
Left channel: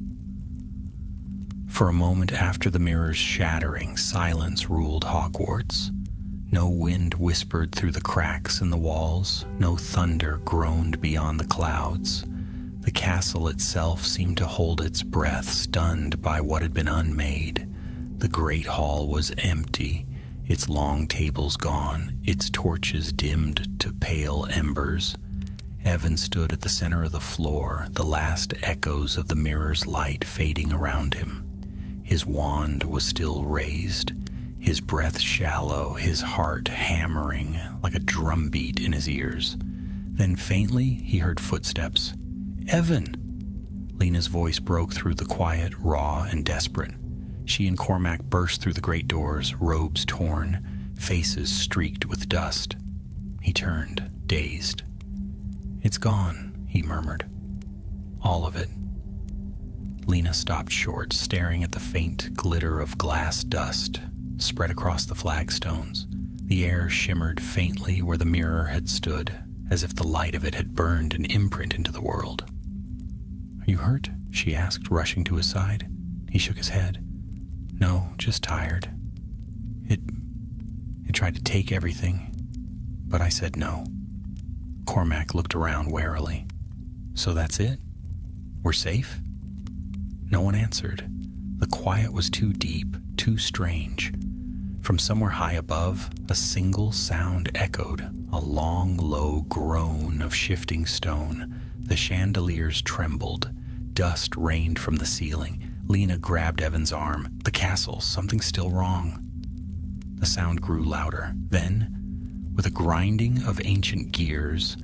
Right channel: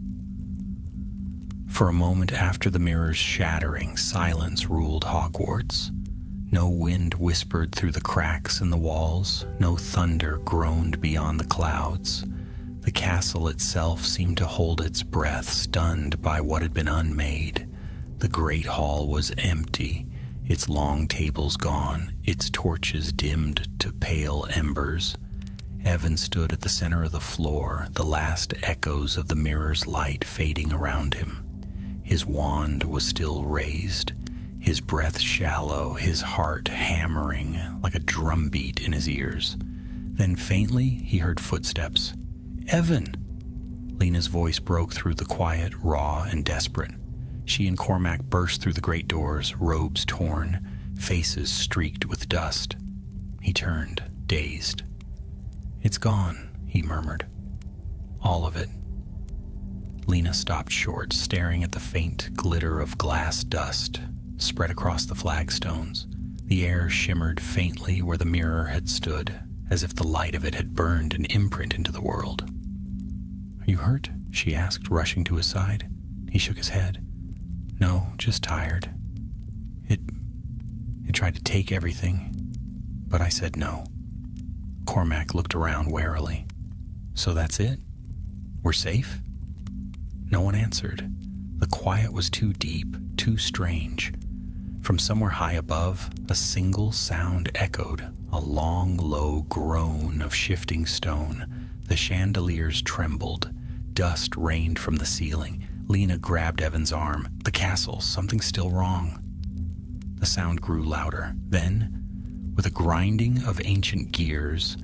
For a moment after the mirror's shattering, silence ruled Hogwarts. No wind whispered through the cracks in the walls, no thunder groaned beyond the clouds. The castle itself seemed to hold its breath, stunned by what had been unmade. The great hall was empty, its long tables gone, its torches dimmed to pale embers. Evan stood at the center of the floor, the last echoes of the mirror's light fading around him. His wand was still raised, his breath shallow, his heart hammering like a drumbeat in his ears. Then faintly he heard footsteps. "Evan!" Lena's voice broke through the quiet, raw and desperate. She and Cormac burst through the great doors, robes torn, faces streaked with dust. He turned, dazed. "It's gone," he murmured. "All of it." Lena stopped short, staring at the faint glitter of glass dust spread across the flagstones. The air shimmered faintly where the mirror had stood, as if the light of it had burned an imprint into the world. "Are you hurt?" she asked, rushing to his side. He shook his head. "No, just tired. It tried to take everything, but I said no." Cormac looked around warily. "So that's it? We're safe?" No one answered. The quiet was too deep, too strange. From somewhere high above, a single sound echoed, a long, low groan of shifting stone. The chandeliers trembled. Dust rained from the ceiling. Lena grabbed Evan's arm. "The castle, something's still wrong." The sound grew louder. Then, with a grinding of ancient gears,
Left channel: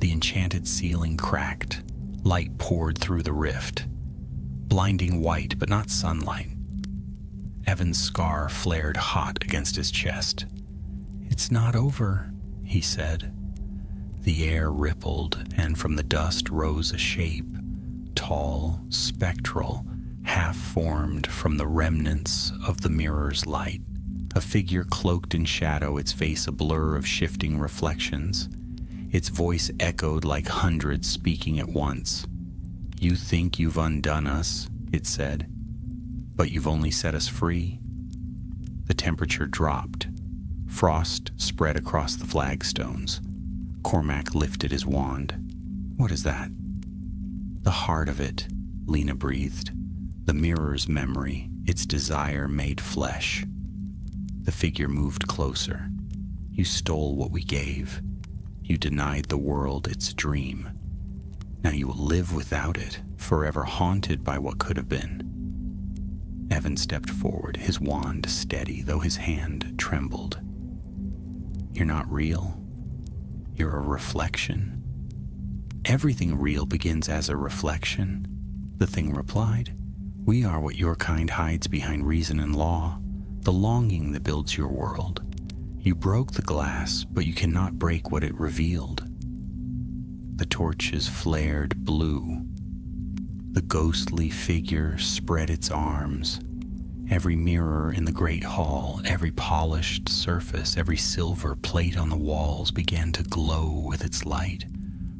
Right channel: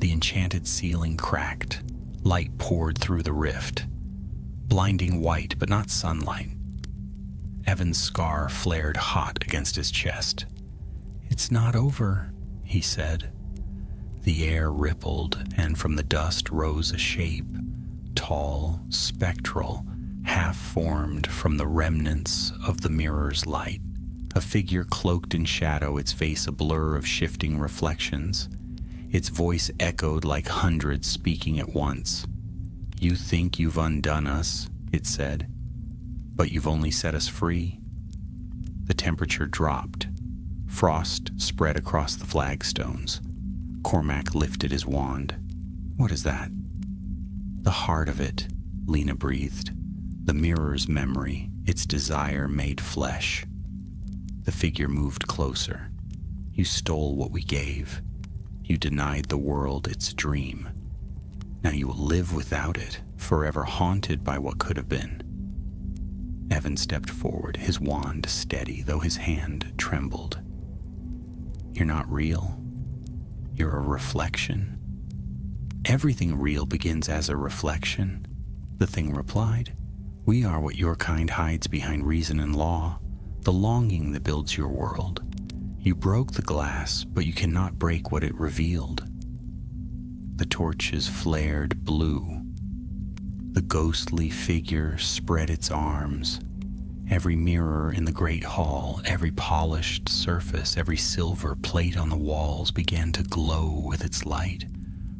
the enchanted ceiling cracked. Light poured through the rift. Blinding white, but not sunlight. Evan's scar flared hot against his chest. "It's not over," he said. The air rippled, and from the dust rose a shape, tall, spectral, half-formed from the remnants of the mirror's light. A figure cloaked in shadow, its face a blur of shifting reflections. Its voice echoed like hundreds speaking at once. "You think you've undone us," it said, "but you've only set us free." The temperature dropped. Frost spread across the flagstones. Cormac lifted his wand. "What is that?" "The heart of it," Lena breathed. "The mirror's memory, its desire made flesh." The figure moved closer. "You stole what we gave. You denied the world its dream. Now you will live without it, forever haunted by what could have been." Evan stepped forward, his wand steady, though his hand trembled. "You're not real. You're a reflection." "Everything real begins as a reflection," the thing replied. "We are what your kind hides behind reason and law, the longing that builds your world. You broke the glass, but you cannot break what it revealed." The torches flared blue. The ghostly figure spread its arms. Every mirror in the great hall, every polished surface, every silver plate on the walls began to glow with its light.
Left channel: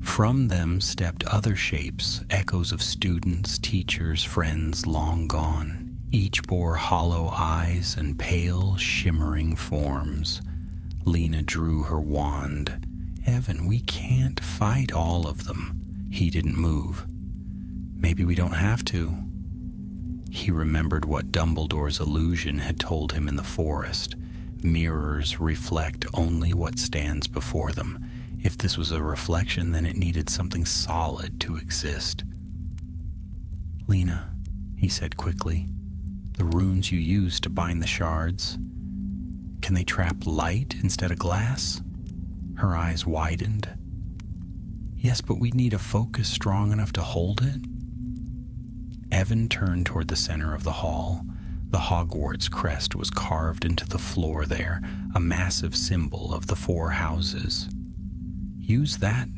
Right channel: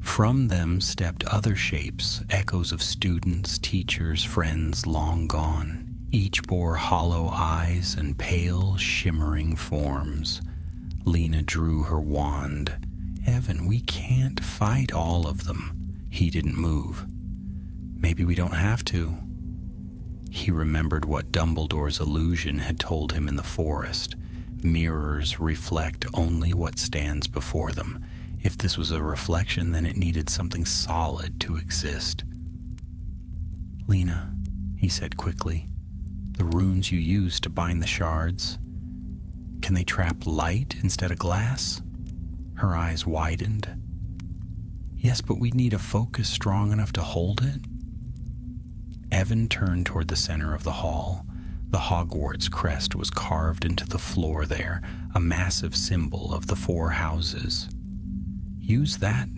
From them stepped other shapes, echoes of students, teachers, friends long gone. Each bore hollow eyes and pale, shimmering forms. Lena drew her wand. "Evan, we can't fight all of them." He didn't move. "Maybe we don't have to." He remembered what Dumbledore's illusion had told him in the forest. Mirrors reflect only what stands before them. If this was a reflection, then it needed something solid to exist. "Lena," he said quickly, "the runes you used to bind the shards, can they trap light instead of glass?" Her eyes widened. "Yes, but we'd need a focus strong enough to hold it." Evan turned toward the center of the hall. The Hogwarts crest was carved into the floor there, a massive symbol of the 4 houses. "Use that?"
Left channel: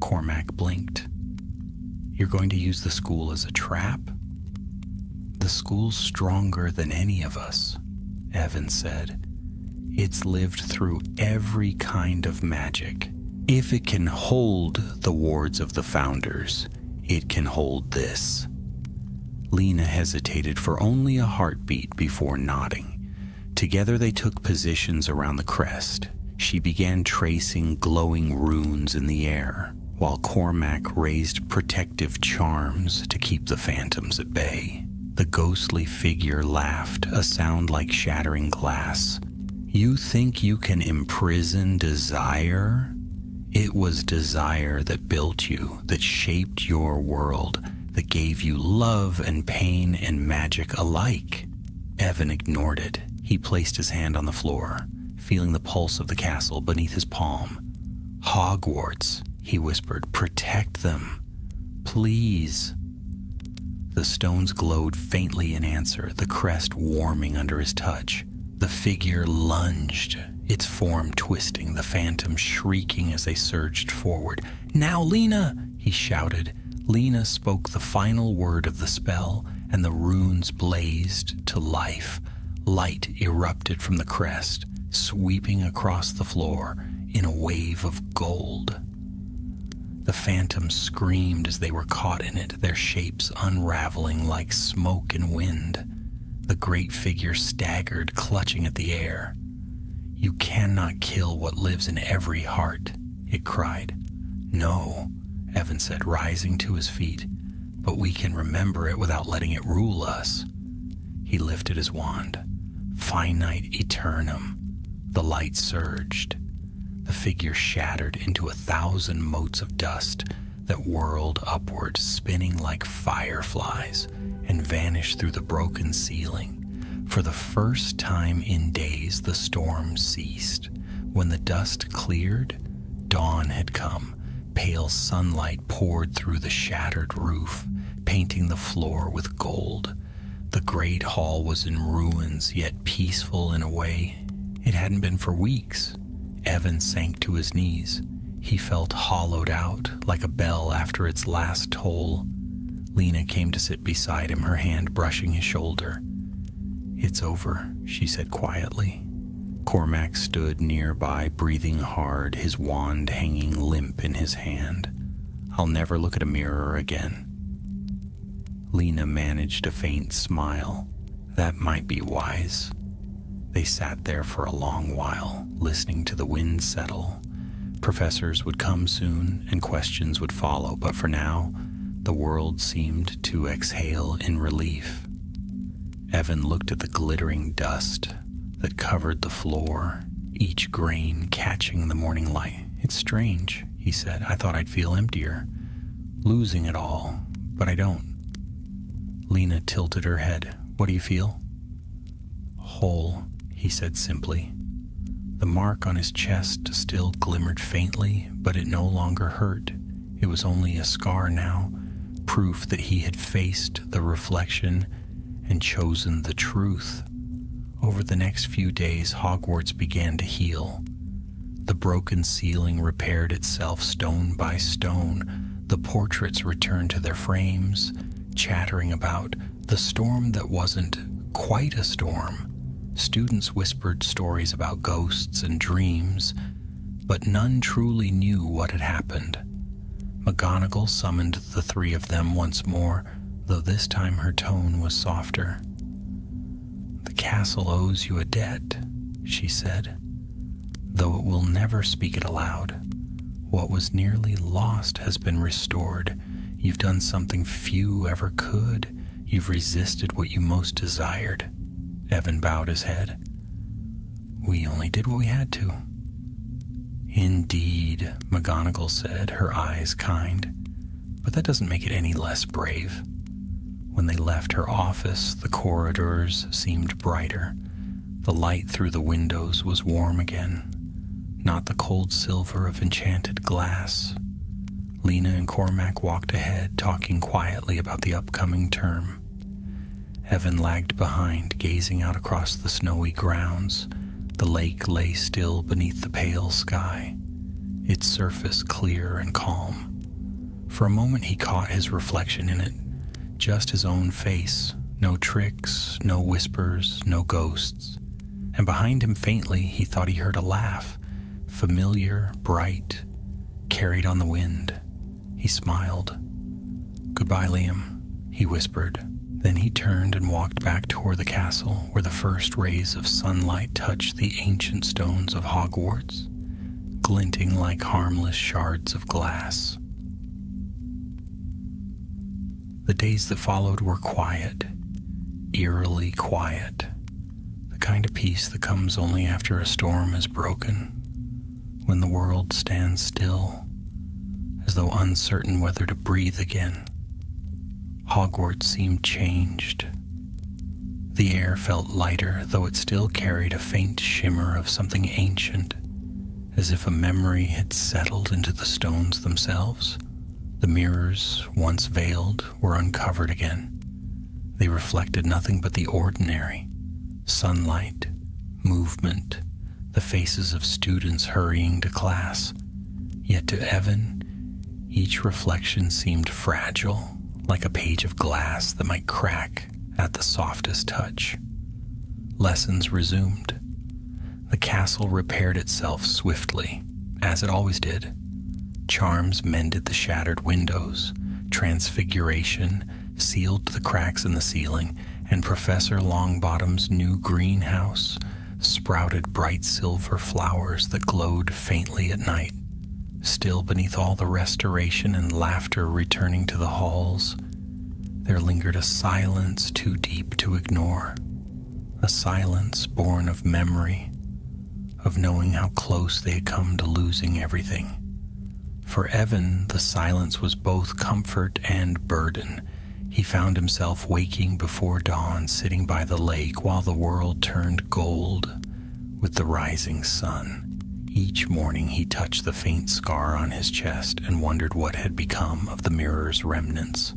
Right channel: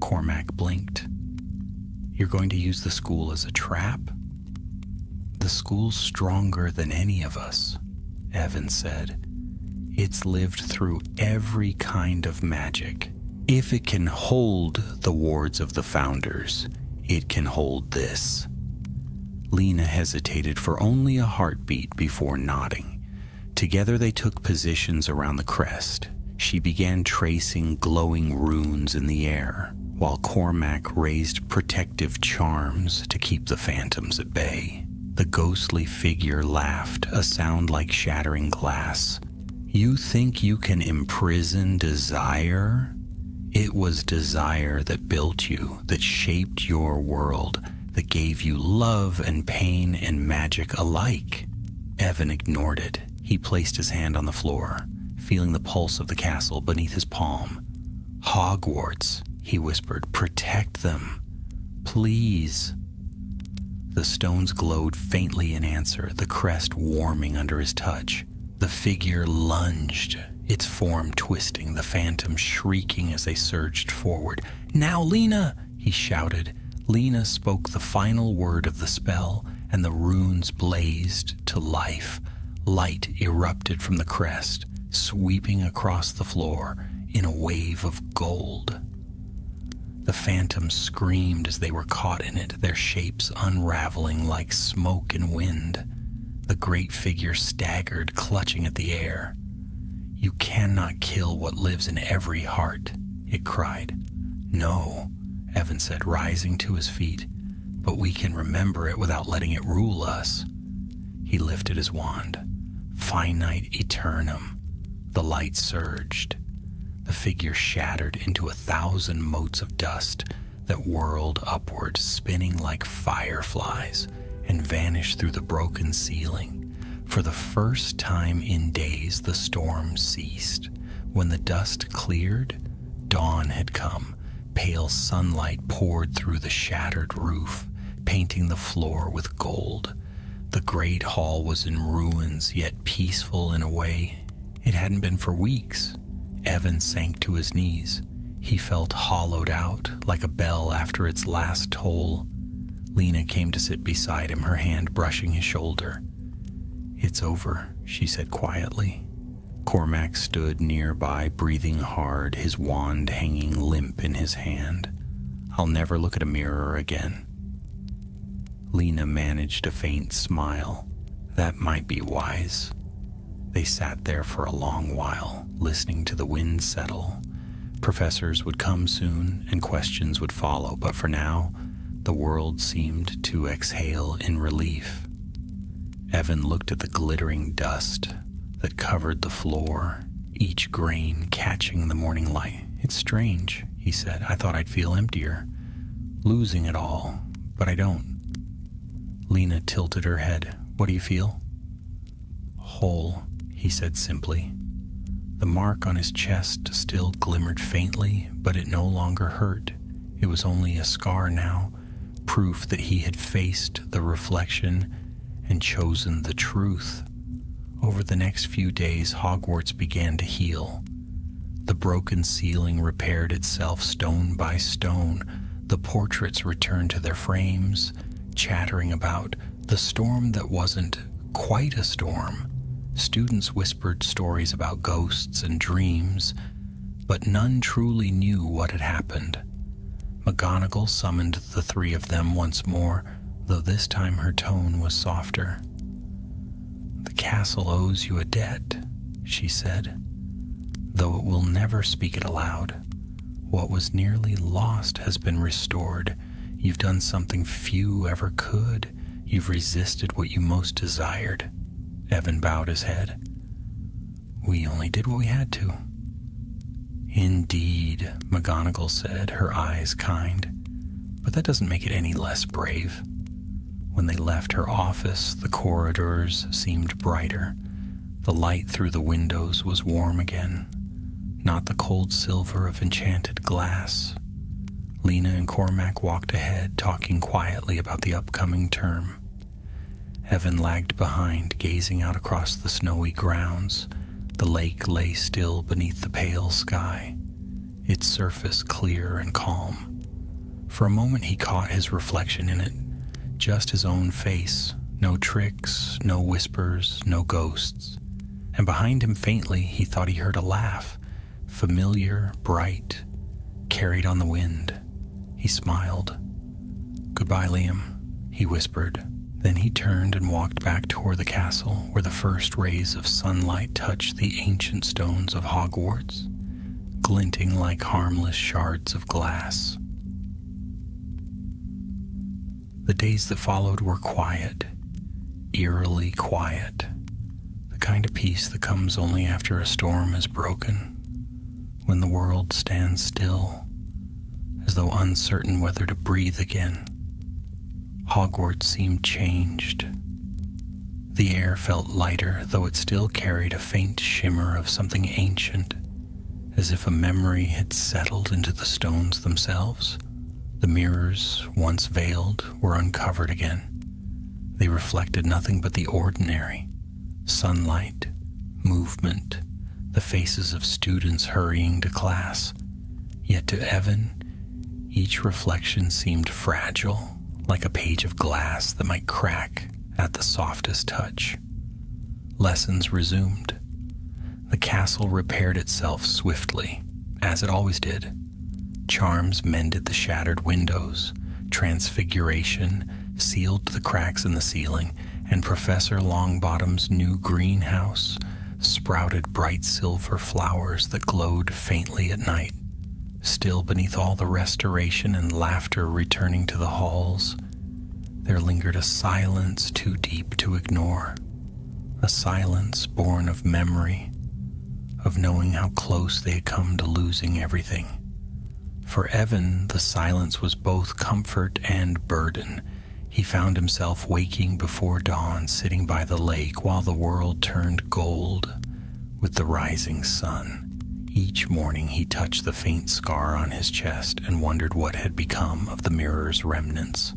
Cormac blinked. "You're going to use the school as a trap?" "The school's stronger than any of us," Evan said. "It's lived through every kind of magic. If it can hold the wards of the founders, it can hold this." Lena hesitated for only a heartbeat before nodding. Together they took positions around the crest. She began tracing glowing runes in the air, while Cormac raised protective charms to keep the phantoms at bay. The ghostly figure laughed, a sound like shattering glass. "You think you can imprison desire? It was desire that built you, that shaped your world, that gave you love and pain and magic alike." Evan ignored it. He placed his hand on the floor, feeling the pulse of the castle beneath his palm. "Hogwarts," he whispered, "protect them. Please." The stones glowed faintly in answer, the crest warming under his touch. The figure lunged, its form twisting, the phantom shrieking as they surged forward. "Now, Lena!" he shouted. Lena spoke the final word of the spell, and the runes blazed to life. Light erupted from the crest, sweeping across the floor in a wave of gold. The phantoms screamed as they were caught in it, their shapes unraveling like smoke and wind. The great figure staggered, clutching at the air. "You cannot kill what lives in every heart," it cried. "No," Evan said, rising to his feet, "but we can remember it without letting it rule us." He lifted his wand. Finite Eternum. The light surged. The figure shattered into 1,000 motes of dust that whirled upward, spinning like fireflies, and vanished through the broken ceiling. For the first time in days, the storm ceased. When the dust cleared, dawn had come. Pale sunlight poured through the shattered roof, painting the floor with gold. The great hall was in ruins, yet peaceful in a way it hadn't been for weeks. Evan sank to his knees. He felt hollowed out, like a bell after its last toll. Lena came to sit beside him, her hand brushing his shoulder. "It's over," she said quietly. Cormac stood nearby, breathing hard, his wand hanging limp in his hand. "I'll never look at a mirror again." Lena managed a faint smile. That might be wise. They sat there for a long while, listening to the wind settle. Professors would come soon, and questions would follow, but for now, the world seemed to exhale in relief. Evan looked at the glittering dust that covered the floor, each grain catching the morning light. "It's strange," he said. "I thought I'd feel emptier, losing it all, but I don't." Lena tilted her head. "What do you feel?" "Whole," he said simply. The mark on his chest still glimmered faintly, but it no longer hurt. It was only a scar now, proof that he had faced the reflection and chosen the truth. Over the next few days, Hogwarts began to heal. The broken ceiling repaired itself stone by stone. The portraits returned to their frames, chattering about the storm that wasn't quite a storm. Students whispered stories about ghosts and dreams, but none truly knew what had happened. McGonagall summoned the three of them once more, though this time her tone was softer. "The castle owes you a debt," she said, "though it will never speak it aloud. What was nearly lost has been restored. You've done something few ever could. You've resisted what you most desired." Evan bowed his head. "We only did what we had to." "Indeed," McGonagall said, her eyes kind. "But that doesn't make it any less brave." When they left her office, the corridors seemed brighter. The light through the windows was warm again, not the cold silver of enchanted glass. Lena and Cormac walked ahead, talking quietly about the upcoming term. Evan lagged behind, gazing out across the snowy grounds. The lake lay still beneath the pale sky, its surface clear and calm. For a moment he caught his reflection in it, just his own face, no tricks, no whispers, no ghosts. And behind him faintly he thought he heard a laugh, familiar, bright, carried on the wind. He smiled. "Goodbye, Liam," he whispered. Then he turned and walked back toward the castle, where the first rays of sunlight touched the ancient stones of Hogwarts, glinting like harmless shards of glass. The days that followed were quiet, eerily quiet, the kind of peace that comes only after a storm is broken, when the world stands still, as though uncertain whether to breathe again. Hogwarts seemed changed. The air felt lighter, though it still carried a faint shimmer of something ancient, as if a memory had settled into the stones themselves. The mirrors, once veiled, were uncovered again. They reflected nothing but the ordinary: sunlight, movement, the faces of students hurrying to class. Yet to Evan, each reflection seemed fragile, like a page of glass that might crack at the softest touch. Lessons resumed. The castle repaired itself swiftly, as it always did. Charms mended the shattered windows, Transfiguration sealed the cracks in the ceiling, and Professor Longbottom's new greenhouse sprouted bright silver flowers that glowed faintly at night. Still, beneath all the restoration and laughter returning to the halls, there lingered a silence too deep to ignore, a silence born of memory, of knowing how close they had come to losing everything. For Evan, the silence was both comfort and burden. He found himself waking before dawn, sitting by the lake while the world turned gold with the rising sun. Each morning he touched the faint scar on his chest and wondered what had become of the mirror's remnants.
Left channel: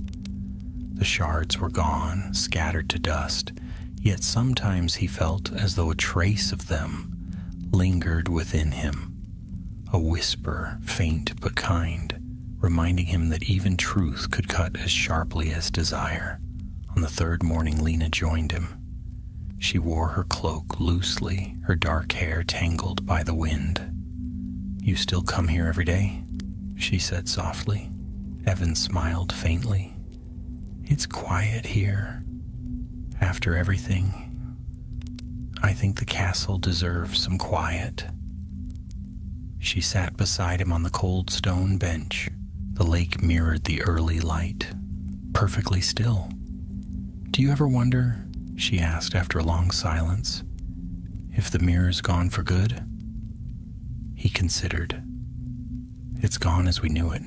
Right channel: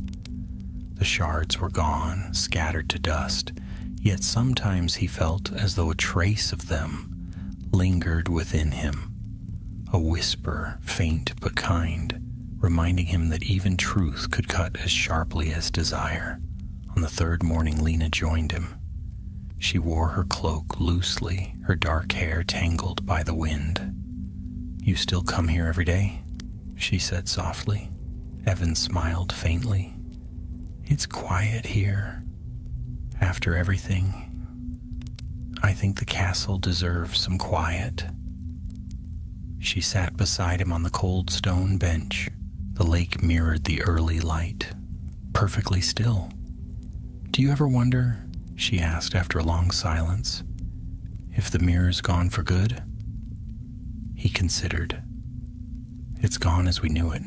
The shards were gone, scattered to dust, yet sometimes he felt as though a trace of them lingered within him, a whisper, faint but kind, reminding him that even truth could cut as sharply as desire. On the third morning, Lena joined him. She wore her cloak loosely, her dark hair tangled by the wind. "You still come here every day?" she said softly. Evan smiled faintly. "It's quiet here. After everything, I think the castle deserves some quiet." She sat beside him on the cold stone bench. The lake mirrored the early light, perfectly still. "Do you ever wonder," she asked after a long silence, "if the mirror's gone for good?" He considered. "It's gone as we knew it.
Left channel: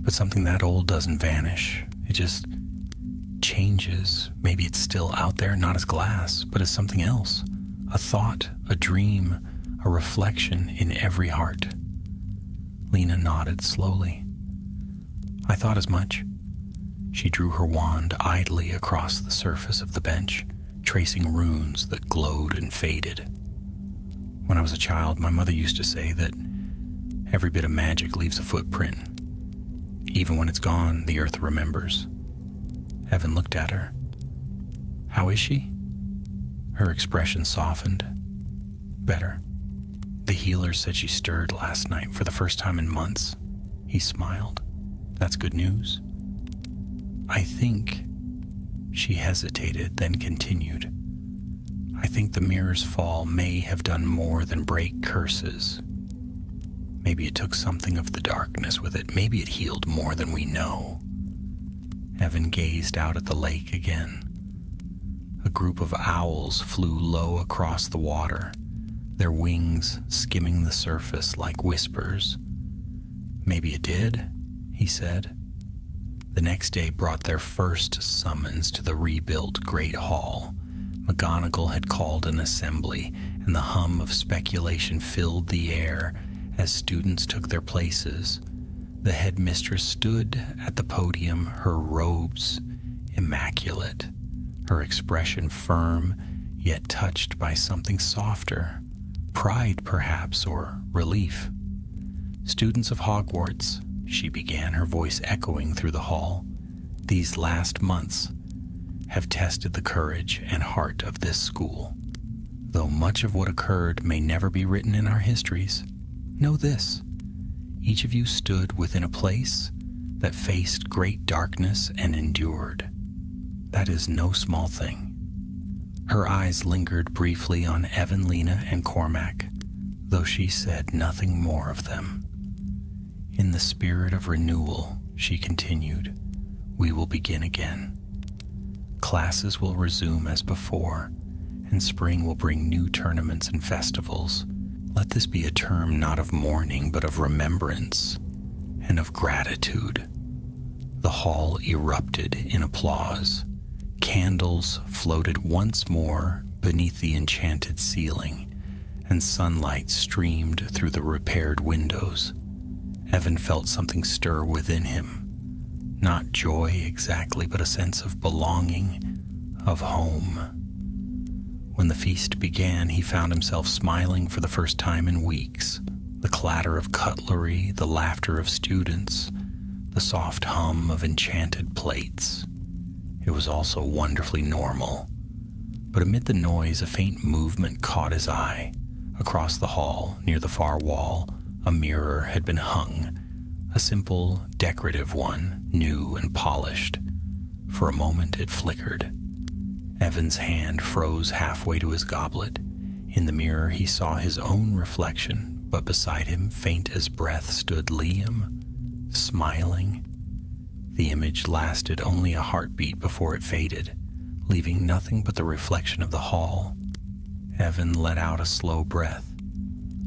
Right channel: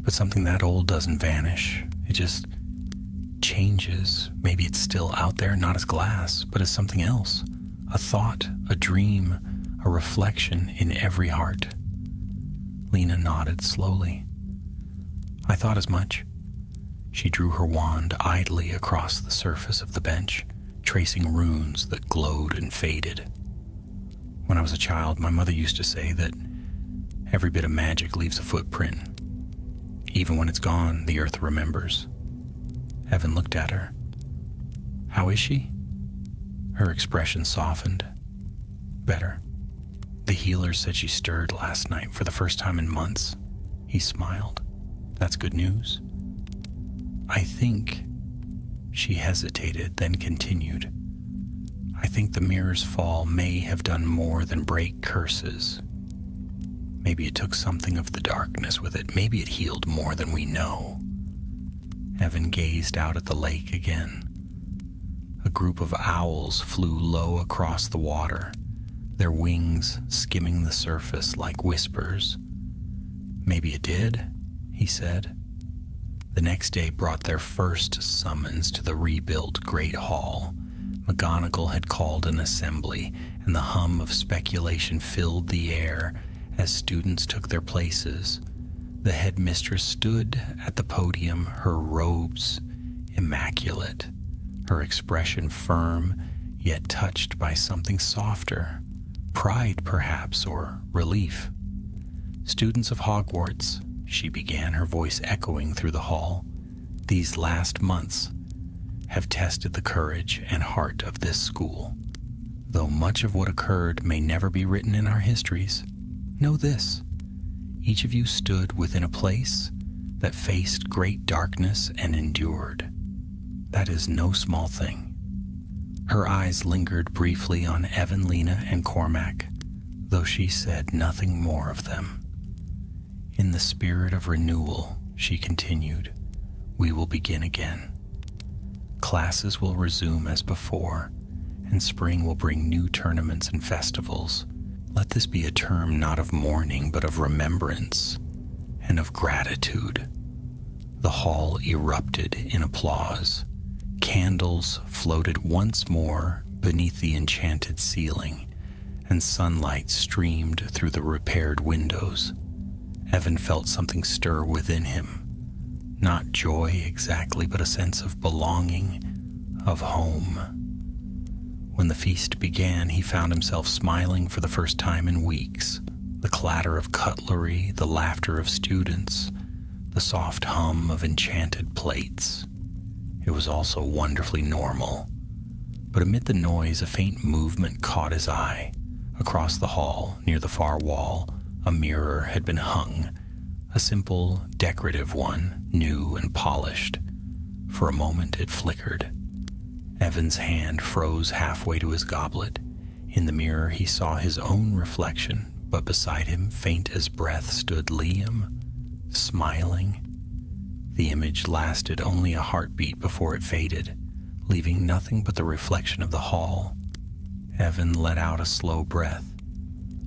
But something that old doesn't vanish. It just changes. Maybe it's still out there, not as glass, but as something else. A thought, a dream, a reflection in every heart." Lena nodded slowly. "I thought as much." She drew her wand idly across the surface of the bench, tracing runes that glowed and faded. "When I was a child, my mother used to say that every bit of magic leaves a footprint. Even when it's gone, the earth remembers." Evan looked at her. "How is she?" Her expression softened. "Better. The healer said she stirred last night for the first time in months." He smiled. "That's good news." "I think," she hesitated, then continued, "I think the mirror's fall may have done more than break curses. Maybe it took something of the darkness with it. Maybe it healed more than we know." Evan gazed out at the lake again. A group of owls flew low across the water, their wings skimming the surface like whispers. "Maybe it did," he said. The next day brought their first summons to the rebuilt Great Hall. McGonagall had called an assembly, and the hum of speculation filled the air as students took their places. The headmistress stood at the podium, her robes immaculate, her expression firm, yet touched by something softer, pride perhaps, or relief. "Students of Hogwarts," she began, her voice echoing through the hall, "these last months have tested the courage and heart of this school. Though much of what occurred may never be written in our histories, know this: each of you stood within a place that faced great darkness and endured. That is no small thing." Her eyes lingered briefly on Evan, Lena, and Cormac, though she said nothing more of them. "In the spirit of renewal," she continued, "we will begin again. Classes will resume as before, and spring will bring new tournaments and festivals. Let this be a term not of mourning, but of remembrance and of gratitude." The hall erupted in applause. Candles floated once more beneath the enchanted ceiling, and sunlight streamed through the repaired windows. Evan felt something stir within him. Not joy exactly, but a sense of belonging, of home. When the feast began, he found himself smiling for the first time in weeks. The clatter of cutlery, the laughter of students, the soft hum of enchanted plates. It was also wonderfully normal. But amid the noise, a faint movement caught his eye. Across the hall, near the far wall, a mirror had been hung, a simple, decorative one, new and polished. For a moment it flickered. Evan's hand froze halfway to his goblet. In the mirror he saw his own reflection, but beside him, faint as breath, stood Liam, smiling. The image lasted only a heartbeat before it faded, leaving nothing but the reflection of the hall. Evan let out a slow breath.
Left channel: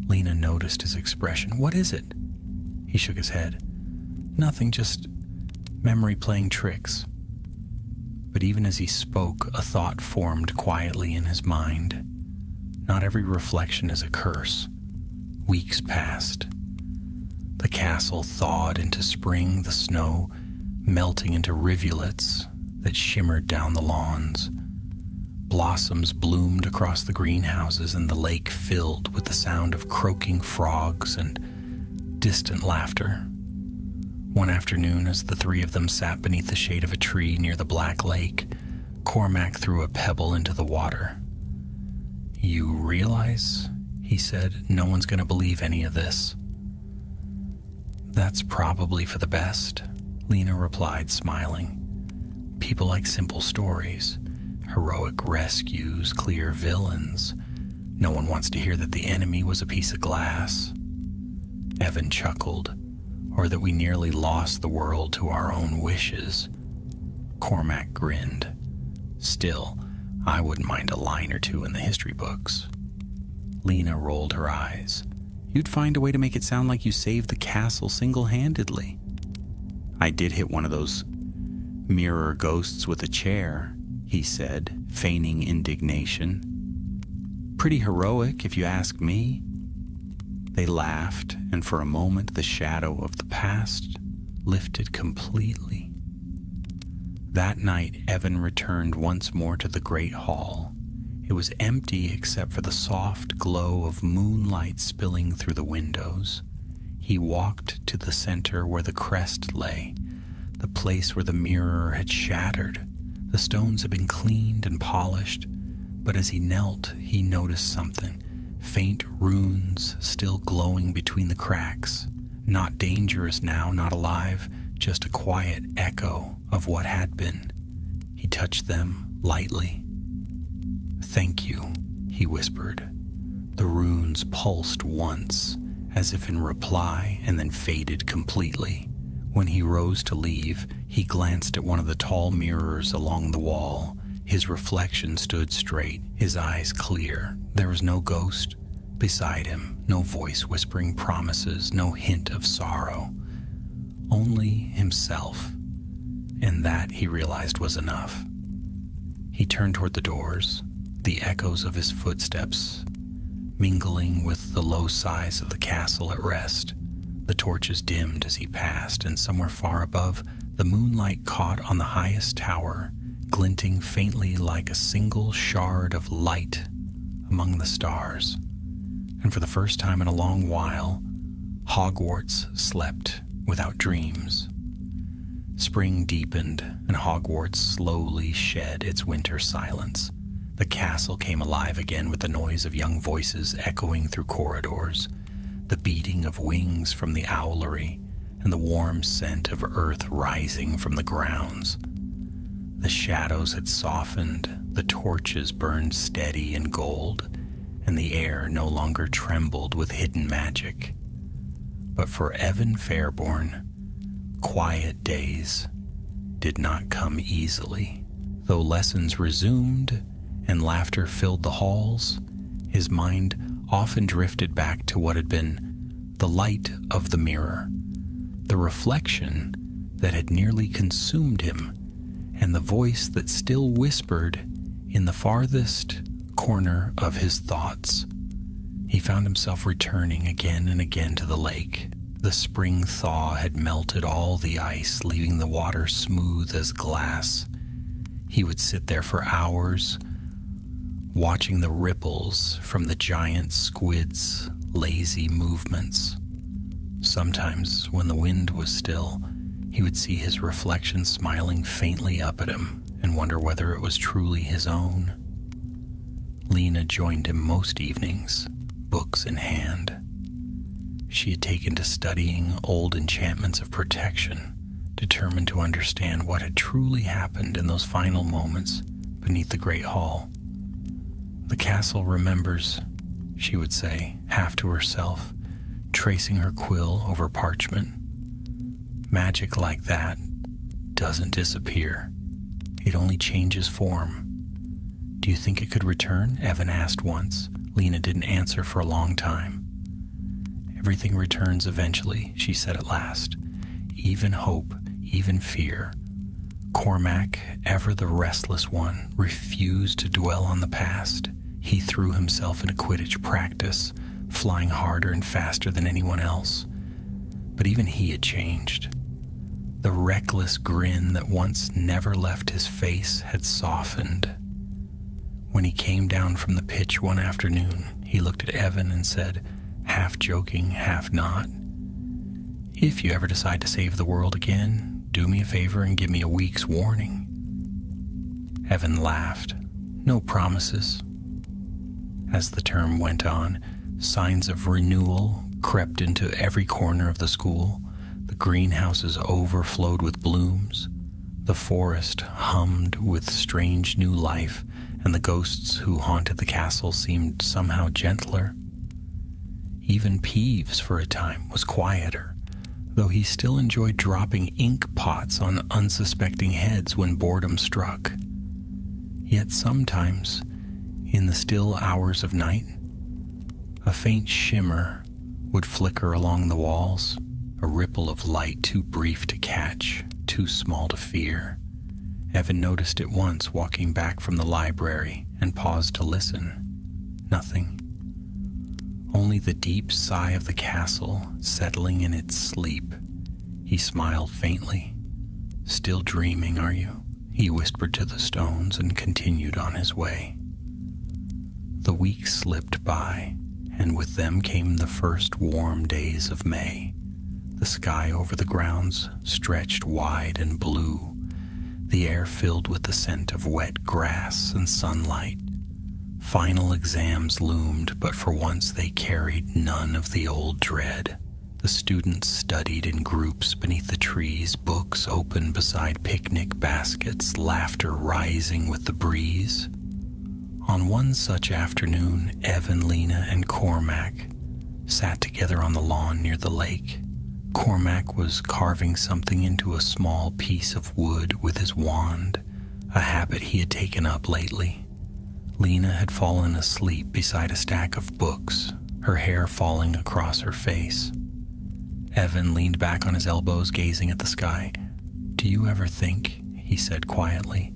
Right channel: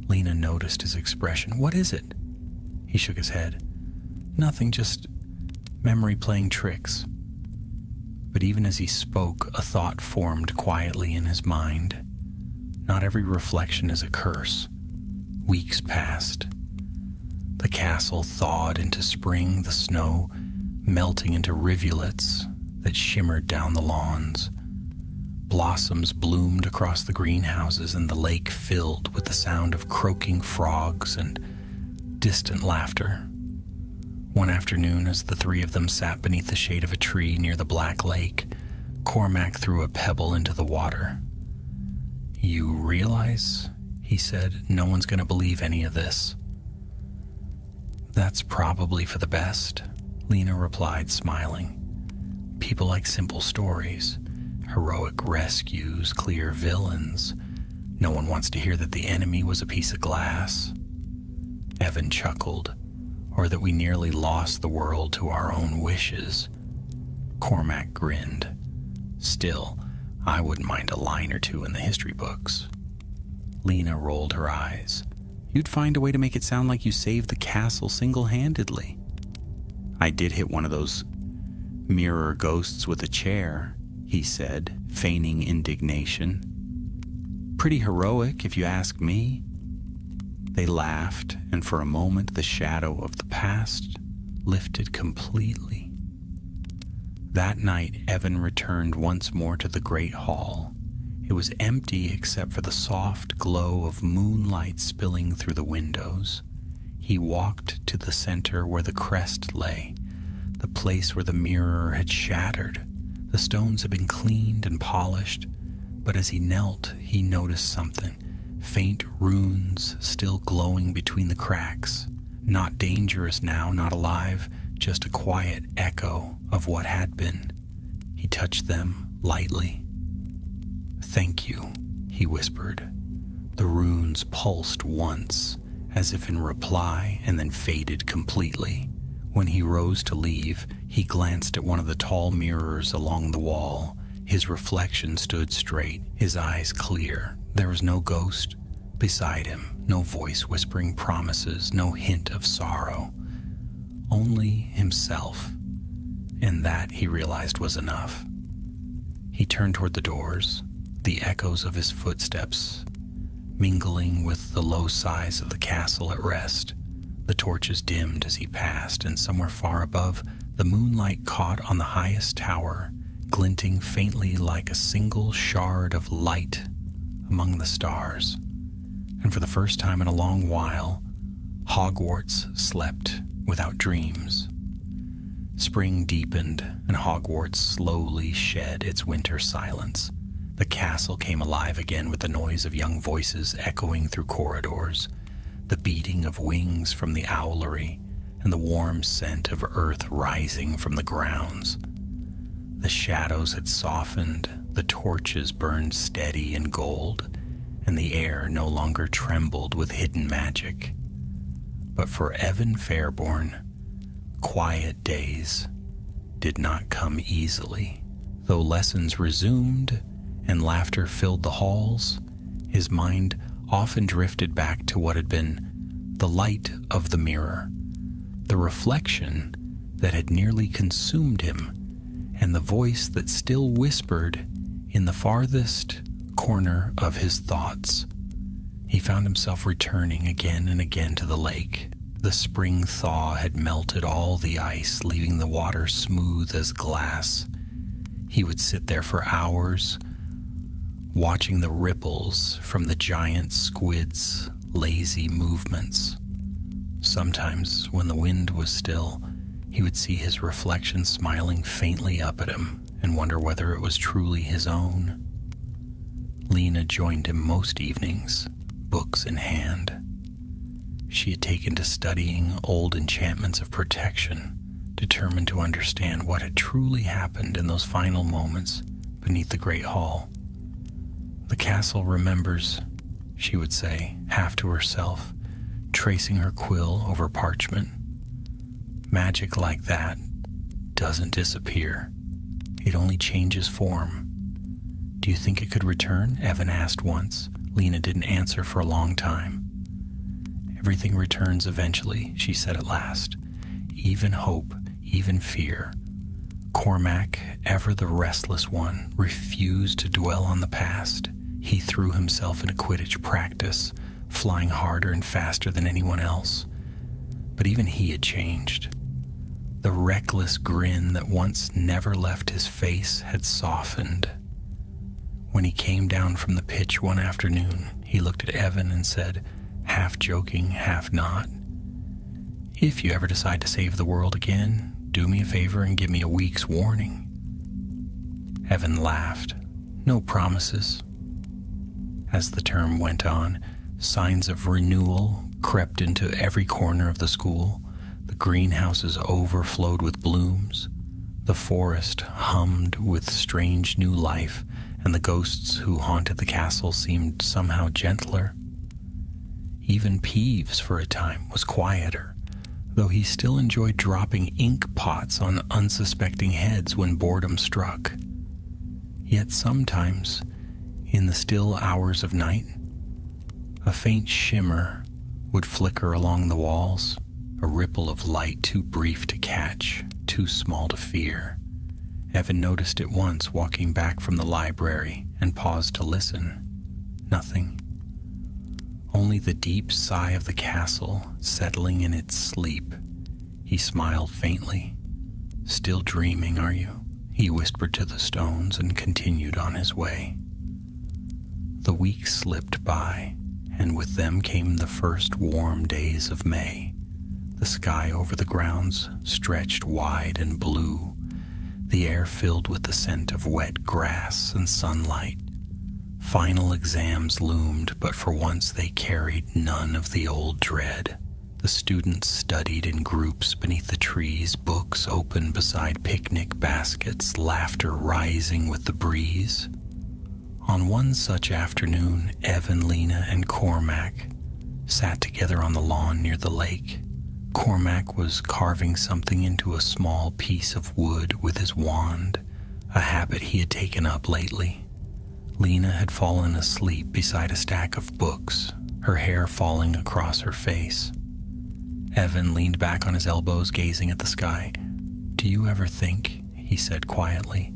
Lena noticed his expression. "What is it?" He shook his head. "Nothing, just memory playing tricks." But even as he spoke, a thought formed quietly in his mind. Not every reflection is a curse. Weeks passed. The castle thawed into spring, the snow melting into rivulets that shimmered down the lawns. Blossoms bloomed across the greenhouses, and the lake filled with the sound of croaking frogs and distant laughter. One afternoon, as the three of them sat beneath the shade of a tree near the Black Lake, Cormac threw a pebble into the water. "You realize," he said, "no one's going to believe any of this." "That's probably for the best," Lena replied, smiling. "People like simple stories, heroic rescues, clear villains. No one wants to hear that the enemy was a piece of glass." Evan chuckled. "Or that we nearly lost the world to our own wishes." Cormac grinned. "Still, I wouldn't mind a line or two in the history books." Lena rolled her eyes. "You'd find a way to make it sound like you saved the castle single-handedly." "I did hit one of those mirror ghosts with a chair," he said, feigning indignation. "Pretty heroic, if you ask me." They laughed, and for a moment the shadow of the past lifted completely. That night, Evan returned once more to the great hall. It was empty except for the soft glow of moonlight spilling through the windows. He walked to the center where the crest lay, the place where the mirror had shattered. The stones had been cleaned and polished, but as he knelt, he noticed something. Faint runes still glowing between the cracks. Not dangerous now, not alive, just a quiet echo of what had been. He touched them lightly. "Thank you," he whispered. The runes pulsed once, as if in reply, and then faded completely. When he rose to leave, he glanced at one of the tall mirrors along the wall. His reflection stood straight, his eyes clear. There was no ghost beside him, no voice whispering promises, no hint of sorrow. Only himself. And that, he realized, was enough. He turned toward the doors, the echoes of his footsteps mingling with the low sighs of the castle at rest. The torches dimmed as he passed, and somewhere far above, the moonlight caught on the highest tower, glinting faintly like a single shard of light among the stars. And for the first time in a long while, Hogwarts slept without dreams. Spring deepened, and Hogwarts slowly shed its winter silence. The castle came alive again with the noise of young voices echoing through corridors, the beating of wings from the owlery, and the warm scent of earth rising from the grounds. The shadows had softened, the torches burned steady and gold, and the air no longer trembled with hidden magic. But for Evan Fairborn, quiet days did not come easily. Though lessons resumed and laughter filled the halls, his mind often drifted back to what had been the light of the mirror, the reflection that had nearly consumed him, and the voice that still whispered in the farthest corner of his thoughts. He found himself returning again and again to the lake. The spring thaw had melted all the ice, leaving the water smooth as glass. He would sit there for hours, watching the ripples from the giant squid's lazy movements. Sometimes, when the wind was still, he would see his reflection smiling faintly up at him and wonder whether it was truly his own. Lena joined him most evenings, books in hand. She had taken to studying old enchantments of protection, determined to understand what had truly happened in those final moments beneath the great hall. "The castle remembers," she would say, half to herself, tracing her quill over parchment. "Magic like that doesn't disappear. It only changes form." "Do you think it could return?" Evan asked once. Lena didn't answer for a long time. "Everything returns eventually," she said at last. "Even hope, even fear." Cormac, ever the restless one, refused to dwell on the past. He threw himself into Quidditch practice, flying harder and faster than anyone else. But even he had changed. The reckless grin that once never left his face had softened. When he came down from the pitch one afternoon, he looked at Evan and said, half joking, half not, "If you ever decide to save the world again, do me a favor and give me a week's warning." Evan laughed. "No promises." As the term went on, signs of renewal crept into every corner of the school. The greenhouses overflowed with blooms. The forest hummed with strange new life, and the ghosts who haunted the castle seemed somehow gentler. Even Peeves, for a time, was quieter, though he still enjoyed dropping ink pots on unsuspecting heads when boredom struck. Yet sometimes, in the still hours of night, a faint shimmer would flicker along the walls, a ripple of light too brief to catch, too small to fear. Evan noticed it once walking back from the library and paused to listen. Nothing. Only the deep sigh of the castle settling in its sleep. He smiled faintly. "Still dreaming, are you?" he whispered to the stones and continued on his way. The weeks slipped by, and with them came the first warm days of May. The sky over the grounds stretched wide and blue, the air filled with the scent of wet grass and sunlight. Final exams loomed, but for once they carried none of the old dread. The students studied in groups beneath the trees, books open beside picnic baskets, laughter rising with the breeze. On one such afternoon, Evan, Lena, and Cormac sat together on the lawn near the lake. Cormac was carving something into a small piece of wood with his wand, a habit he had taken up lately. Lena had fallen asleep beside a stack of books, her hair falling across her face. Evan leaned back on his elbows, gazing at the sky. "Do you ever think," he said quietly,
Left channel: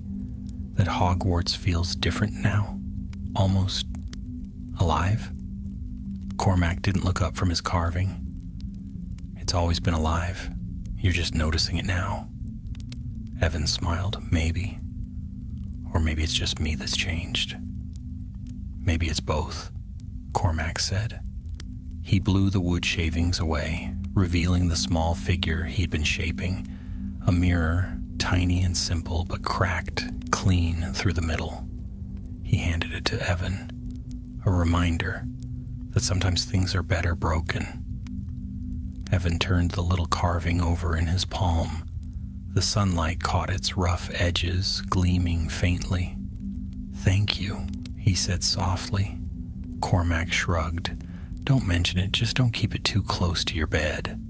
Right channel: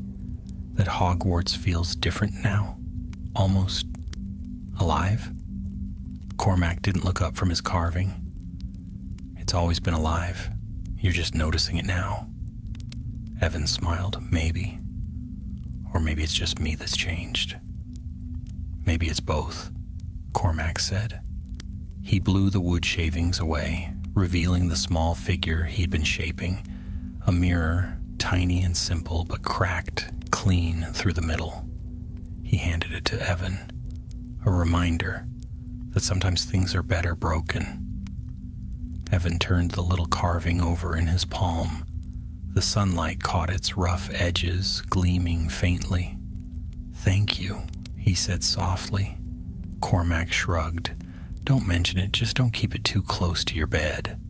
"that Hogwarts feels different now? Almost alive?" Cormac didn't look up from his carving. "It's always been alive. You're just noticing it now." Evan smiled. "Maybe. Or maybe it's just me that's changed." "Maybe it's both," Cormac said. He blew the wood shavings away, revealing the small figure he'd been shaping, a mirror, tiny and simple, but cracked clean through the middle. He handed it to Evan, a reminder that sometimes things are better broken. Evan turned the little carving over in his palm. The sunlight caught its rough edges, gleaming faintly. "Thank you," he said softly. Cormac shrugged. "Don't mention it, just don't keep it too close to your bed."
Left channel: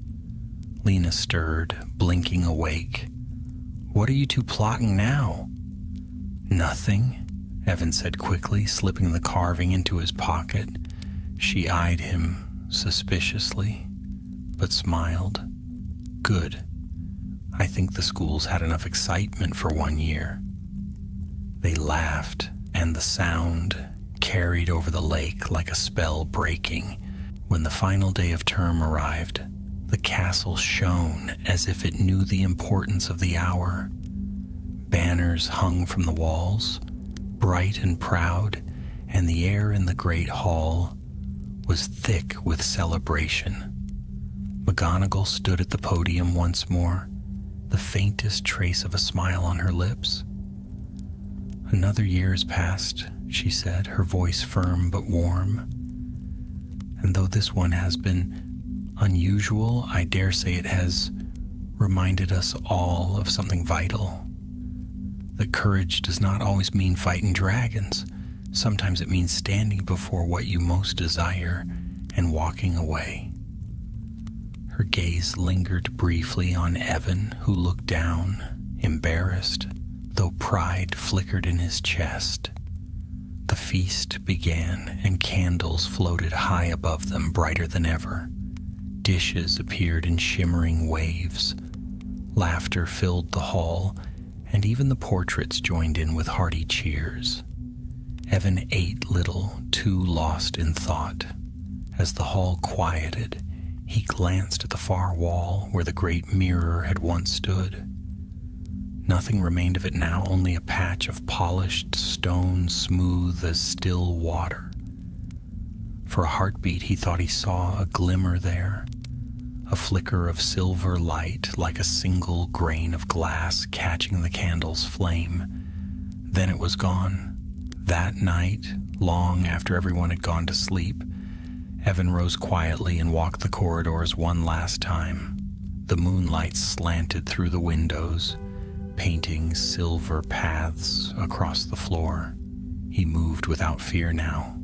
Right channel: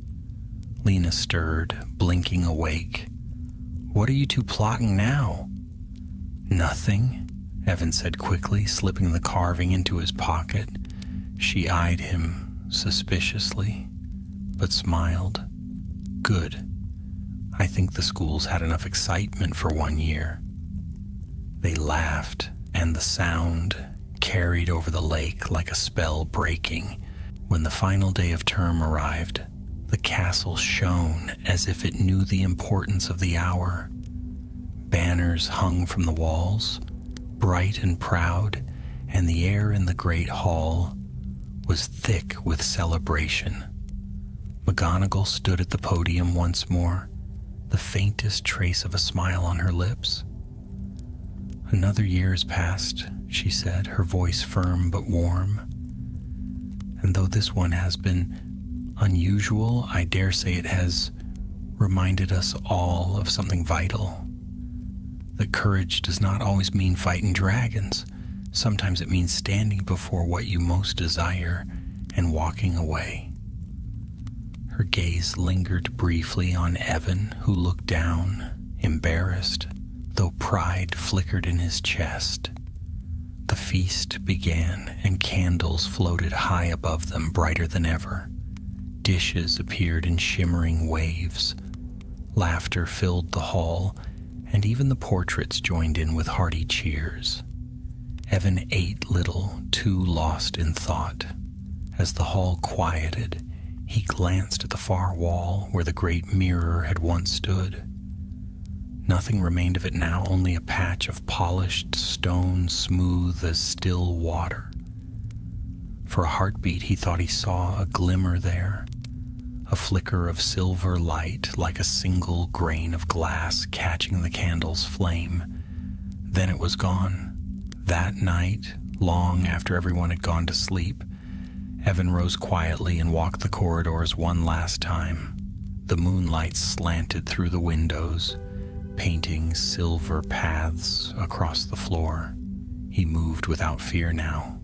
Lena stirred, blinking awake. "What are you two plotting now?" "Nothing," Evan said quickly, slipping the carving into his pocket. She eyed him suspiciously, but smiled. "Good. I think the school's had enough excitement for 1 year." They laughed, and the sound carried over the lake like a spell breaking. When the final day of term arrived, the castle shone as if it knew the importance of the hour. Banners hung from the walls, bright and proud, and the air in the great hall was thick with celebration. McGonagall stood at the podium once more, the faintest trace of a smile on her lips. "Another year has passed," she said, her voice firm but warm. "And though this one has been unusual, I dare say it has reminded us all of something vital. That courage does not always mean fighting dragons. Sometimes it means standing before what you most desire and walking away." Her gaze lingered briefly on Evan, who looked down, embarrassed, though pride flickered in his chest. The feast began, and candles floated high above them, brighter than ever. Dishes appeared in shimmering waves. Laughter filled the hall, and even the portraits joined in with hearty cheers. Evan ate little, too lost in thought. As the hall quieted, he glanced at the far wall where the great mirror had once stood. Nothing remained of it now, only a patch of polished stone smooth as still water. For a heartbeat, he thought he saw a glimmer there, a flicker of silver light like a single grain of glass catching the candle's flame. Then it was gone. That night, long after everyone had gone to sleep, Evan rose quietly and walked the corridors one last time. The moonlight slanted through the windows, painting silver paths across the floor. He moved without fear now,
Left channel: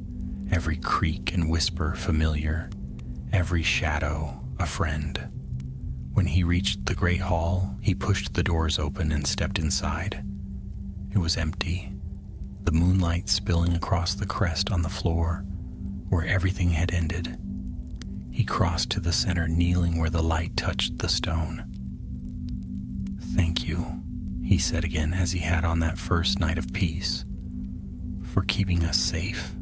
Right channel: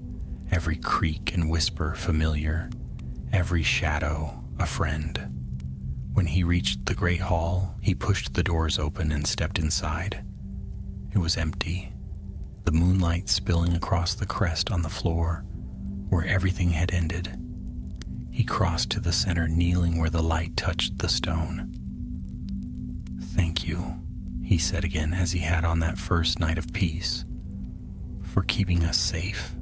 every creak and whisper familiar, every shadow a friend. When he reached the great hall, he pushed the doors open and stepped inside. It was empty, the moonlight spilling across the crest on the floor, where everything had ended. He crossed to the center, kneeling where the light touched the stone. "Thank you," he said again, as he had on that first night of peace, "for keeping us safe,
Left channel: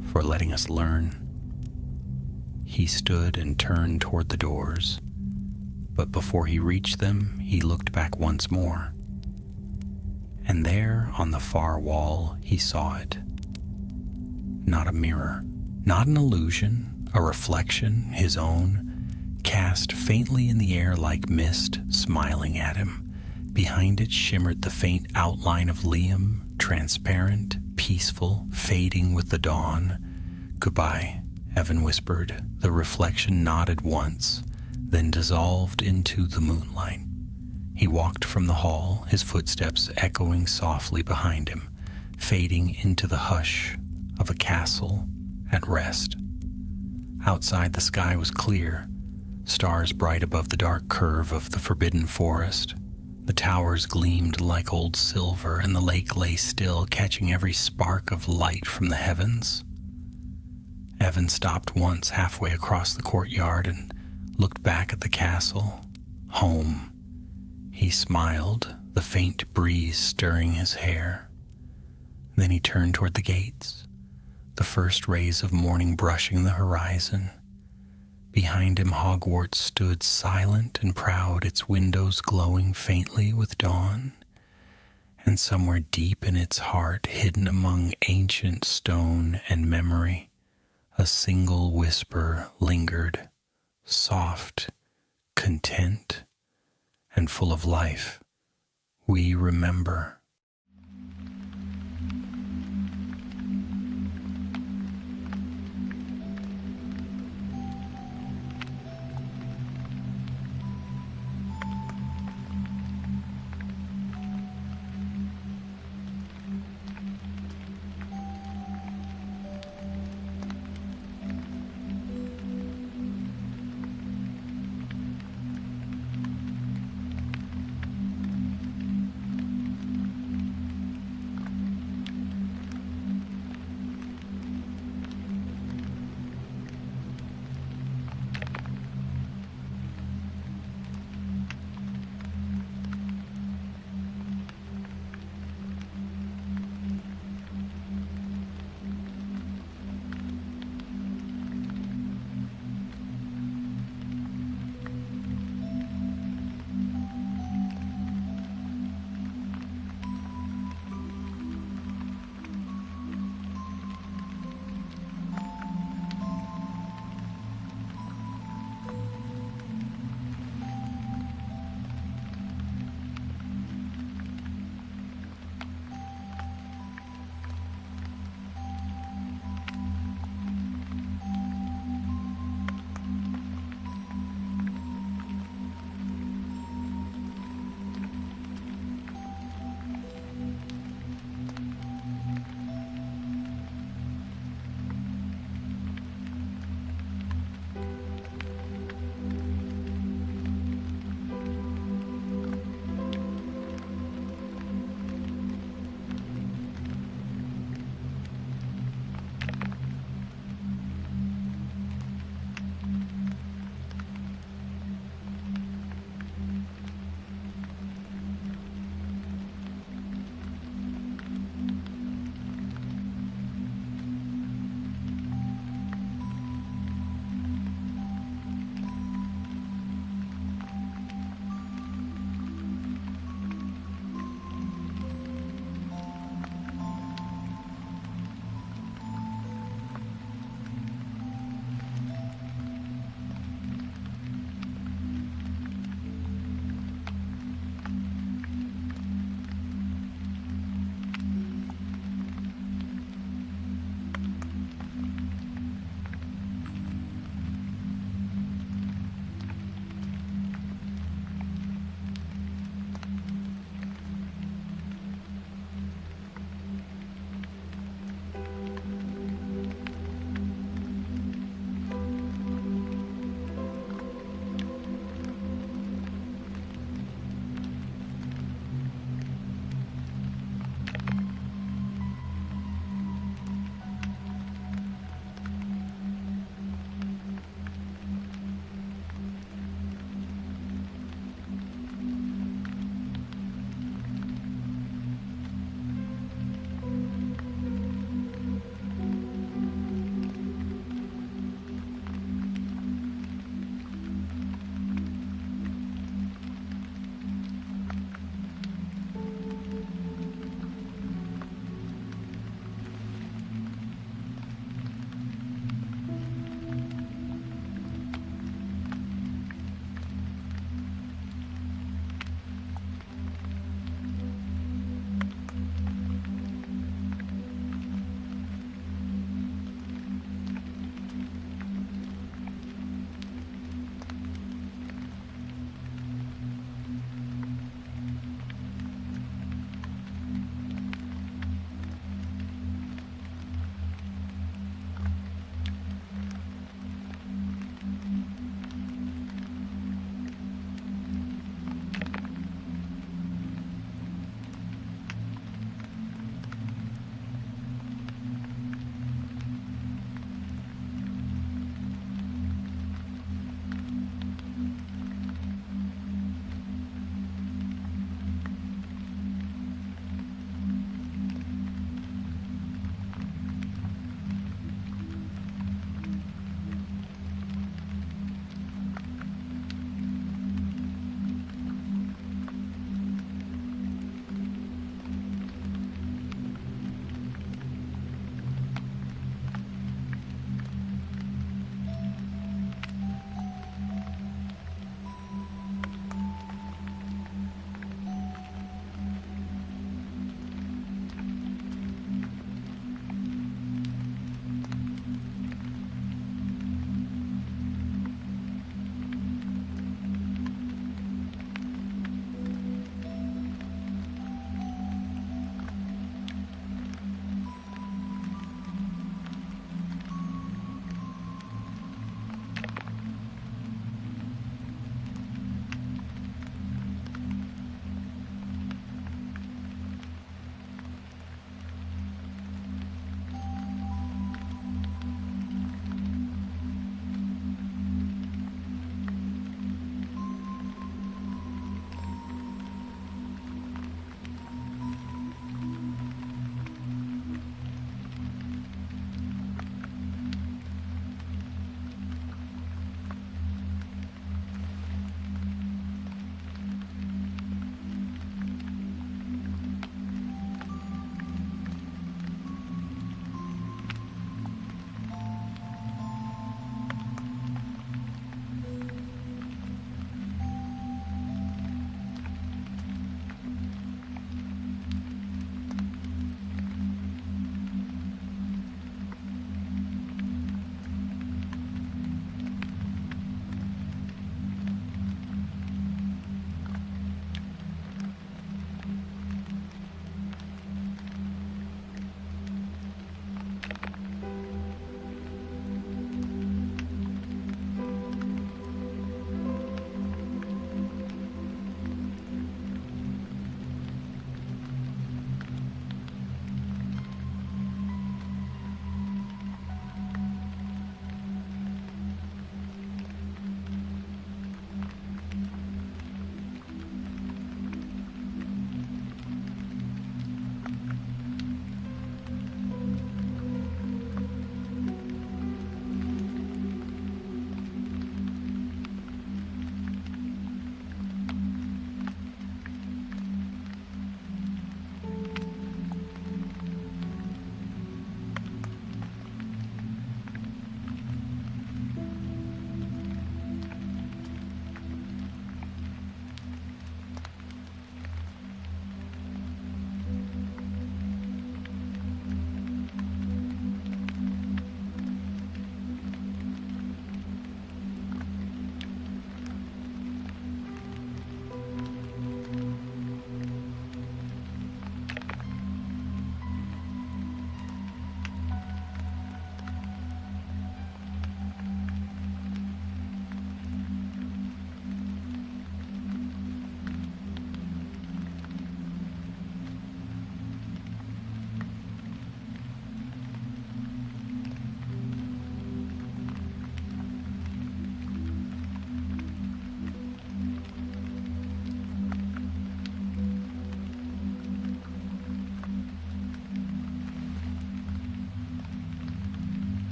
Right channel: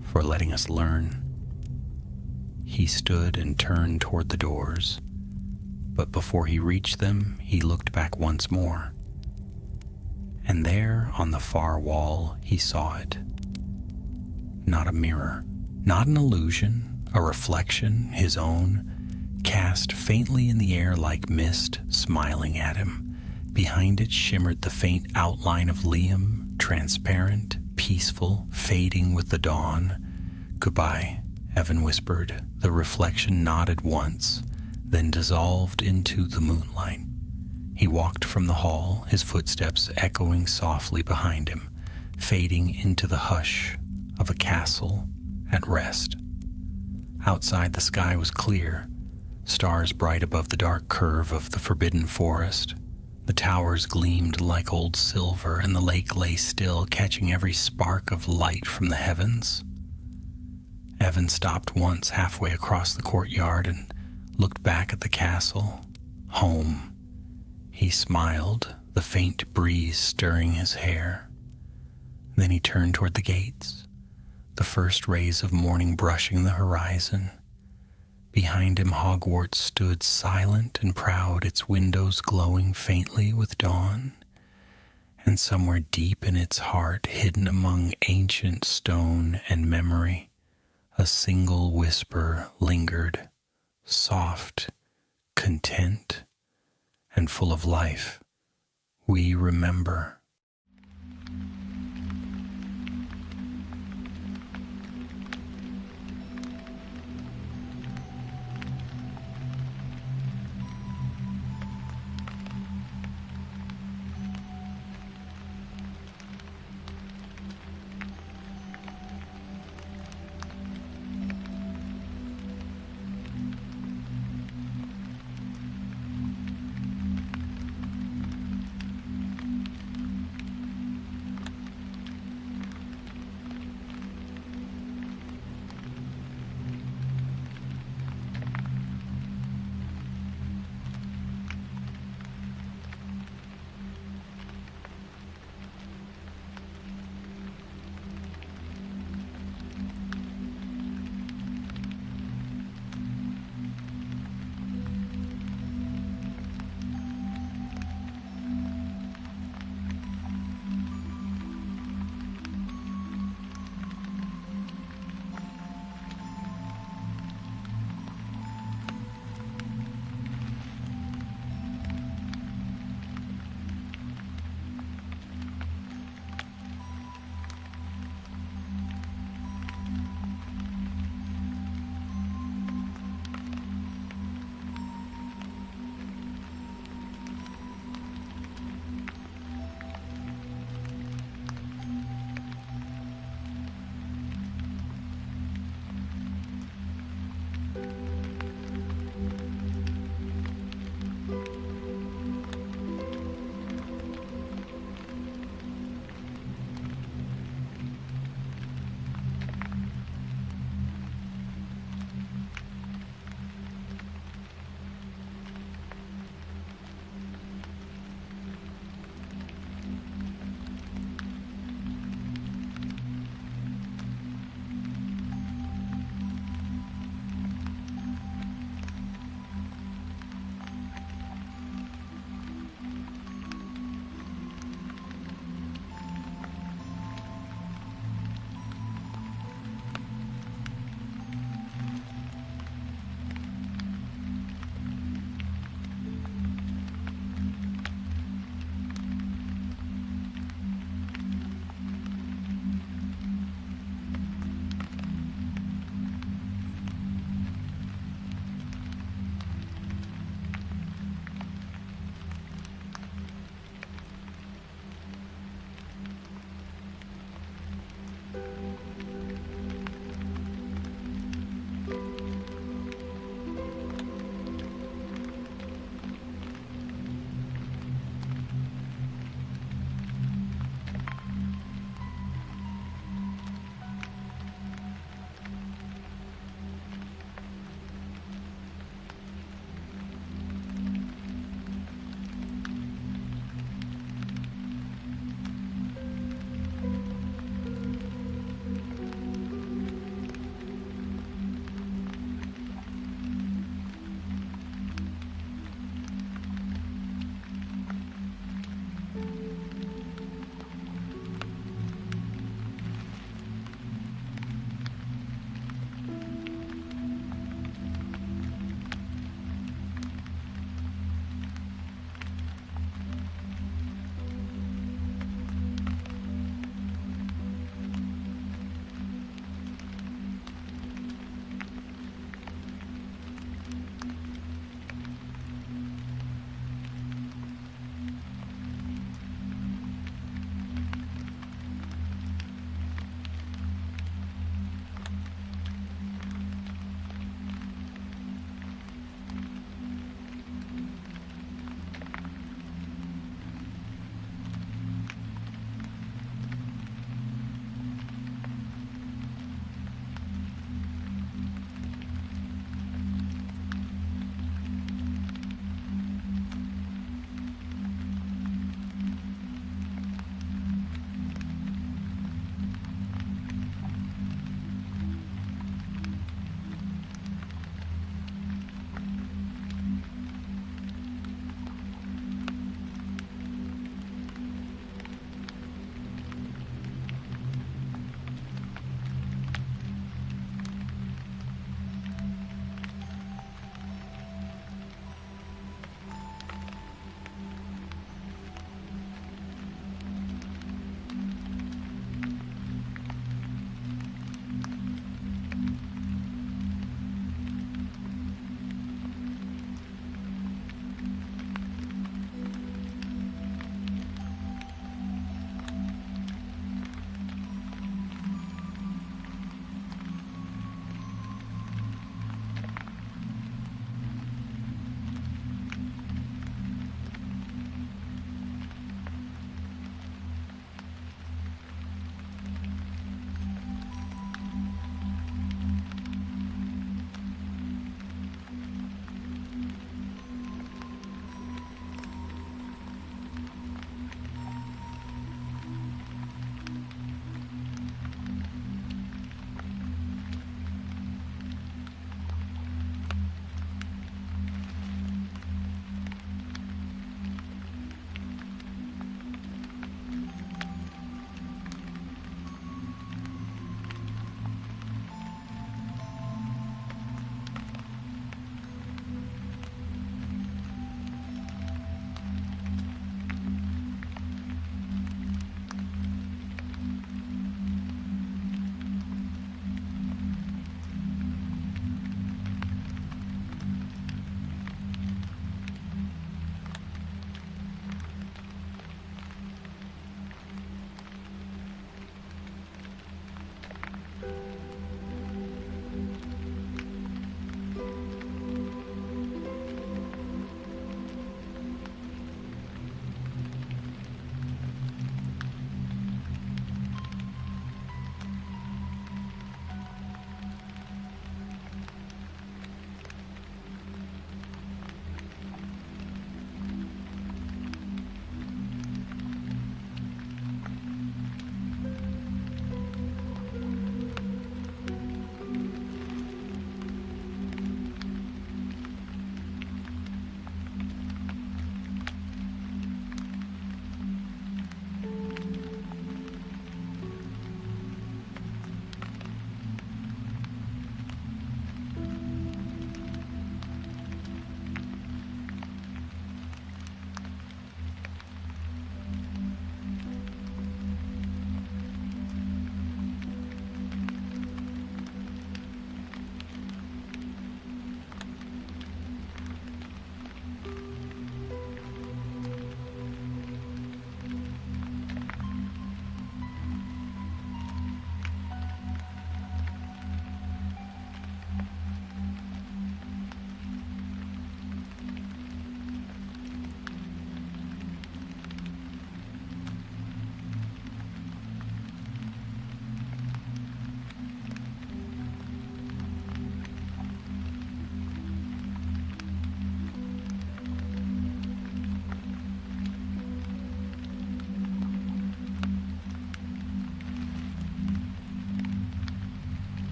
for letting us learn." He stood and turned toward the doors, but before he reached them, he looked back once more. And there, on the far wall, he saw it. Not a mirror, not an illusion, a reflection, his own, cast faintly in the air like mist, smiling at him. Behind it shimmered the faint outline of Liam, transparent, peaceful, fading with the dawn. "Goodbye," Evan whispered. The reflection nodded once, then dissolved into the moonlight. He walked from the hall, his footsteps echoing softly behind him, fading into the hush of a castle at rest. Outside, the sky was clear, stars bright above the dark curve of the forbidden forest. The towers gleamed like old silver, and the lake lay still, catching every spark of light from the heavens. Evan stopped once halfway across the courtyard and looked back at the castle. Home. He smiled, the faint breeze stirring his hair. Then he turned toward the gates, the first rays of morning brushing the horizon. Behind him, Hogwarts stood silent and proud, its windows glowing faintly with dawn. And somewhere deep in its heart, hidden among ancient stone and memory, a single whisper lingered, soft, content, and full of life. "We remember."